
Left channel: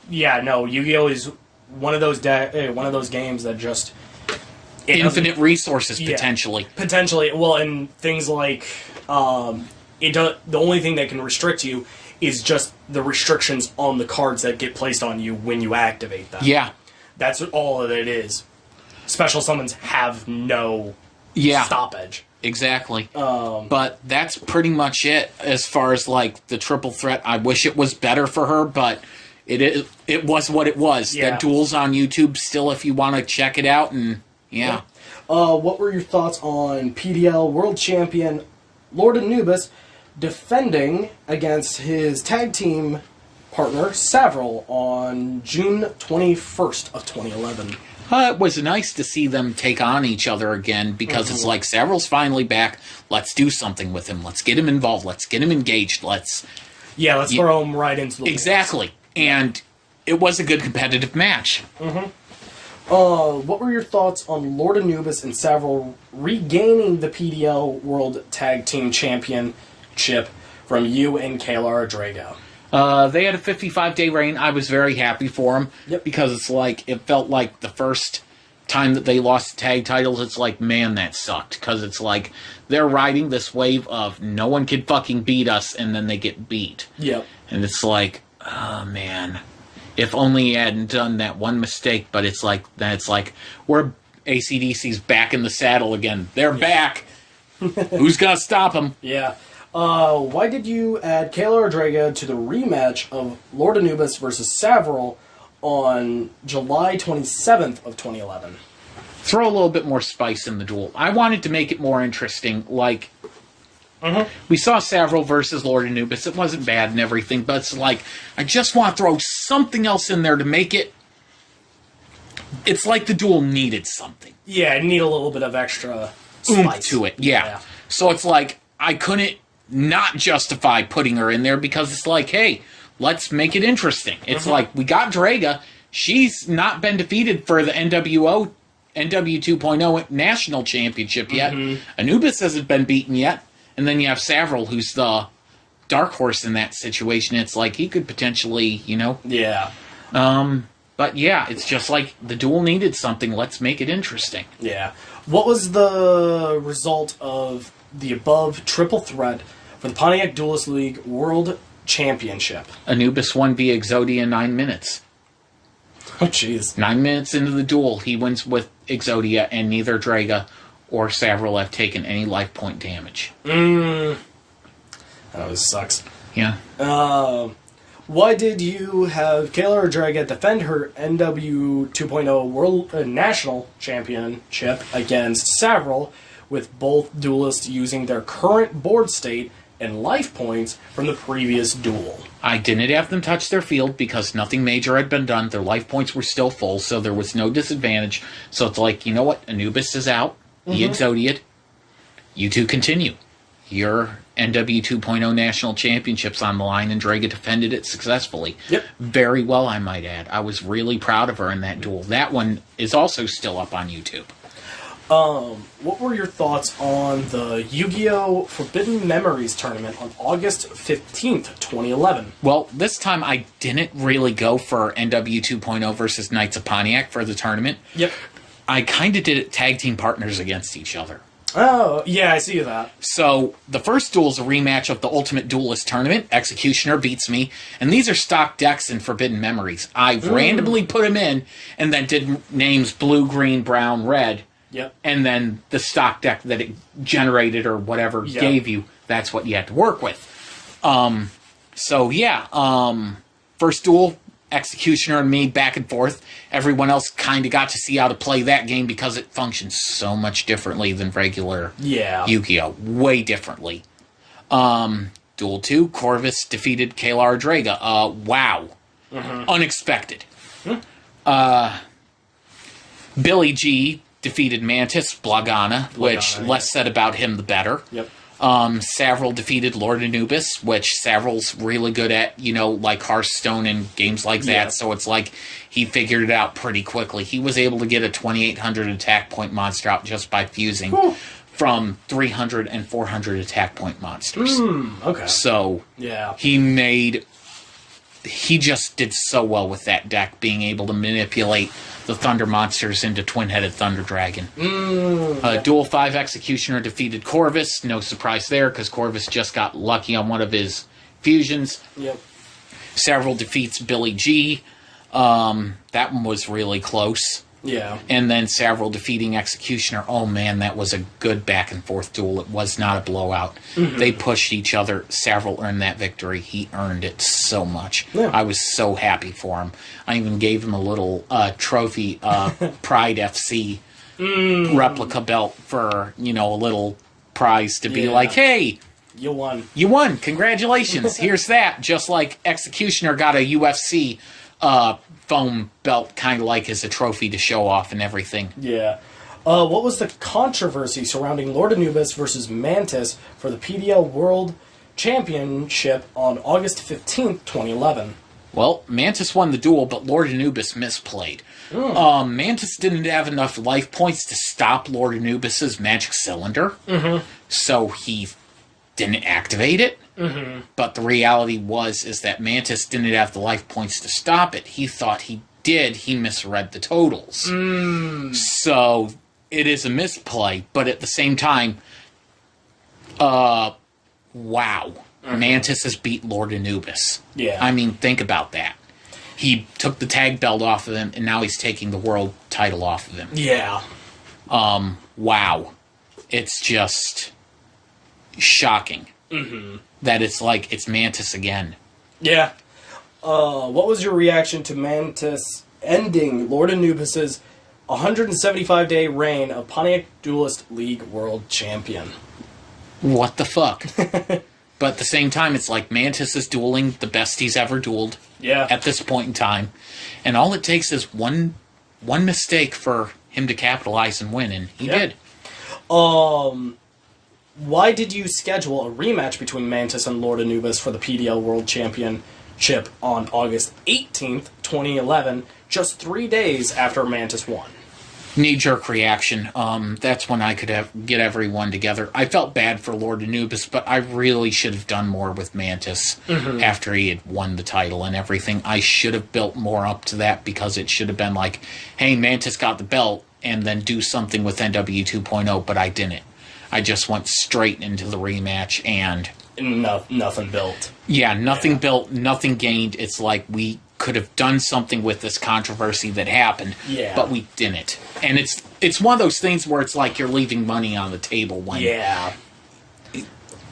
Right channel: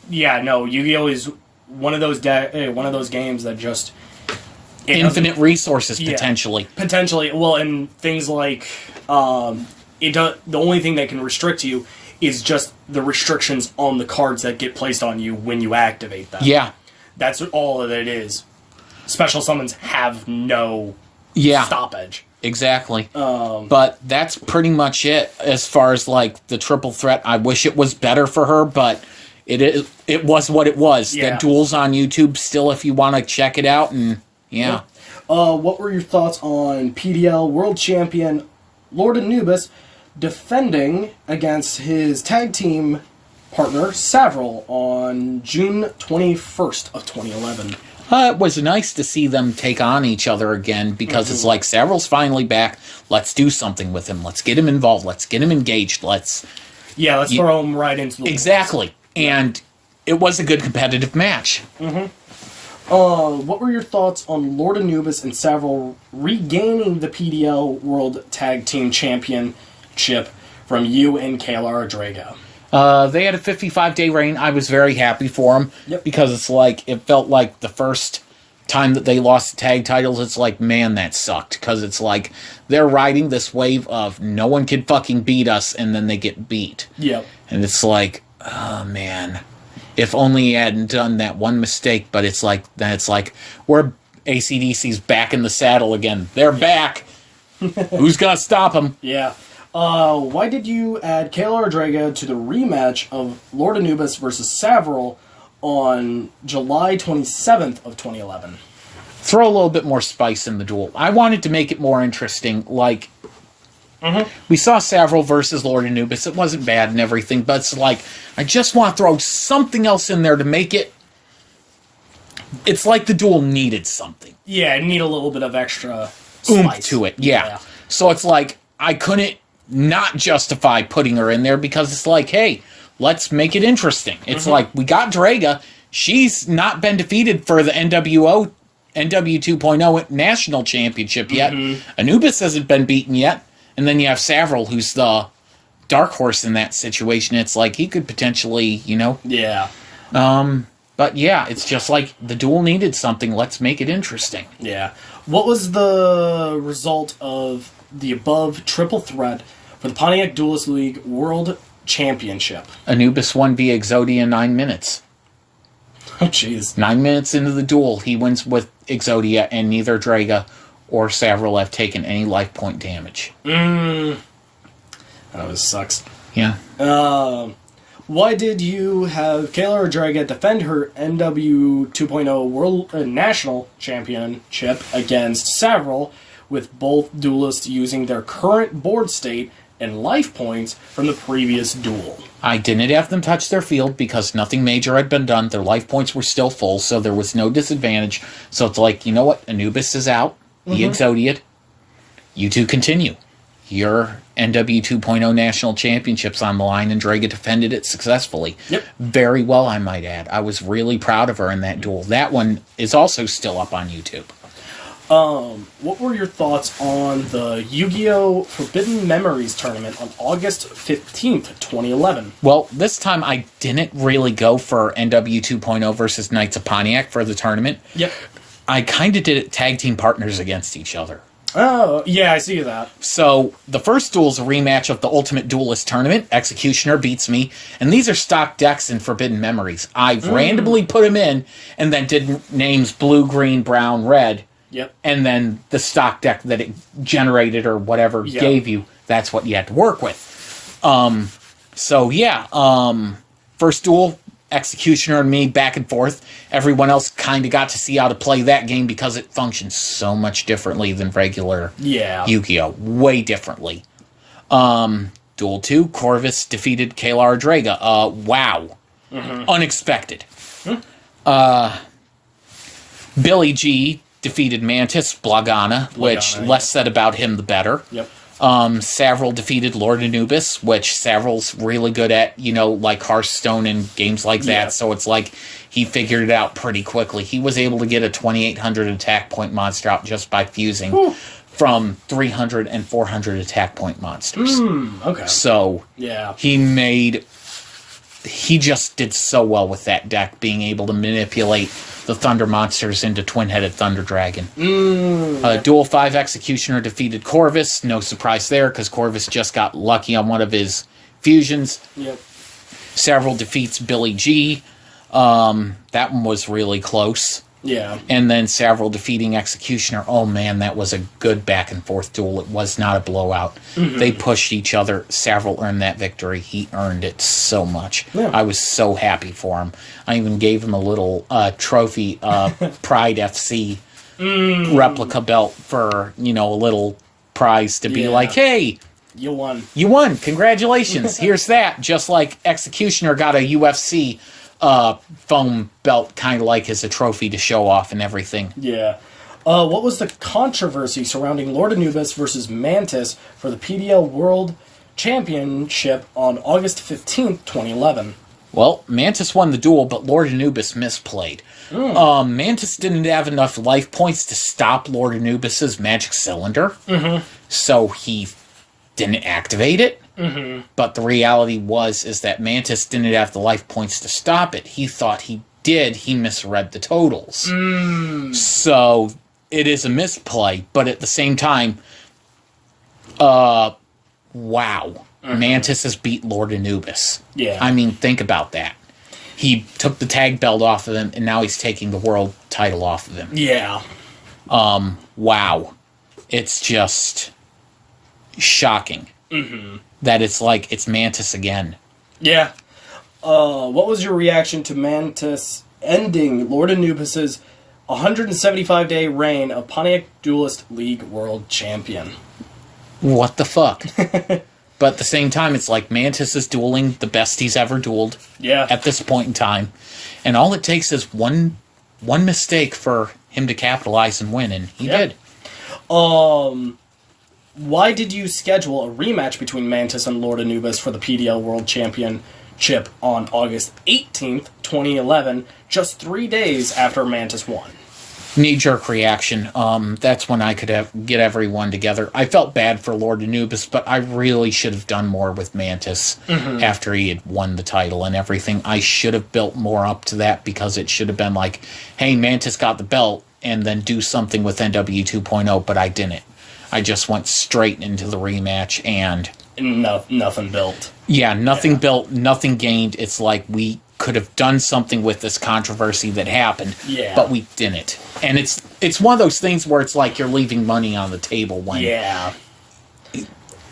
Yu-Gi-Oh! Is one of those games that just Infinite resources, Yeah. potentially. potentially and things like the only thing that can restrict you is just the restrictions on the cards that get placed on you when you activate them. Yeah. That's all that it is. Special summons have no Yeah. stoppage. Exactly. But that's pretty much it as far as, like, the triple threat. I wish it was better for her, but it was what it was. Yeah. The duel's on YouTube still if you want to check it out, and yeah. What were your thoughts on PDL World Champion Lord Anubis defending against his tag team partner Savaril on June 21st of 2011? It was nice to see them take on each other again, because it's like, Savaral's finally back. Let's do something with him. Let's get him involved. Let's get him engaged. Let's Throw him right into the walls. Exactly. And it was a good competitive match. What were your thoughts on Lord Anubis and Savaril regaining the PDL World Tag Team Championship from you and Kayla Draga? They had a 55-day reign. I was very happy for them. Yep. Because it's like, it felt like the first time that they lost the tag titles, it's like, man, that sucked. Because it's like, they're riding this wave of no one can fucking beat us, and then they get beat. Yep. And it's like, oh, man. If only he hadn't done that one mistake. But it's like, we're AC/DC's back in the saddle again. They're back. Who's gonna stop them? Yeah. Why did you add Kayla Draga to the rematch of Lord Anubis versus Savaril on July 27th of 2011? Throw a little bit more spice in the duel. I wanted to make it more interesting. Like, we saw Savaril versus Lord Anubis. It wasn't bad and everything, but it's like, I just want to throw something else in there to make it... It's like the duel needed something. Yeah, I need a little bit of extra Oomph spice to it. Yeah. So it's like, I couldn't not justify putting her in there, because it's like, hey, let's make it interesting. It's like, we got Draga. She's not been defeated for the NW 2.0 National Championship yet. Anubis hasn't been beaten yet. And then you have Savaril, who's the dark horse in that situation. It's like, he could potentially, Yeah. But yeah, it's just like, the duel needed something. Let's make it interesting. Yeah. What was the result of the above triple threat for the Pontiac Duelist League World Championship? Anubis won via Exodia in 9 minutes. Oh, jeez. 9 minutes into the duel, he wins with Exodia, and neither Draga or Savaril have taken any life point damage. That always sucks. Yeah. Why did you have Kayla Draga defend her NW 2.0 World National Championship against Savaril, with both duelists using their current board state and life points from the previous duel? I didn't have them touch their field because nothing major had been done. Their life points were still full, so there was no disadvantage. So it's like, you know what? Anubis is out. He Exodia'd. You two continue. Your NW 2.0 National Championship's on the line, and Draga defended it successfully. Yep. Very well, I might add. I was really proud of her in that duel. That one is also still up on YouTube. What were your thoughts on the Yu-Gi-Oh! Forbidden Memories tournament on August 15th, 2011? Well, this time I didn't really go for NW 2.0 versus Knights of Pontiac for the tournament. Yep. I kind of did it tag team partners against each other. Oh, yeah, I see that. So, the first duel is a rematch of the Ultimate Duelist tournament. Executioner beats me. And these are stock decks in Forbidden Memories. I randomly put them in, and then did names blue, green, brown, red. Yep. And then the stock deck that it generated or whatever gave you, that's what you had to work with. So yeah, first duel, Executioner and me back and forth. Everyone else kind of got to see how to play that game because it functions so much differently than regular Yu-Gi-Oh! Way differently. Duel 2, Corvus defeated Kalar Draga. Wow. Unexpected. Billy G defeated Mantis Blagana, which less said about him the better. Yep. Savaril defeated Lord Anubis, which Savaril's really good at, like Hearthstone and games like that, so it's like he figured it out pretty quickly. He was able to get a 2,800 attack point monster out just by fusing from 300 and 400 attack point monsters. Okay. So, he just did so well with that deck, being able to manipulate the Thunder monsters into Twin-Headed Thunder Dragon. Duel 5 Executioner defeated Corvus. No surprise there, because Corvus just got lucky on one of his fusions. Yep. Savaril defeats Billy G. That one was really close. Yeah. And then Savaril defeating Executioner. Oh man, that was a good back and forth duel. It was not a blowout. They pushed each other. Savaril earned that victory. He earned it so much. Yeah. I was so happy for him. I even gave him a little trophy, Pride FC replica belt for, a little prize to be like, hey, you won. You won. Congratulations. Here's that. Just like Executioner got a UFC foam belt, kind of like as a trophy to show off and everything. Yeah. What was the controversy surrounding Lord Anubis versus Mantis for the PDL World Championship on August 15th, 2011? Well, Mantis won the duel, but Lord Anubis misplayed. Mantis didn't have enough life points to stop Lord Anubis's magic cylinder, so he didn't activate it. But the reality is that Mantis didn't have the life points to stop it. He thought he did. He misread the totals. So it is a misplay, but at the same time, wow. Mantis has beat Lord Anubis. Yeah. I mean, think about that. He took the tag belt off of him, and now he's taking the world title off of him. Yeah. Wow. It's just shocking. That it's Mantis again. Yeah. What was your reaction to Mantis ending Lord Anubis's 175-day reign of Pontiac Duelist League World Champion? What the fuck? But at the same time, it's like Mantis is dueling the best he's ever dueled at this point in time. And all it takes is one mistake for him to capitalize and win, and he did. Why did you schedule a rematch between Mantis and Lord Anubis for the PDL World Championship on August 18th, 2011, just 3 days after Mantis won? Knee-jerk reaction. That's when I could get everyone together. I felt bad for Lord Anubis, but I really should have done more with Mantis after he had won the title and everything. I should have built more up to that, because it should have been like, hey, Mantis got the belt, and then do something with NW 2.0, but I didn't. I just went straight into the rematch, and nothing built. Yeah, nothing built, nothing gained. It's like we could have done something with this controversy that happened, but we didn't. And it's one of those things where it's like you're leaving money on the table when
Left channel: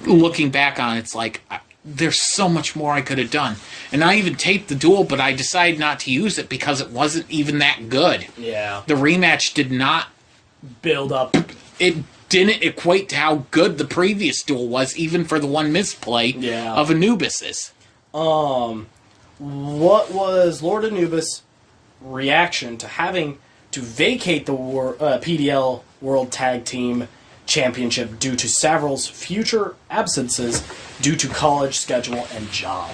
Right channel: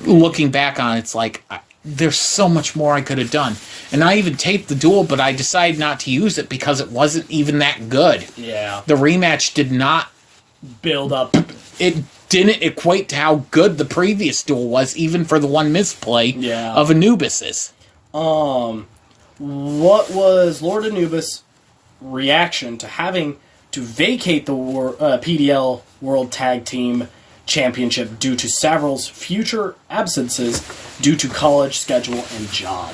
looking back on it, it's like there's so much more I could have done. And I even taped the duel, but I decided not to use it because it wasn't even that good. Yeah. The rematch did not build up. It didn't equate to how good the previous duel was, even for the one misplay of Anubis's. What was Lord Anubis' reaction to having to vacate the PDL World Tag Team Championship due to Savaril's future absences due to college schedule and job?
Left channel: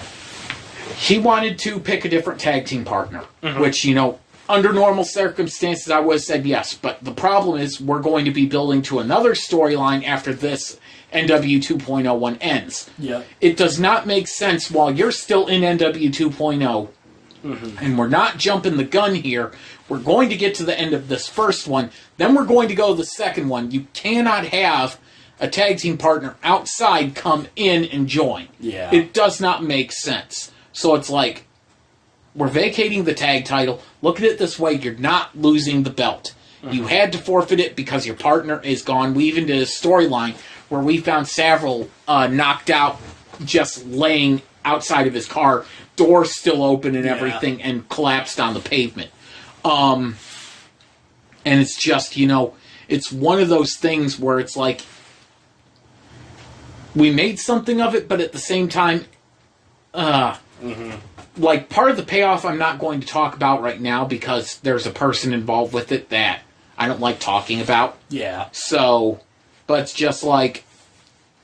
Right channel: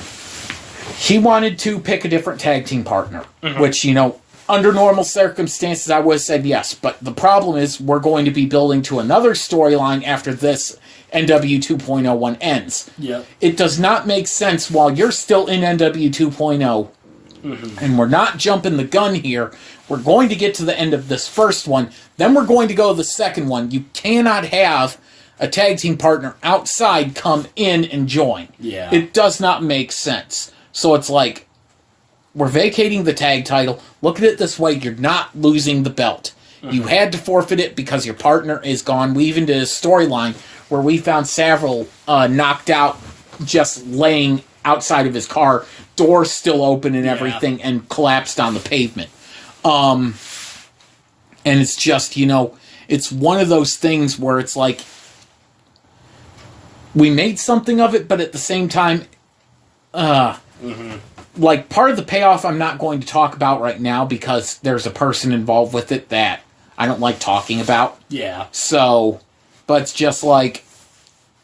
He wanted to pick a different tag team partner, which, under normal circumstances, I would have said yes. But the problem is we're going to be building to another storyline after this NW 2.0 one ends. It does not make sense while you're still in NW 2.0, and we're not jumping the gun here. We're going to get to the end of this first one, then we're going to go to the second one. You cannot have a tag team partner outside come in and join. It does not make sense. So it's like, we're vacating the tag title. Look at it this way, you're not losing the belt. You had to forfeit it because your partner is gone. We even did a storyline where we found Savaril knocked out just laying outside of his car, door still open and everything, and collapsed on the pavement. And it's just, it's one of those things where it's like, we made something of it, but at the same time, like, part of the payoff I'm not going to talk about right now because there's a person involved with it that I don't like talking about. Yeah. So, but it's just like,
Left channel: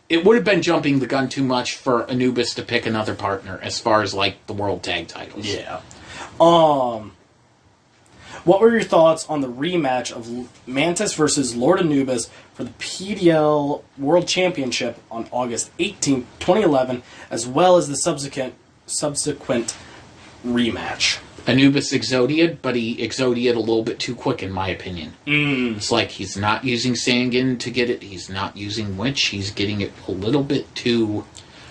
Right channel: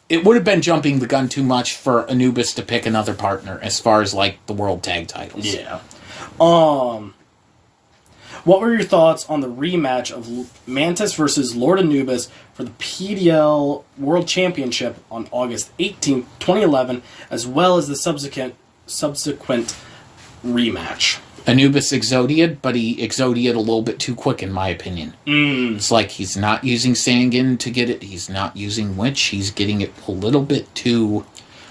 it would have been jumping the gun too much for Anubis to pick another partner as far as, like, the world tag titles. Yeah. What were your thoughts on the rematch of Mantis versus Lord Anubis for the PDL World Championship on August 18th, 2011, as well as the subsequent rematch? Anubis exodied, but he exodied a little bit too quick, in my opinion. It's like he's not using Sangan to get it. He's not using Witch. He's getting it a little bit too...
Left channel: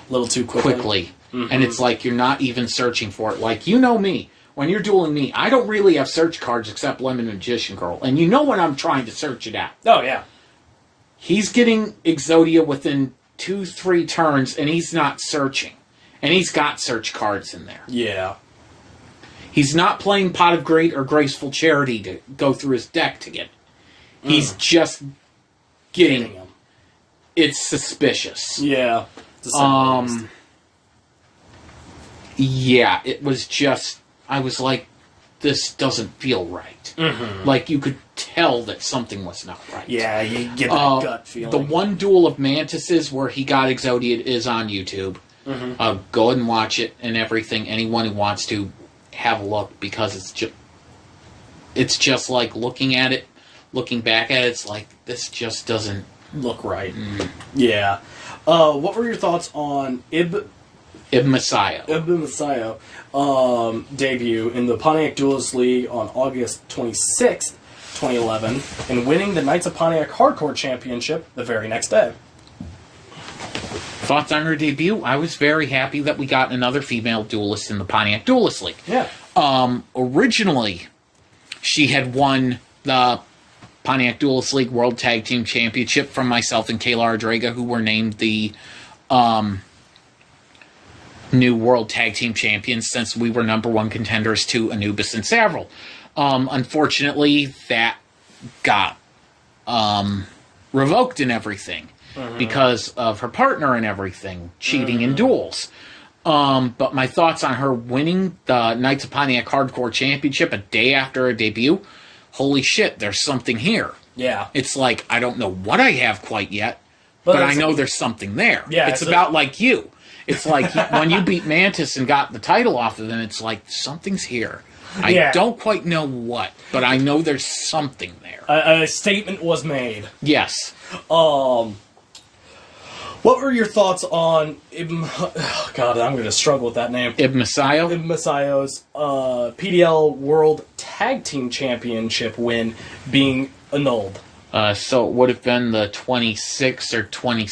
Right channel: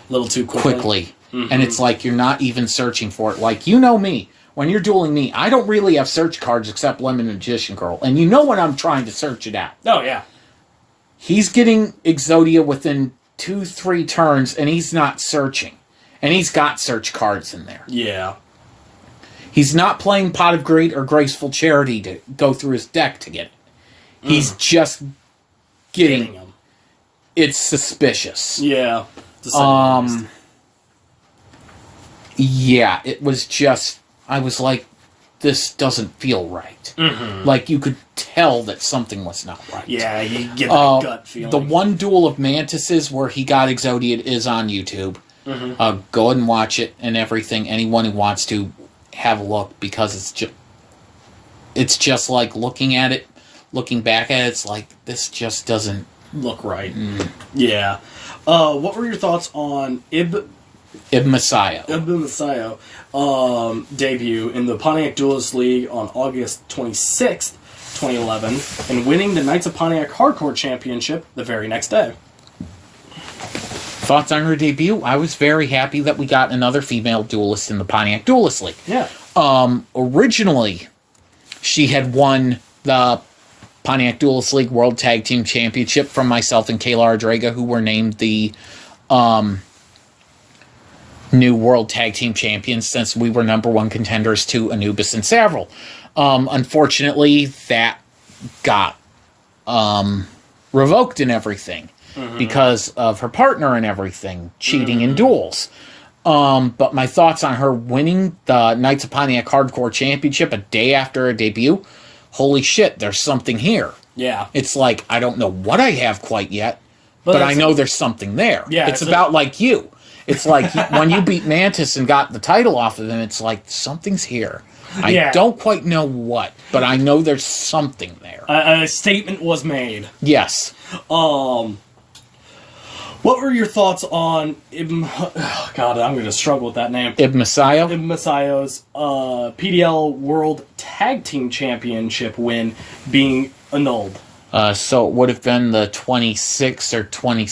quickly. And it's like you're not even searching for it. Like, you know me. When you're dueling me, I don't really have search cards except Lemon Magician Girl. And you know when I'm trying to search it out. Oh, yeah. He's getting Exodia within 2-3 turns, and he's not searching. And he's got search cards in there. Yeah. He's not playing Pot of Greed or Graceful Charity to go through his deck to get it. He's just getting them. It's suspicious. Yeah. Yeah, it was just... I was like, this doesn't feel right. Like, you could tell that something was not right. Yeah, you get that gut feeling. The one duel of Mantises where he got Exodiad is on YouTube. Go ahead and watch it and everything. Anyone who wants to, have a look, because it's just like looking at it, looking back at it, it's like, this just doesn't look right. Yeah. What were your thoughts on Ibn Messiah debut in the Pontiac Duelist League on August 26th, 2011, and winning the Knights of Pontiac Hardcore Championship the very next day? Thoughts on her debut? I was very happy that we got another female duelist in the Pontiac Duelist League. Yeah. Originally, she had won the Pontiac Duelist League World Tag Team Championship from myself and Kayla Ardrega, who were named the new World Tag Team Champions since we were #1 contenders to Anubis and Savaril. Unfortunately, that got revoked and everything because of her partner and everything cheating in duels. But my thoughts on her winning the Knights of Pontiac Hardcore Championship a day after her debut, holy shit, there's something here. Yeah. It's like, I don't know what I have quite yet, but I know there's something there. Yeah, it's about like you. It's like when you beat Mantis and got the title off of him, it's like, something's here. I don't quite know what, but I know there's something there. A statement was made. Yes. What were your thoughts on God, I'm going to struggle with that name. Ibn Messiah? Ibn Messiah's PDL World Tag Team Championship win being annulled. So it would have been the 26th or 20...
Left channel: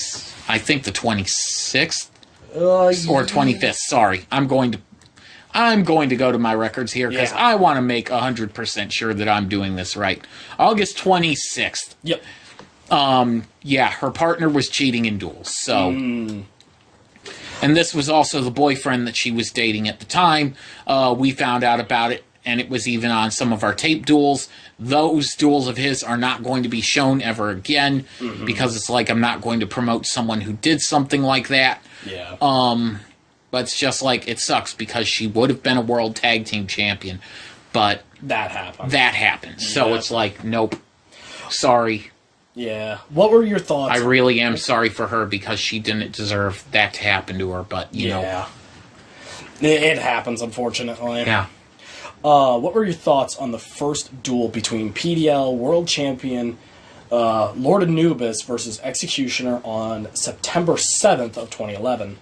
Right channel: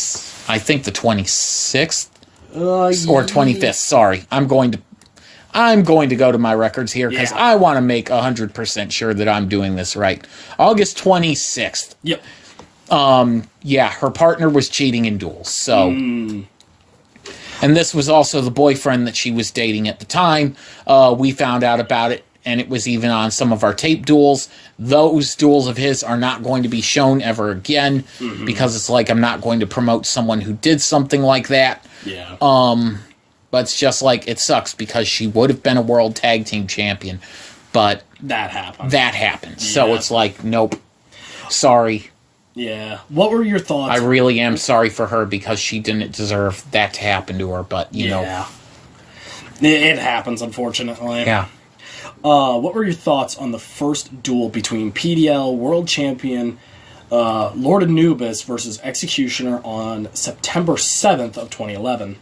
I think the 26th? Or 25th, sorry. I'm going to go to my records here because I want to make 100% sure that I'm doing this right. August 26th. Yep. Yeah, her partner was cheating in duels, so... And this was also the boyfriend that she was dating at the time. We found out about it, and it was even on some of our tape duels. Those duels of his are not going to be shown ever again, because it's like I'm not going to promote someone who did something like that. Yeah. But it's just like, it sucks, because she would have been a World Tag Team Champion, but... That happened. Yeah. So it's like, nope. Sorry. Yeah. What were your thoughts? I really am sorry for her, because she didn't deserve that to happen to her, but, you know. It happens, unfortunately. Yeah. What were your thoughts on the first duel between PDL World Champion Lord Anubis versus Executioner on September 7th of 2011?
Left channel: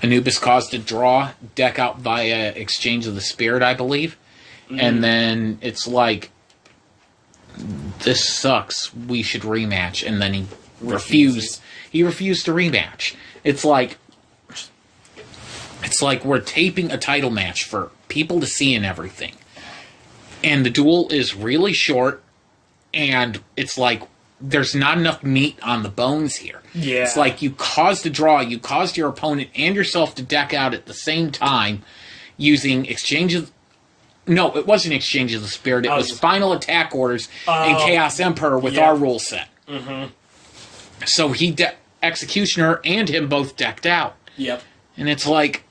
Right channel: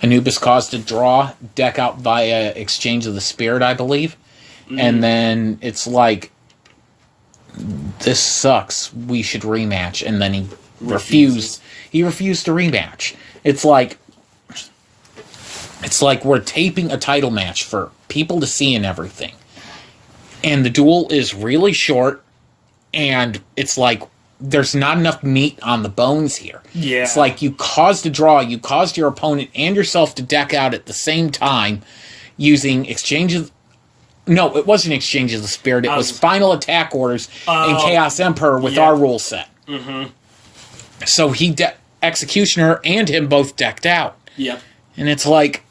Anubis caused a draw, deck out via Exchange of the Spirit, I believe. And then it's like, this sucks, we should rematch. And then he refused. He refused to rematch. It's like we're taping a title match for people to see and everything. And the duel is really short, and it's like, there's not enough meat on the bones here. Yeah. It's like you caused a draw, you caused your opponent and yourself to deck out at the same time using exchanges. No, it wasn't Exchange of the Spirit. It was Final Attack Orders and Chaos Emperor with our rule set. Mm-hmm. So Executioner and him both decked out. Yep. And it's like,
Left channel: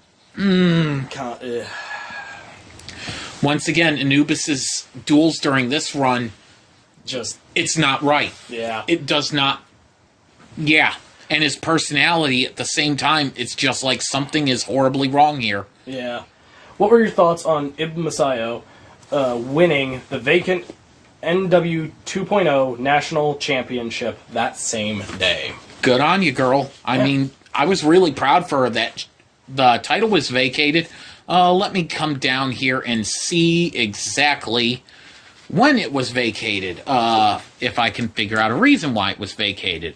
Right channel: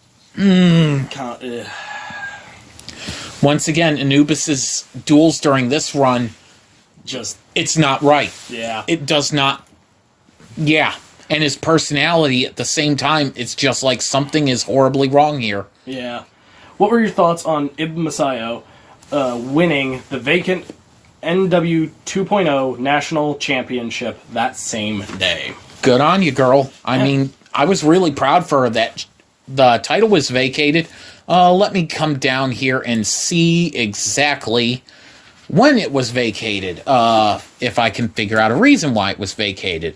once again, Anubis's duels during this run, it's not right. Yeah. It does not. Yeah. And his personality at the same time, it's just like something is horribly wrong here. Yeah. What were your thoughts on Ibn Masayo winning the vacant NW 2.0 National Championship that same day? Good on you, girl. I mean, I was really proud for her that the title was vacated. Let me come down here and see exactly when it was vacated, if I can figure out a reason why it was vacated.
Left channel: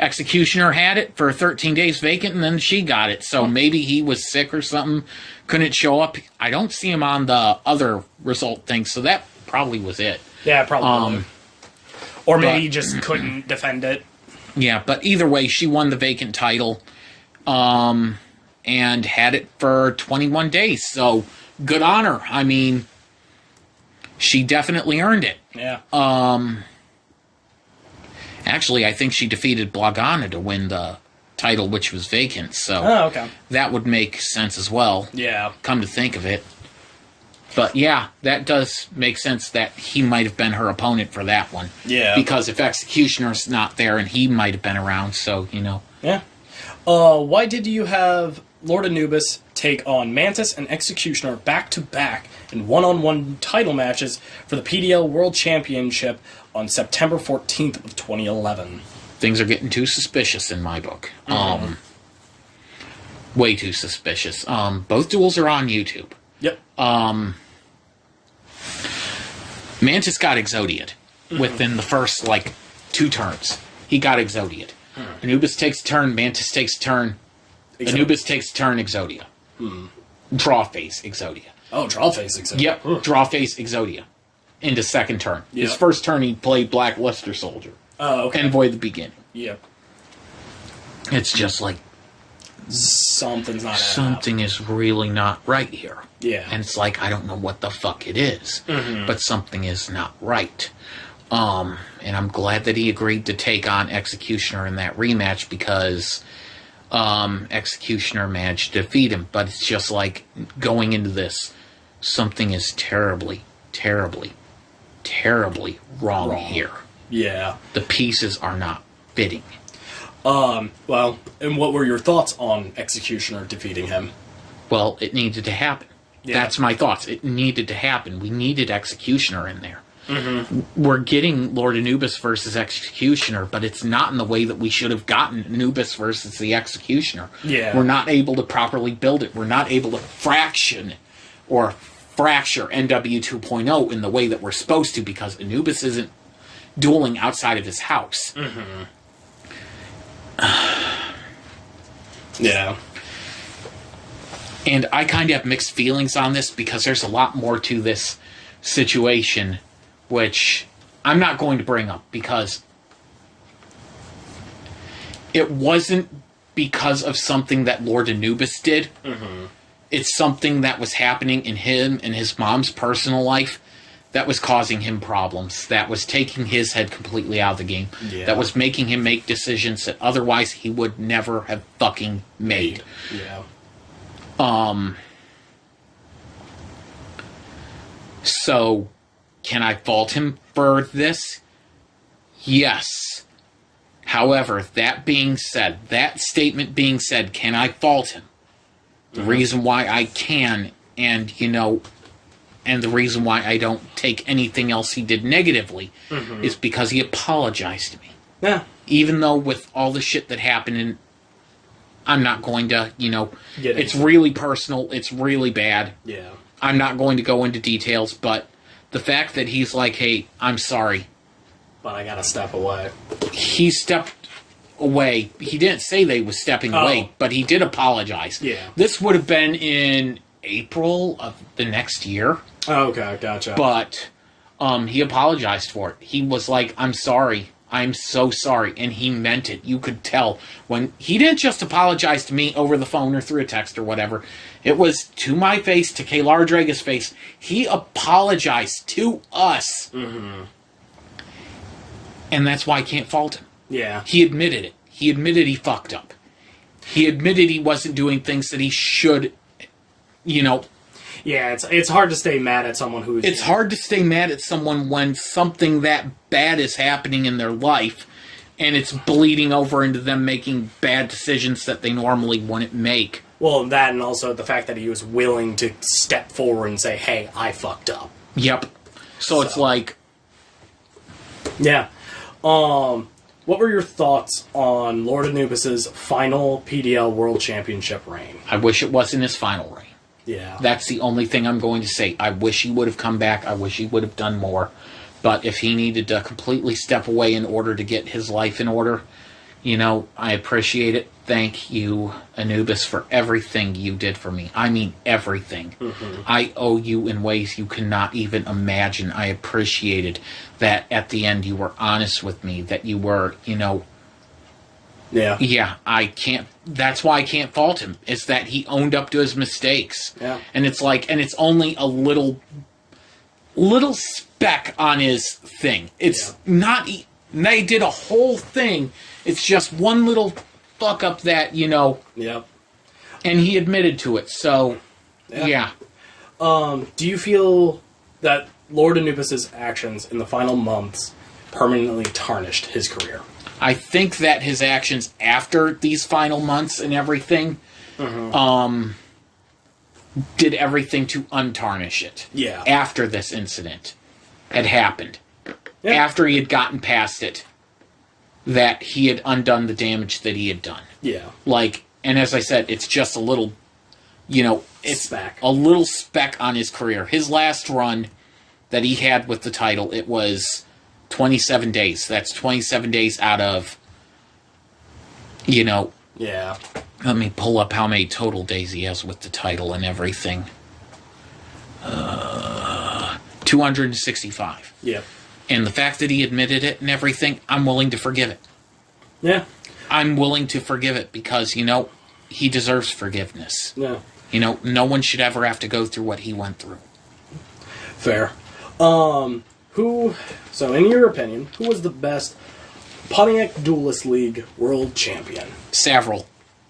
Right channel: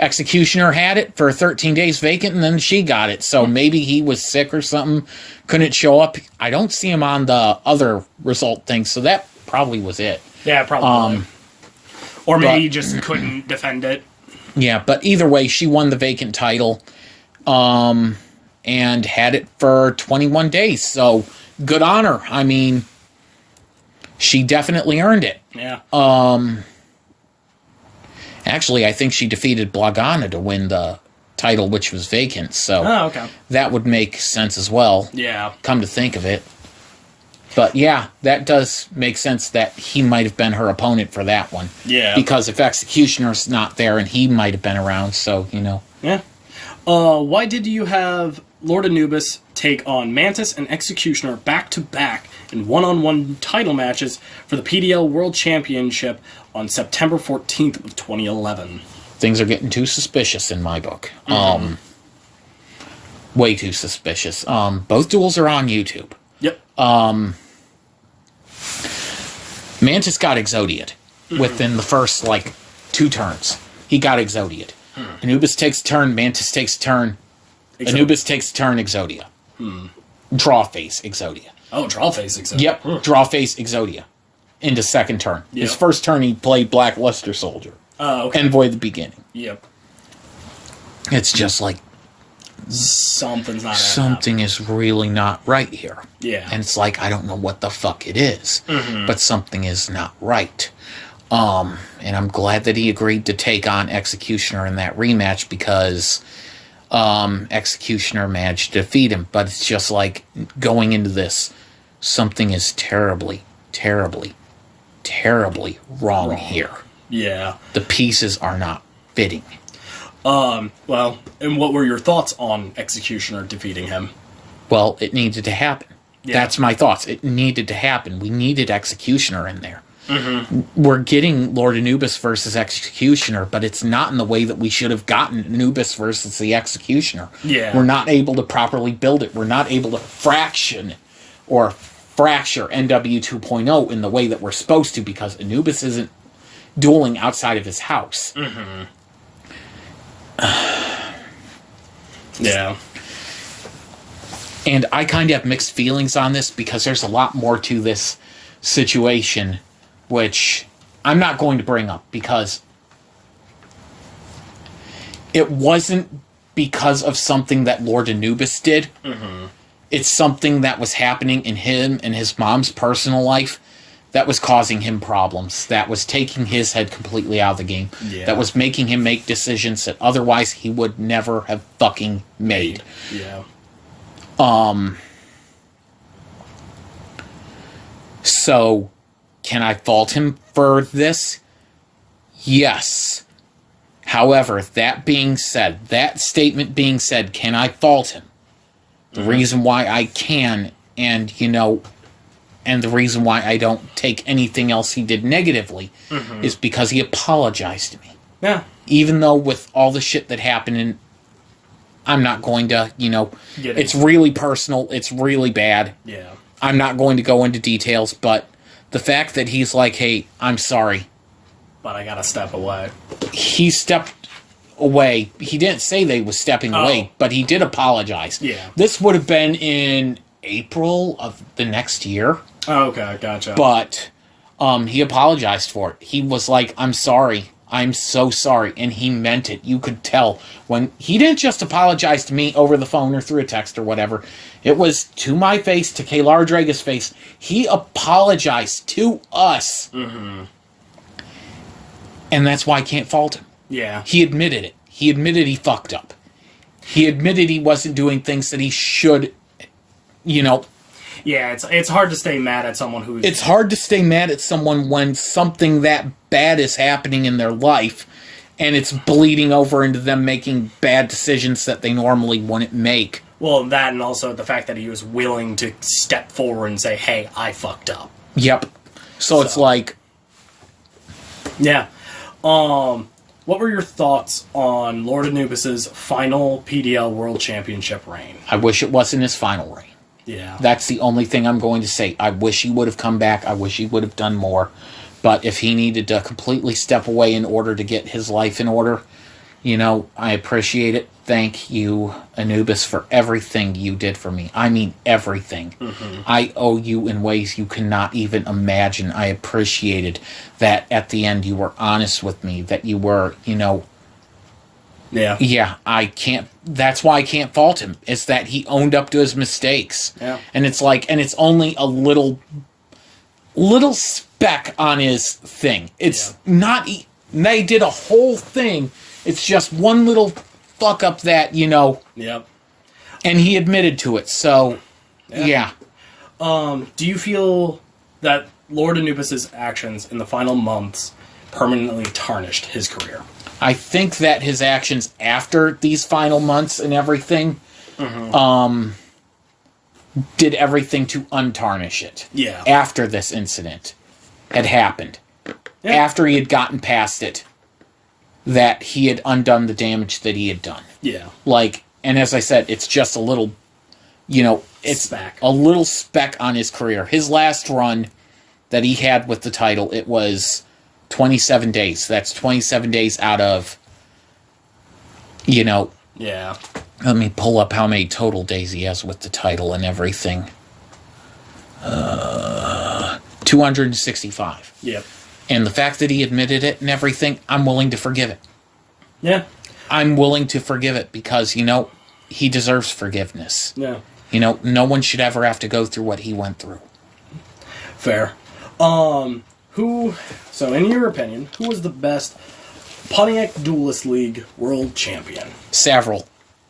Executioner had it for 13 days vacant, and then she got it. So maybe he was sick or something, couldn't show up. I don't see him on the other result thing, so that probably was it. Yeah, probably. Or maybe he just couldn't defend it. Yeah, but either way, she won the vacant title, and had it for 21 days. So good on her. I mean, she definitely earned it. Yeah. Actually, I think she defeated Blagana to win the title, which was vacant. So okay. That would make sense as well. Yeah. Come to think of it. But yeah, that does make sense that he might have been her opponent for that one. Yeah. Because if Executioner's not there, and he might have been around, so, you know. Yeah. Why did you have Lord Anubis take on Mantis and Executioner back-to-back in one-on-one title matches for the PDL World Championship on September 14th of 2011? Things are getting too suspicious in my book. Way too suspicious. Both duels are on YouTube. Yep. Mantis got Exodia'd within the first, 2 turns. He got Exodia'd. Anubis takes a turn, Mantis takes a turn. Anubis takes a turn, Exodia. Draw phase, Exodia. Oh, draw phase Exodia. Yep, draw phase, Exodia. Into second turn. Yep. His first turn, he played Black Luster Soldier. Oh, okay. Envoy at the beginning. Yep. It's just like, something's not something is really not right here. Yeah. And it's like, I don't know what the fuck it is, but something is not right. And I'm glad that he agreed to take on Executioner in that rematch, because Executioner managed to defeat him. But it's just like, going into this, something is terribly, terribly, terribly wrong here. Yeah. The pieces are not fitting. Well, and what were your thoughts on Executioner defeating him? Well, it needed to happen. Yeah. That's my thoughts. It needed to happen. We needed Executioner in there. We're getting Lord Anubis versus Executioner, but it's not in the way that we should have gotten Anubis versus the Executioner. Yeah. We're not able to properly build it. We're not able to fracture NW 2.0 in the way that we're supposed to, because Anubis isn't dueling outside of his house. Yeah. And I kind of have mixed feelings on this, because there's a lot more to this situation, which I'm not going to bring up, because it wasn't because of something that Lord Anubis did. It's something that was happening in him and his mom's personal life that was causing him problems, that was taking his head completely out of the game, that was making him make decisions that otherwise he would never have fucking made. Yeah. So, can I fault him for this? Yes. However, that being said, that statement being said, can I fault him? The reason why I can, and the reason why I don't take anything else he did negatively, is because he apologized to me. Yeah. Even though with all the shit that happened, and I'm not going to, it's really personal, it's really bad. Yeah. I'm not going to go into details, but the fact that he's like, hey, I'm sorry, But I gotta step away. he stepped away. He didn't say they was stepping away, but he did apologize. Yeah. This would have been in April of the next year. Oh, okay, gotcha. But he apologized for it. He was like, I'm sorry. I'm so sorry. And he meant it. You could tell when he didn't just apologize to me over the phone or through a text or whatever. It was to my face, to Kaylar Draga's face. He apologized to us. Mm-hmm. And that's why I can't fault him. Yeah. He admitted it. He admitted he fucked up. He admitted he wasn't doing things that he should, Yeah, it's hard to stay mad at someone who... It's hard to stay mad at someone when something that bad is happening in their life and it's bleeding over into them making bad decisions that they normally wouldn't make. Well, that and also the fact that he was willing to step forward and say, hey, I fucked up. Yep. So it's like... Yeah. What were your thoughts on Lord Anubis' final PDL World Championship reign? I wish it wasn't his final reign. Yeah. That's the only thing I'm going to say. I wish he would have come back. I wish he would have done more. But if he needed to completely step away in order to get his life in order, I appreciate it. Thank you, Anubis, for everything you did for me. I mean, everything. Mm-hmm. I owe you in ways you cannot even imagine. I appreciated that at the end you were honest with me, that you were, Yeah. Yeah, I can't... That's why I can't fault him, is that he owned up to his mistakes. Yeah. And it's only a little speck on his thing. It's not... They did a whole thing. It's just one little fuck up that, Yep. And he admitted to it, so... Yeah. Do you feel that Lord Anubis' actions in the final months permanently tarnished his career? I think that his actions after these final months and everything, did everything to untarnish it. Yeah. After this incident had happened. Yeah. After he had gotten past it, that he had undone the damage that he had done. Yeah. And as I said, it's just a little, it's speck. A little speck on his career. His last run that he had with the title, it was 27 days. That's 27 days out of, Yeah. Let me pull up how many total days he has with the title and everything. 265. Yep. And the fact that he admitted it and everything, I'm willing to forgive it. Yeah. I'm willing to forgive it because, he deserves forgiveness. Yeah. No one should ever have to go through what he went through. Fair. So in your opinion, who was the best Pontiac Duelist League World Champion? Savaril.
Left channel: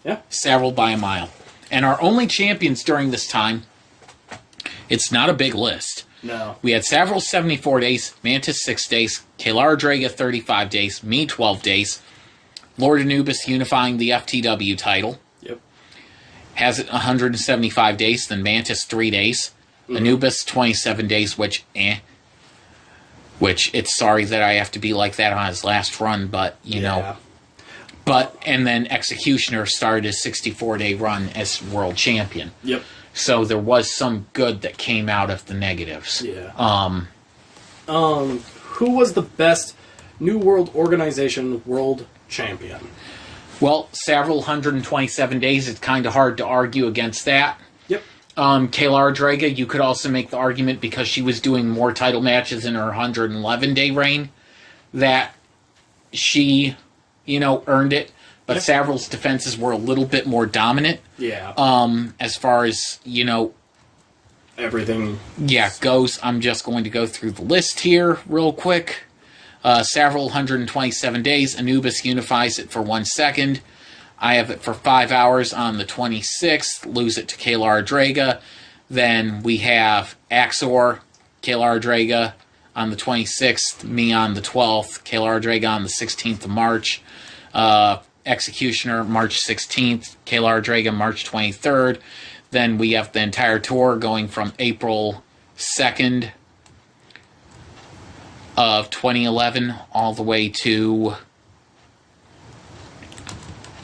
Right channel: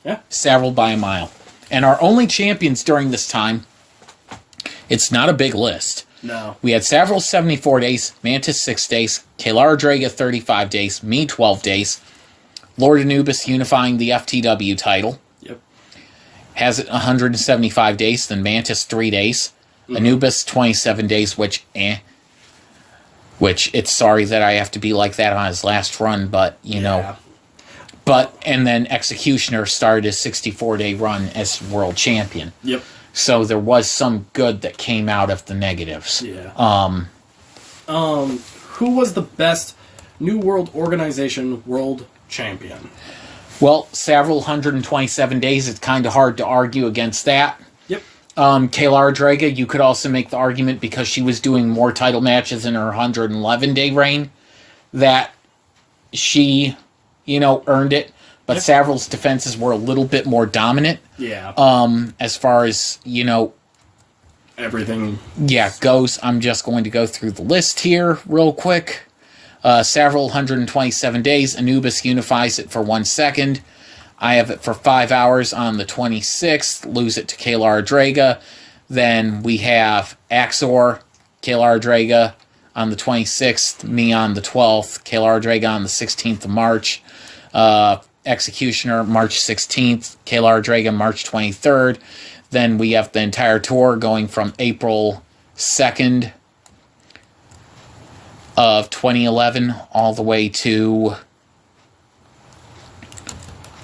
Yeah. Savaril by a mile. And our only champions during this time, it's not a big list. No. We had Savaril 74 days, Mantis 6 days, Kaylar Draga 35 days, me 12 days, Lord Anubis unifying the FTW title. Yep. Has it 175 days, then Mantis 3 days, Anubis 27 days, which it's sorry that I have to be like that on his last run, but, know. But, and then Executioner started his 64-day run as world champion. Yep. So there was some good that came out of the negatives. Yeah. Who was the best New World Organization world champion? Well, Savaril 127 days, it's kind of hard to argue against that. Yep. Kaylar Draga, you could also make the argument because she was doing more title matches in her 111-day reign that she, earned it. But Savaril's defenses were a little bit more dominant. Yeah. As far as, everything. Yeah, goes. I'm just going to go through the list here real quick. Savaril 127 days. Anubis unifies it for 1 second. I have it for 5 hours on the 26th. Lose it to Kaylar Draga. Then we have Axor, Kaylar Draga on the 26th. Me on the 12th. Kaylar Draga on the 16th of March. Executioner March 16th, Kaylar Draga March 23rd. Then we have the entire tour going from April 2nd of 2011 all the way to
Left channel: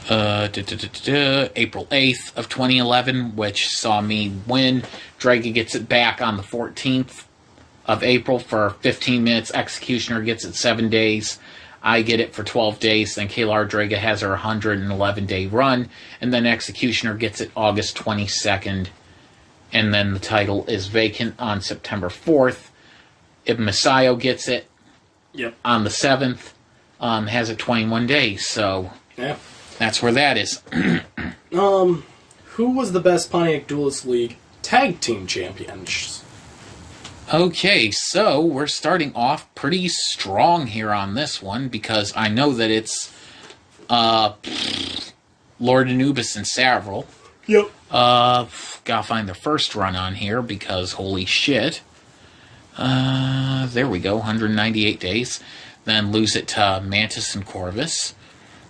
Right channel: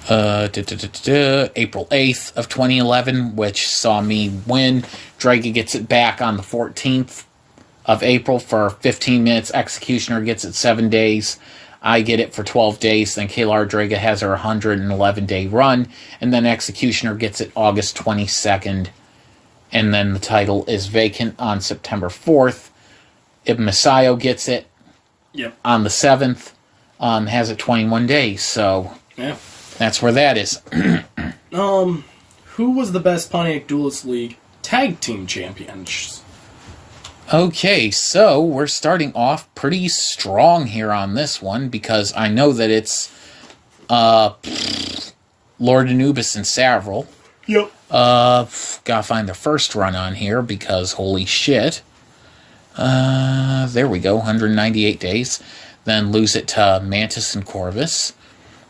April 8th of 2011, which saw me win. Draga gets it back on the 14th of April for 15 minutes. Executioner gets it 7 days. I get it for 12 days, then Kaylar Draga has her 111-day run, and then Executioner gets it August 22nd, and then the title is vacant on September 4th. Ibn Masayo gets it on the 7th. has it 21 days, so Yeah. that's where that is. Who was the best Pontiac Duelist League tag team champions? Okay, so we're starting off pretty strong here on this one, because I know that it's Lord Anubis and Savaril. Yep. Gotta find the first run on here, because holy shit. There we go, 198 days. Then lose it to Mantis and Corvus.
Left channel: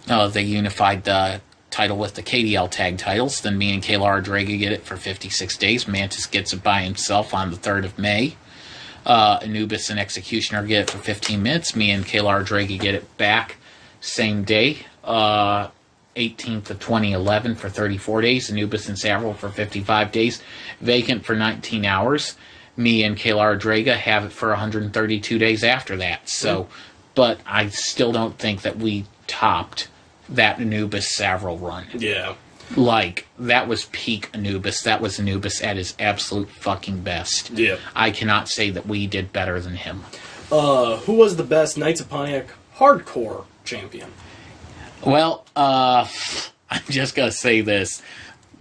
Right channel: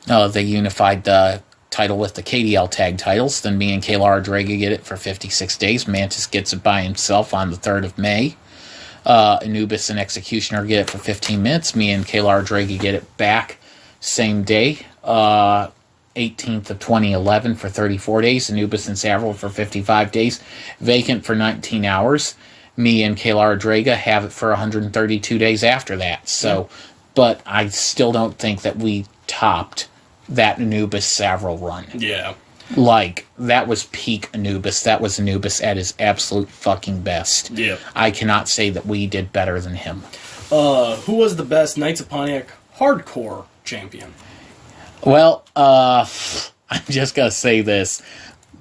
They unified the title with the KDL tag titles. Then me and Kayla Draga get it for 56 days. Mantis gets it by himself on the 3rd of May. Anubis and Executioner get it for 15 minutes. Me and Kayla Draga get it back same day. 18th of 2011 for 34 days. Anubis and Savaril for 55 days. Vacant for 19 hours. Me and Kayla Draga have it for 132 days after that. So, but I still don't think that we topped that Anubis Savaril run. Yeah. Like, that was peak Anubis. That was Anubis at his absolute fucking best. Yeah. I cannot say that we did better than him. Who was the best Knights of Pontiac hardcore champion? Well, I'm just gonna say this.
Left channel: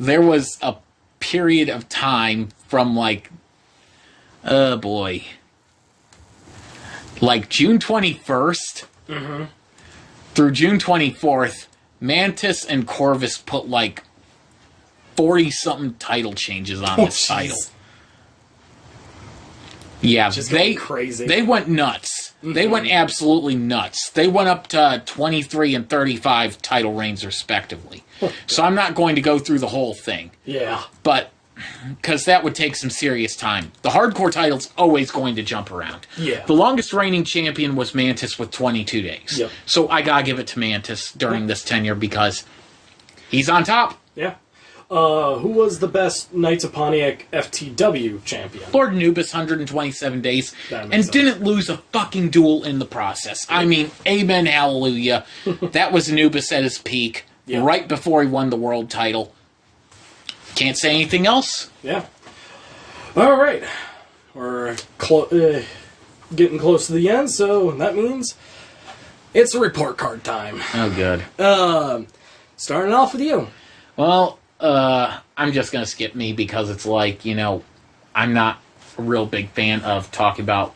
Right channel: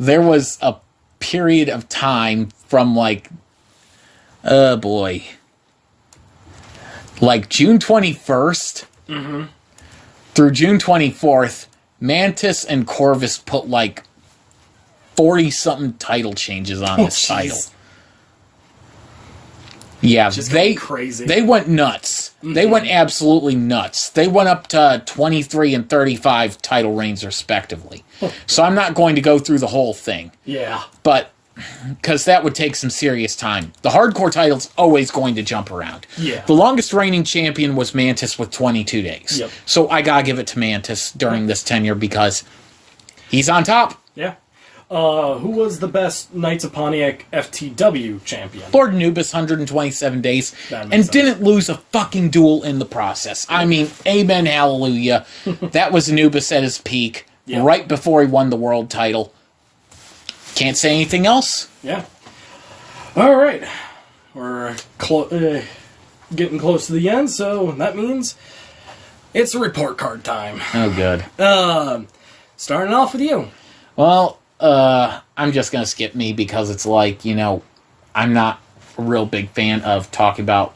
There was a period of time from, like, oh boy, like June 21st through June 24th, Mantis and Corvus put like 40-something title changes on this title. Yeah, Just they going crazy. They went nuts. They went absolutely nuts. They went up to 23 and 35 title reigns respectively. So I'm not going to go through the whole thing. Yeah. But because that would take some serious time. The hardcore title's always going to jump around. Yeah. The longest reigning champion was Mantis with 22 days. Yep. So I gotta give it to Mantis during this tenure because he's on top. Yeah. Who was the best Knights of Pontiac FTW champion? Lord Anubis, 127 days, That and makes sense. didn't lose a fucking duel in the process. I mean, amen, hallelujah. That was Anubis at his peak, Yep. right before he won the world title. Can't say anything else. Yeah. All right. We're getting close to the end, so that means it's report card time. Oh, good. Starting off with you. Well, I'm just going to skip me because it's like, you know, I'm not a real big fan of talking about,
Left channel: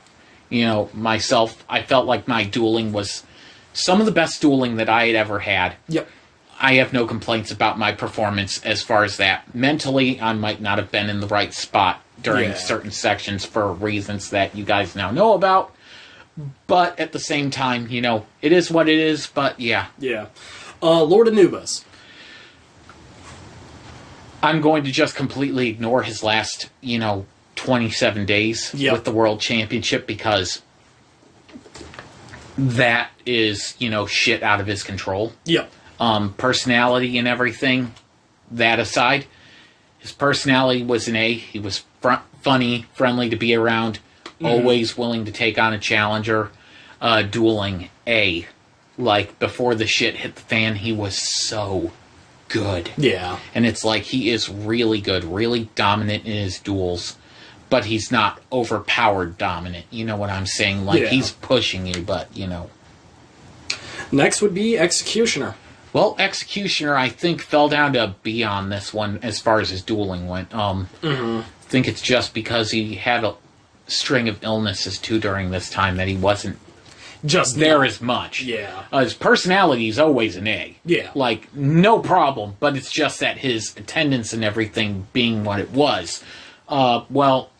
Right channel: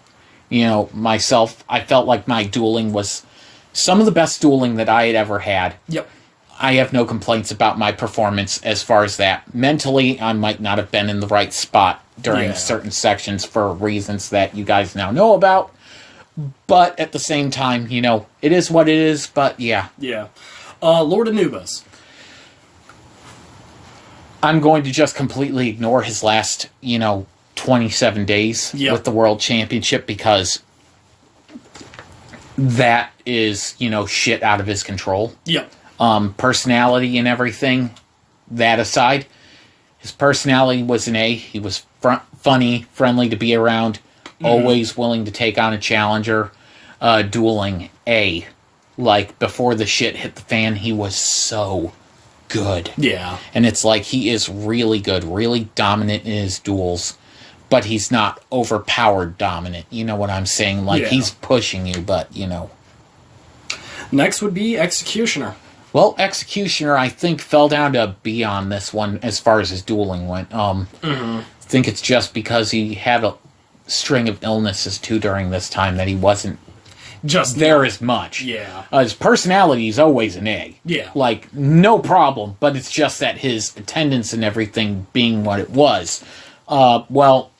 you know, myself. I felt like my dueling was some of the best dueling that I had ever had. Yep. I have no complaints about my performance as far as that. Mentally, I might not have been in the right spot during certain sections for reasons that you guys now know about. But at the same time, you know, it is what it is, but yeah. Yeah. Lord Anubis. I'm going to just completely ignore his last, 27 days with the World Championship because that is, shit out of his control. Yep. Personality and everything, that aside, his personality was an A. He was funny, friendly to be around, always willing to take on a challenger. Dueling, A. Like, before the shit hit the fan, he was so good. Yeah. And it's like, he is really good, really dominant in his duels, but he's not overpowered dominant. You know what I'm saying? Like, he's pushing you, but, Next would be Executioner. Well, Executioner, I think, fell down to B on this one as far as his dueling went. I think it's just because he had a string of illnesses, too, during this time that he wasn't Just there as much. Yeah. His personality is always an A. Yeah. Like, no problem, but it's just that his attendance and everything being what it was. Well,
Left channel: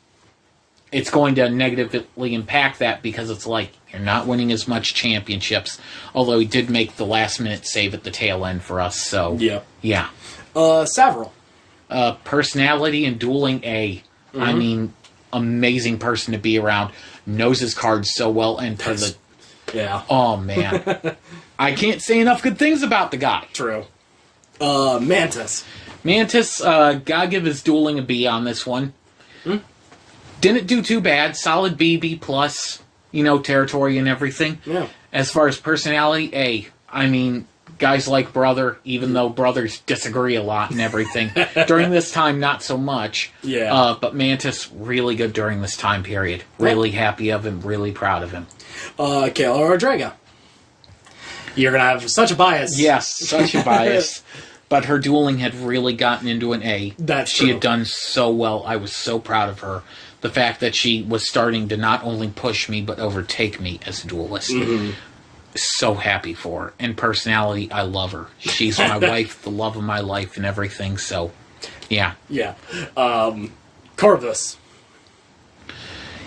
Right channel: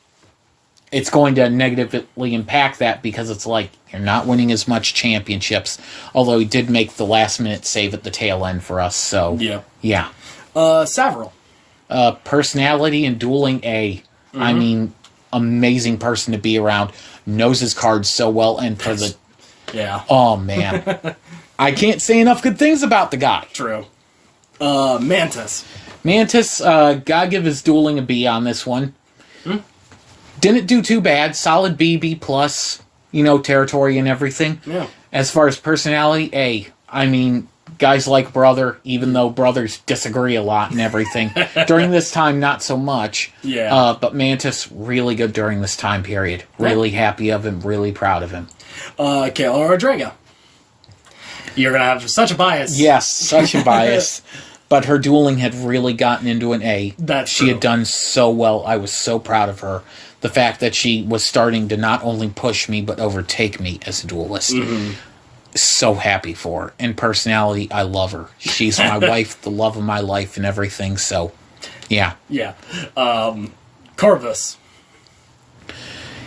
it's going to negatively impact that because it's like, you're not winning as much championships, although he did make the last-minute save at the tail end for us, so... Yeah. Savaril. Personality and dueling A. I mean, amazing person to be around. Knows his cards so well, and for the... Yeah. Oh, man. I can't say enough good things about the guy. True. Mantis. Mantis, gotta give his dueling a B on this one. Didn't do too bad. Solid B, B+, territory and everything. Yeah. As far as personality, A. I mean, guys like Brother, even though brothers disagree a lot and everything. During this time, not so much. Yeah. But Mantis, really good during this time period. Really happy of him, really proud of him. Kayla Rodrega. You're gonna have such a bias. Yes, such a bias. But her dueling had really gotten into an A. She had done so well. I was so proud of her. The fact that she was starting to not only push me, but overtake me as a duelist. Mm-hmm. So happy for her. And personality, I love her. She's my wife, the love of my life, and everything. So, yeah. Yeah. Corvus.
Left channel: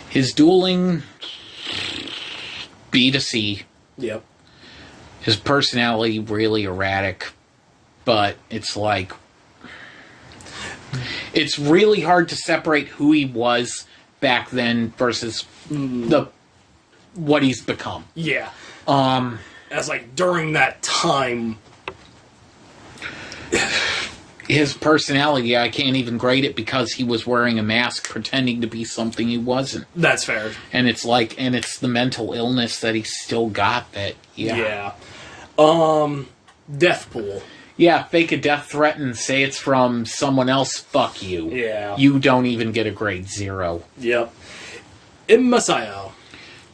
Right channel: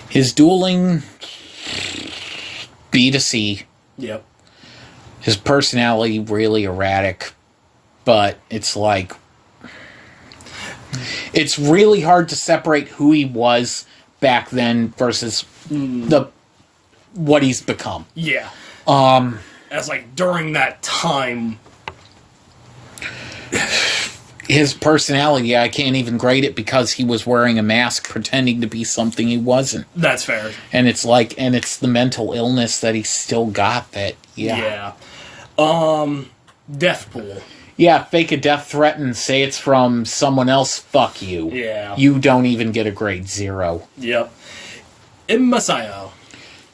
His dueling, B to C. Yep. His personality, really erratic. But it's like... It's really hard to separate who he was back then versus what he's become. Yeah. As like during that time, his personality, I can't even grade it because he was wearing a mask pretending to be something he wasn't. That's fair. And it's like, and it's the mental illness that he still got that, Yeah. Death Pool. Yeah, fake a death threat and say it's from someone else, fuck you. Yeah. You don't even get a grade 0. Yep. Immasayo.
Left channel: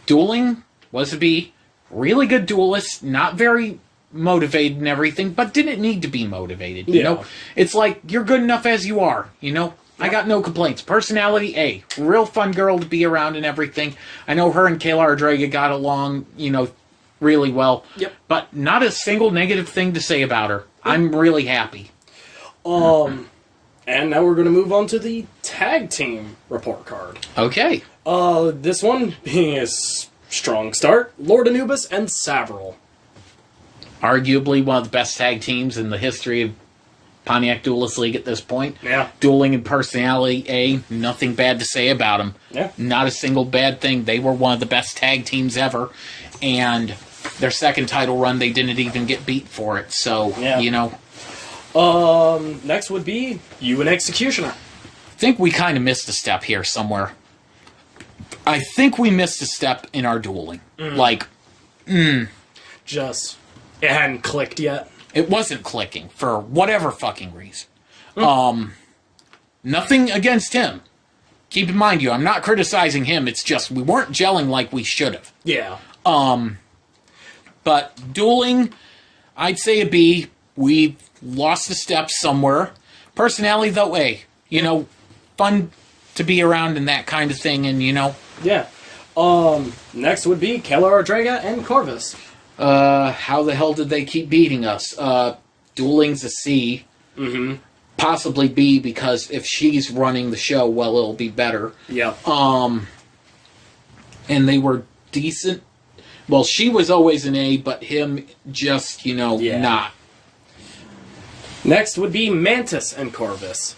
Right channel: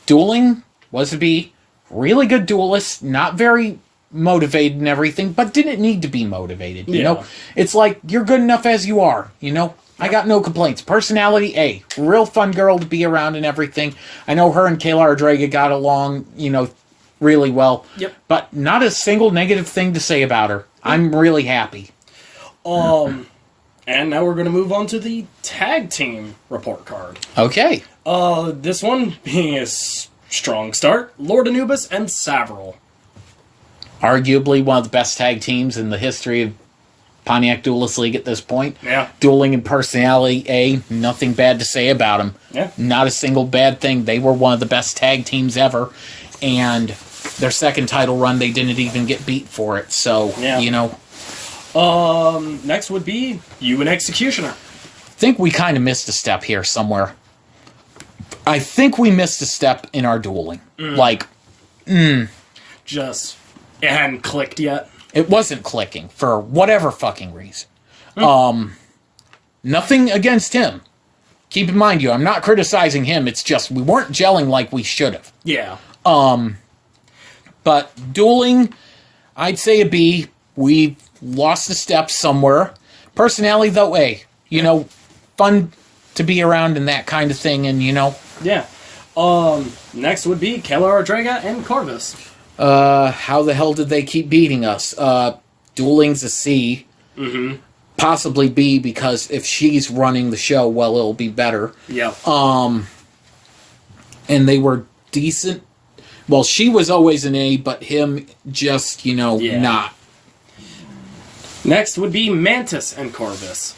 Dueling was a B. Really good duelist, not very motivated and everything, but didn't need to be motivated, you know? It's like, you're good enough as you are, you know? I got no complaints. Personality, A. Real fun girl to be around and everything. I know her and Kayla Draga got along, you know, really well. Yep. But not a single negative thing to say about her. I'm really happy. And now we're going to move on to the tag team report card. Okay. This one being a strong start, Lord Anubis and Savaril. Arguably one of the best tag teams in the history of Pontiac Duelist League at this point. Yeah. Dueling and personality, A. Nothing bad to say about them. Yeah. Not a single bad thing. They were one of the best tag teams ever. And their second title run, they didn't even get beat for it. So, you know. Next would be you and Executioner. I think we kind of missed a step here somewhere. I think we missed a step in our dueling. Just, it hadn't clicked yet. It wasn't clicking for whatever fucking reason. Nothing against him. Keep in mind, I'm not criticizing him. It's just we weren't gelling like we should have. Yeah. But dueling, I'd say a B. We lost a step somewhere. Personality, though, A. You know, fun to be around and that kind of thing, and, you know. Yeah. Next would be Kayla Draga and Corvus. How the hell did they keep beating us? Dueling's a C. Mm-hmm. Possibly B, because if she's running the show, well, it'll be better. Yep. And they were decent. Well, she was always an A, but him just, you know, not. Next would be Mantis and Corvus.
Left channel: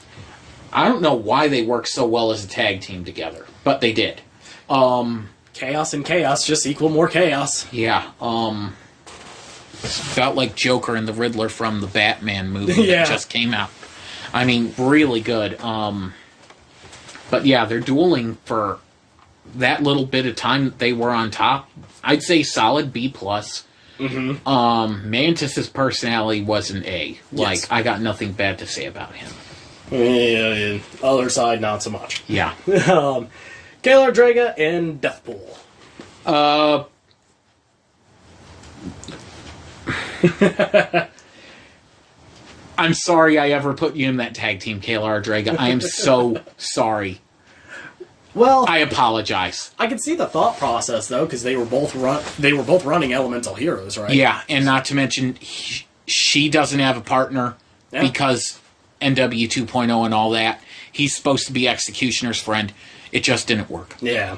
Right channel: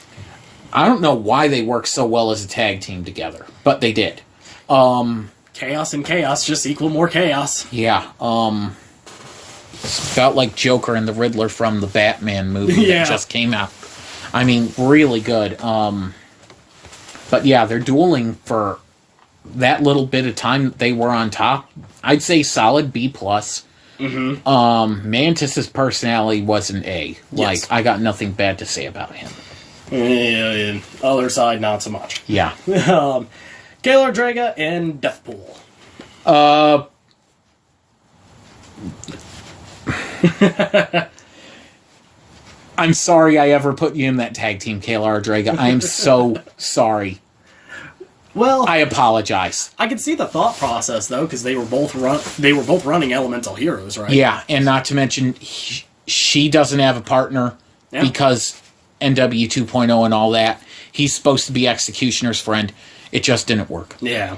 I don't know why they work so well as a tag team together, but they did. Chaos and chaos just equal more chaos. Yeah. It's felt like Joker and the Riddler from the Batman movie that just came out. I mean, really good. But yeah, they're dueling for that little bit of time that they were on top. I'd say solid B+. Mm-hmm. Mantis's personality was an A. Like, I got nothing bad to say about him. Yeah. Other side, not so much. Yeah. Kayla Draga and Deathpool. I'm sorry I ever put you in that tag team, Kayla Draga. I am so sorry. Well, I apologize. I can see the thought process though, because they were both running Elemental Heroes, right? Yeah, and not to mention she doesn't have a partner because NW 2.0 and all that. He's supposed to be Executioner's friend. It just didn't work. Yeah.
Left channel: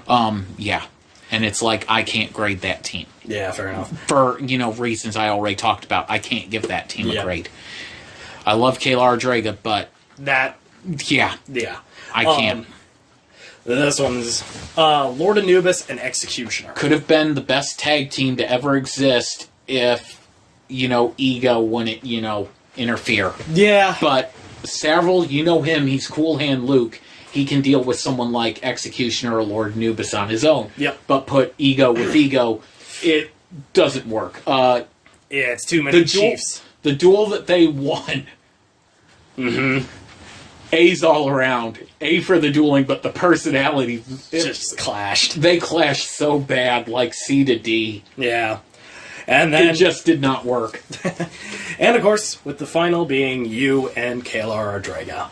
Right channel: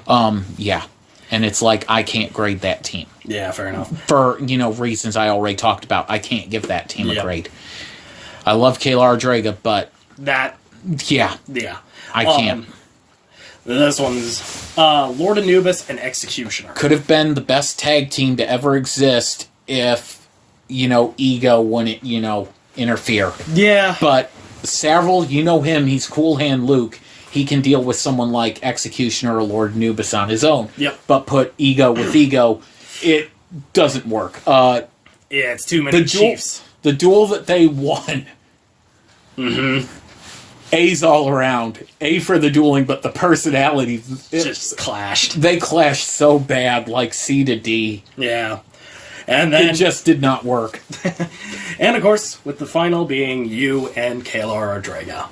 Yeah. And it's like, I can't grade that team. Yeah, fair enough. For, you know, reasons I already talked about. I can't give that team a grade. I love Kayla Draga, but... That... Yeah. Yeah. I can't. This one's Lord Anubis and Executioner. Could have been the best tag team to ever exist if, you know, ego wouldn't, you know, interfere. Yeah. But Savaril, you know him, he's Cool Hand Luke. He can deal with someone like Executioner or Lord Anubis on his own. Yep. But put ego with ego, it doesn't work. Yeah, it's too many chiefs. The duel that they won. Mm-hmm. A's all around. A for the dueling, but the personalities just clashed. They clashed so bad, like C to D. Yeah. And then it just did not work. And of course, with the final being you and Kalar Draga.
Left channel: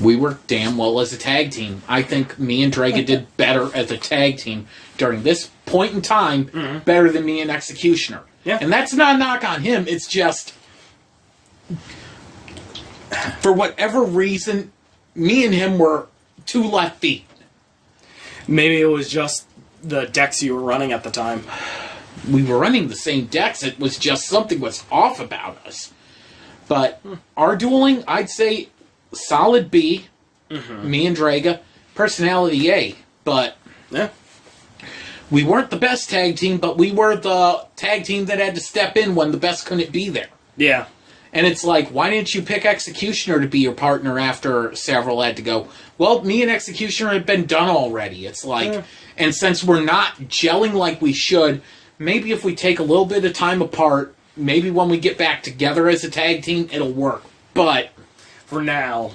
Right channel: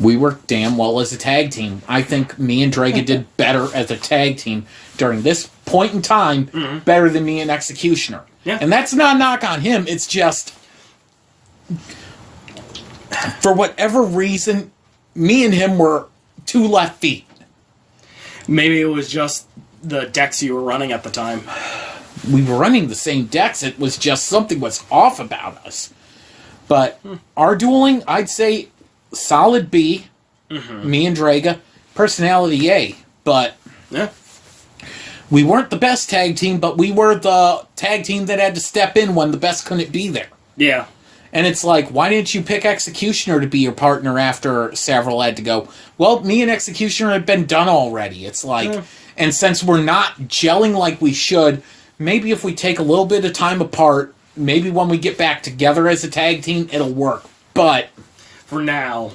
We worked damn well as a tag team. I think me and Draga did better as a tag team during this point in time, better than me and Executioner. Yeah. And that's not a knock on him. It's just, for whatever reason, me and him were two left feet. Maybe it was just the decks you were running at the time. We were running the same decks. It was just something was off about us. But our dueling, I'd say, solid B. Me and Draga. Personality A. But Yeah. we weren't the best tag team, but we were the tag team that had to step in when the best couldn't be there. Yeah. And it's like, why didn't you pick Executioner to be your partner after Savaril had to go? Well, me and Executioner had been done already. It's like, and since we're not gelling like we should, maybe if we take a little bit of time apart, maybe when we get back together as a tag team, it'll work. But For now,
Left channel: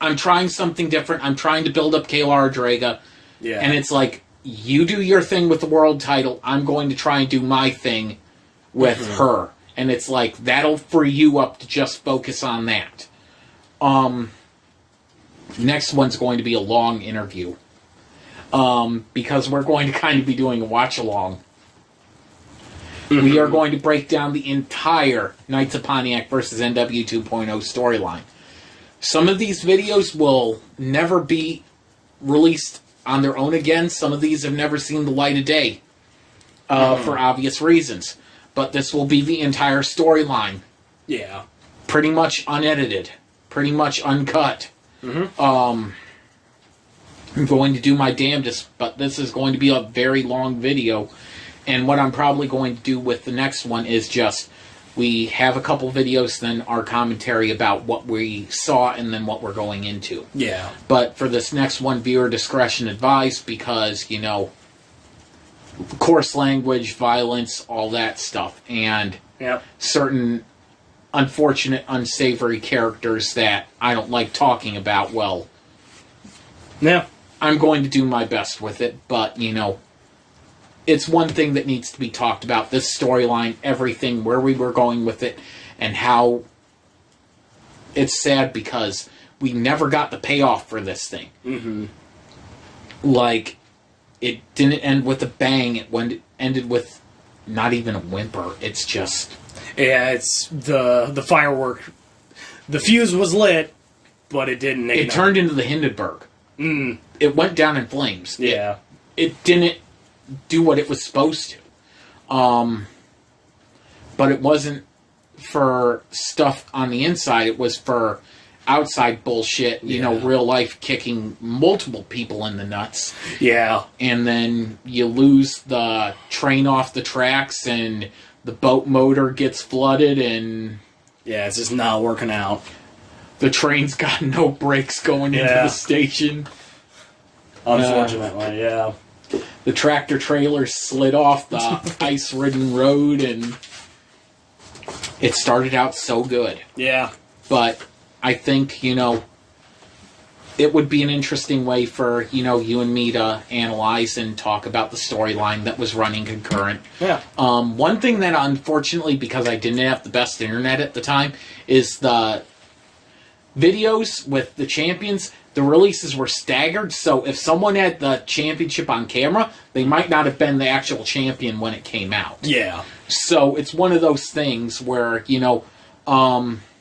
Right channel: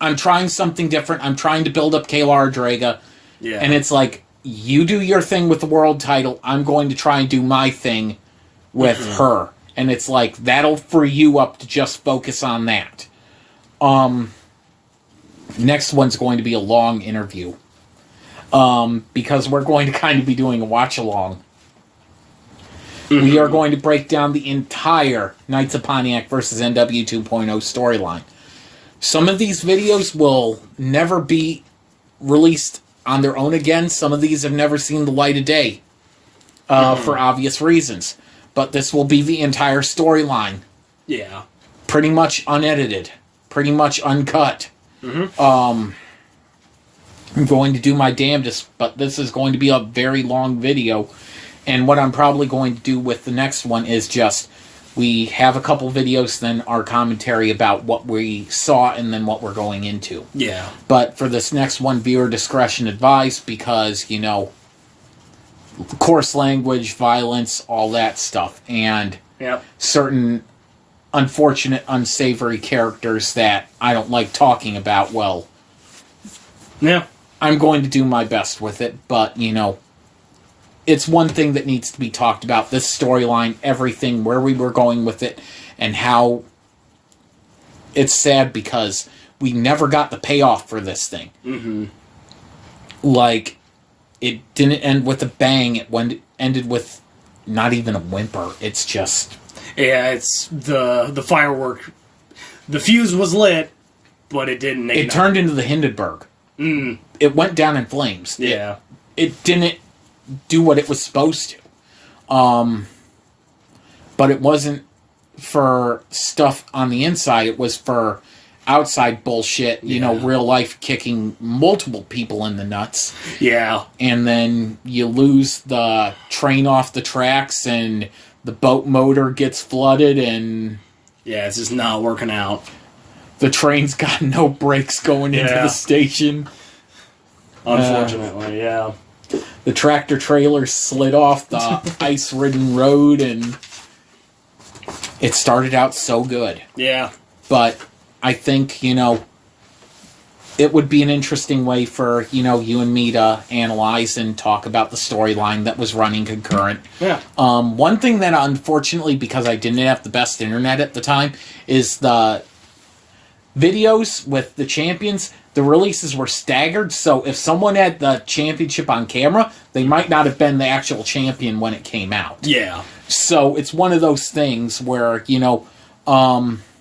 I'm trying something different. I'm trying to build up Kalar Draga. yeah. And it's like, you do your thing with the world title. I'm going to try and do my thing with her. And it's like, that'll free you up to just focus on that. Next one's going to be a long interview. Because we're going to kind of be doing a watch-along. We are going to break down the entire Knights of Pontiac versus NW 2.0 storyline. Some of these videos will never be released on their own again. Some of these have never seen the light of day. For obvious reasons. But this will be the entire storyline. Yeah. Pretty much unedited. Pretty much uncut. I'm going to do my damnedest, but this is going to be a very long video. And what I'm probably going to do with the next one is just, we have a couple videos, then our commentary about what we saw, and then what we're going into. Yeah. But for this next one, viewer discretion advised, because, you know, coarse language, violence, all that stuff, and Yep. certain unfortunate, unsavory characters that I don't like talking about. Well, Yeah. I'm going to do my best with it, but, you know, it's one thing that needs to be talked about. This storyline, everything, where we were going with it, and how it's sad because we never got the payoff for this thing. Like, it didn't end with a bang. It ended with not even a whimper. It's just... Yeah, it's the firework. The fuse was lit, but it didn't ignite. It turned into the Hindenburg. It went down in flames. Yeah. It didn't do what it was supposed to. But it wasn't for stuff on the inside. It was for outside bullshit. You know, real life kicking multiple people in the nuts. Yeah. And then you lose the train off the tracks and the boat motor gets flooded and... Yeah, it's just not working out. The train's got no brakes going into the station. Unfortunately, yeah. The tractor trailer slid off the ice-ridden road, and it started out so good. Yeah. But I think, you know, it would be an interesting way for, you know, you and me to analyze and talk about the storyline that was running concurrent. Yeah. One thing that, unfortunately, because I didn't have the best internet at the time, is the videos with the champions, the releases were staggered, so if someone had the championship on camera, they might not have been the actual champion when it came out. Yeah. So it's one of those things where, you know,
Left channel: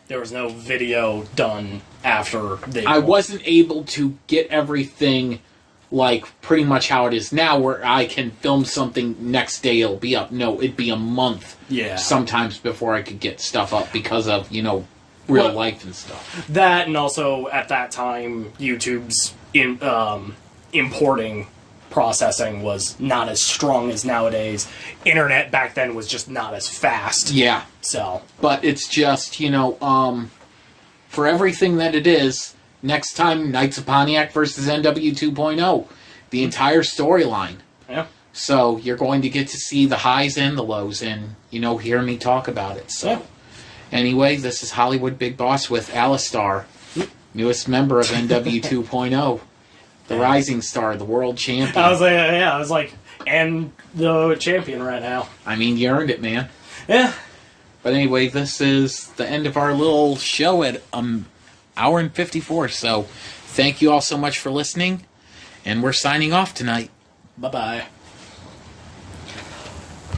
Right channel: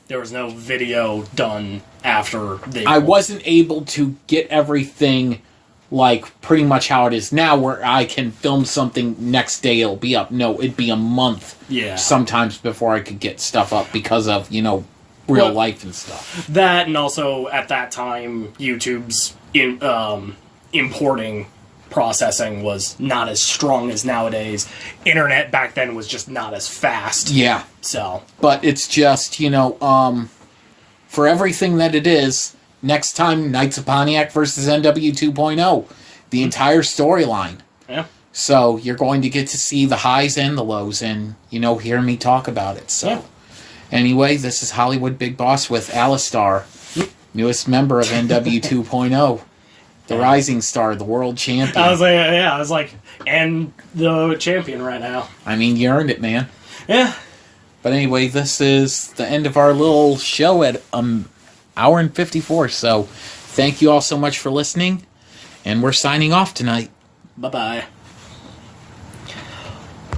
there was no video done after they... I wasn't able to get everything like pretty much how it is now, where I can film something next day it'll be up. No, it'd be a month sometimes before I could get stuff up because of, you know, real life and stuff. That, and also at that time, YouTube's importing processing was not as strong as nowadays. Internet back then was just not as fast. Yeah. So. But it's just, you know, for everything that it is, next time, Knights of Pontiac versus NW 2.0. The entire storyline. Yeah. So you're going to get to see the highs and the lows and, you know, hear me talk about it. So. Anyway, this is Hollywood Big Boss with Alistar, newest member of NW 2.0. The rising star, the world champion. I was like, and the champion right now. I mean, you earned it, man. Yeah. But anyway, this is the end of our little show at hour and 54. So thank you all so much for listening. And we're signing off tonight. Bye-bye.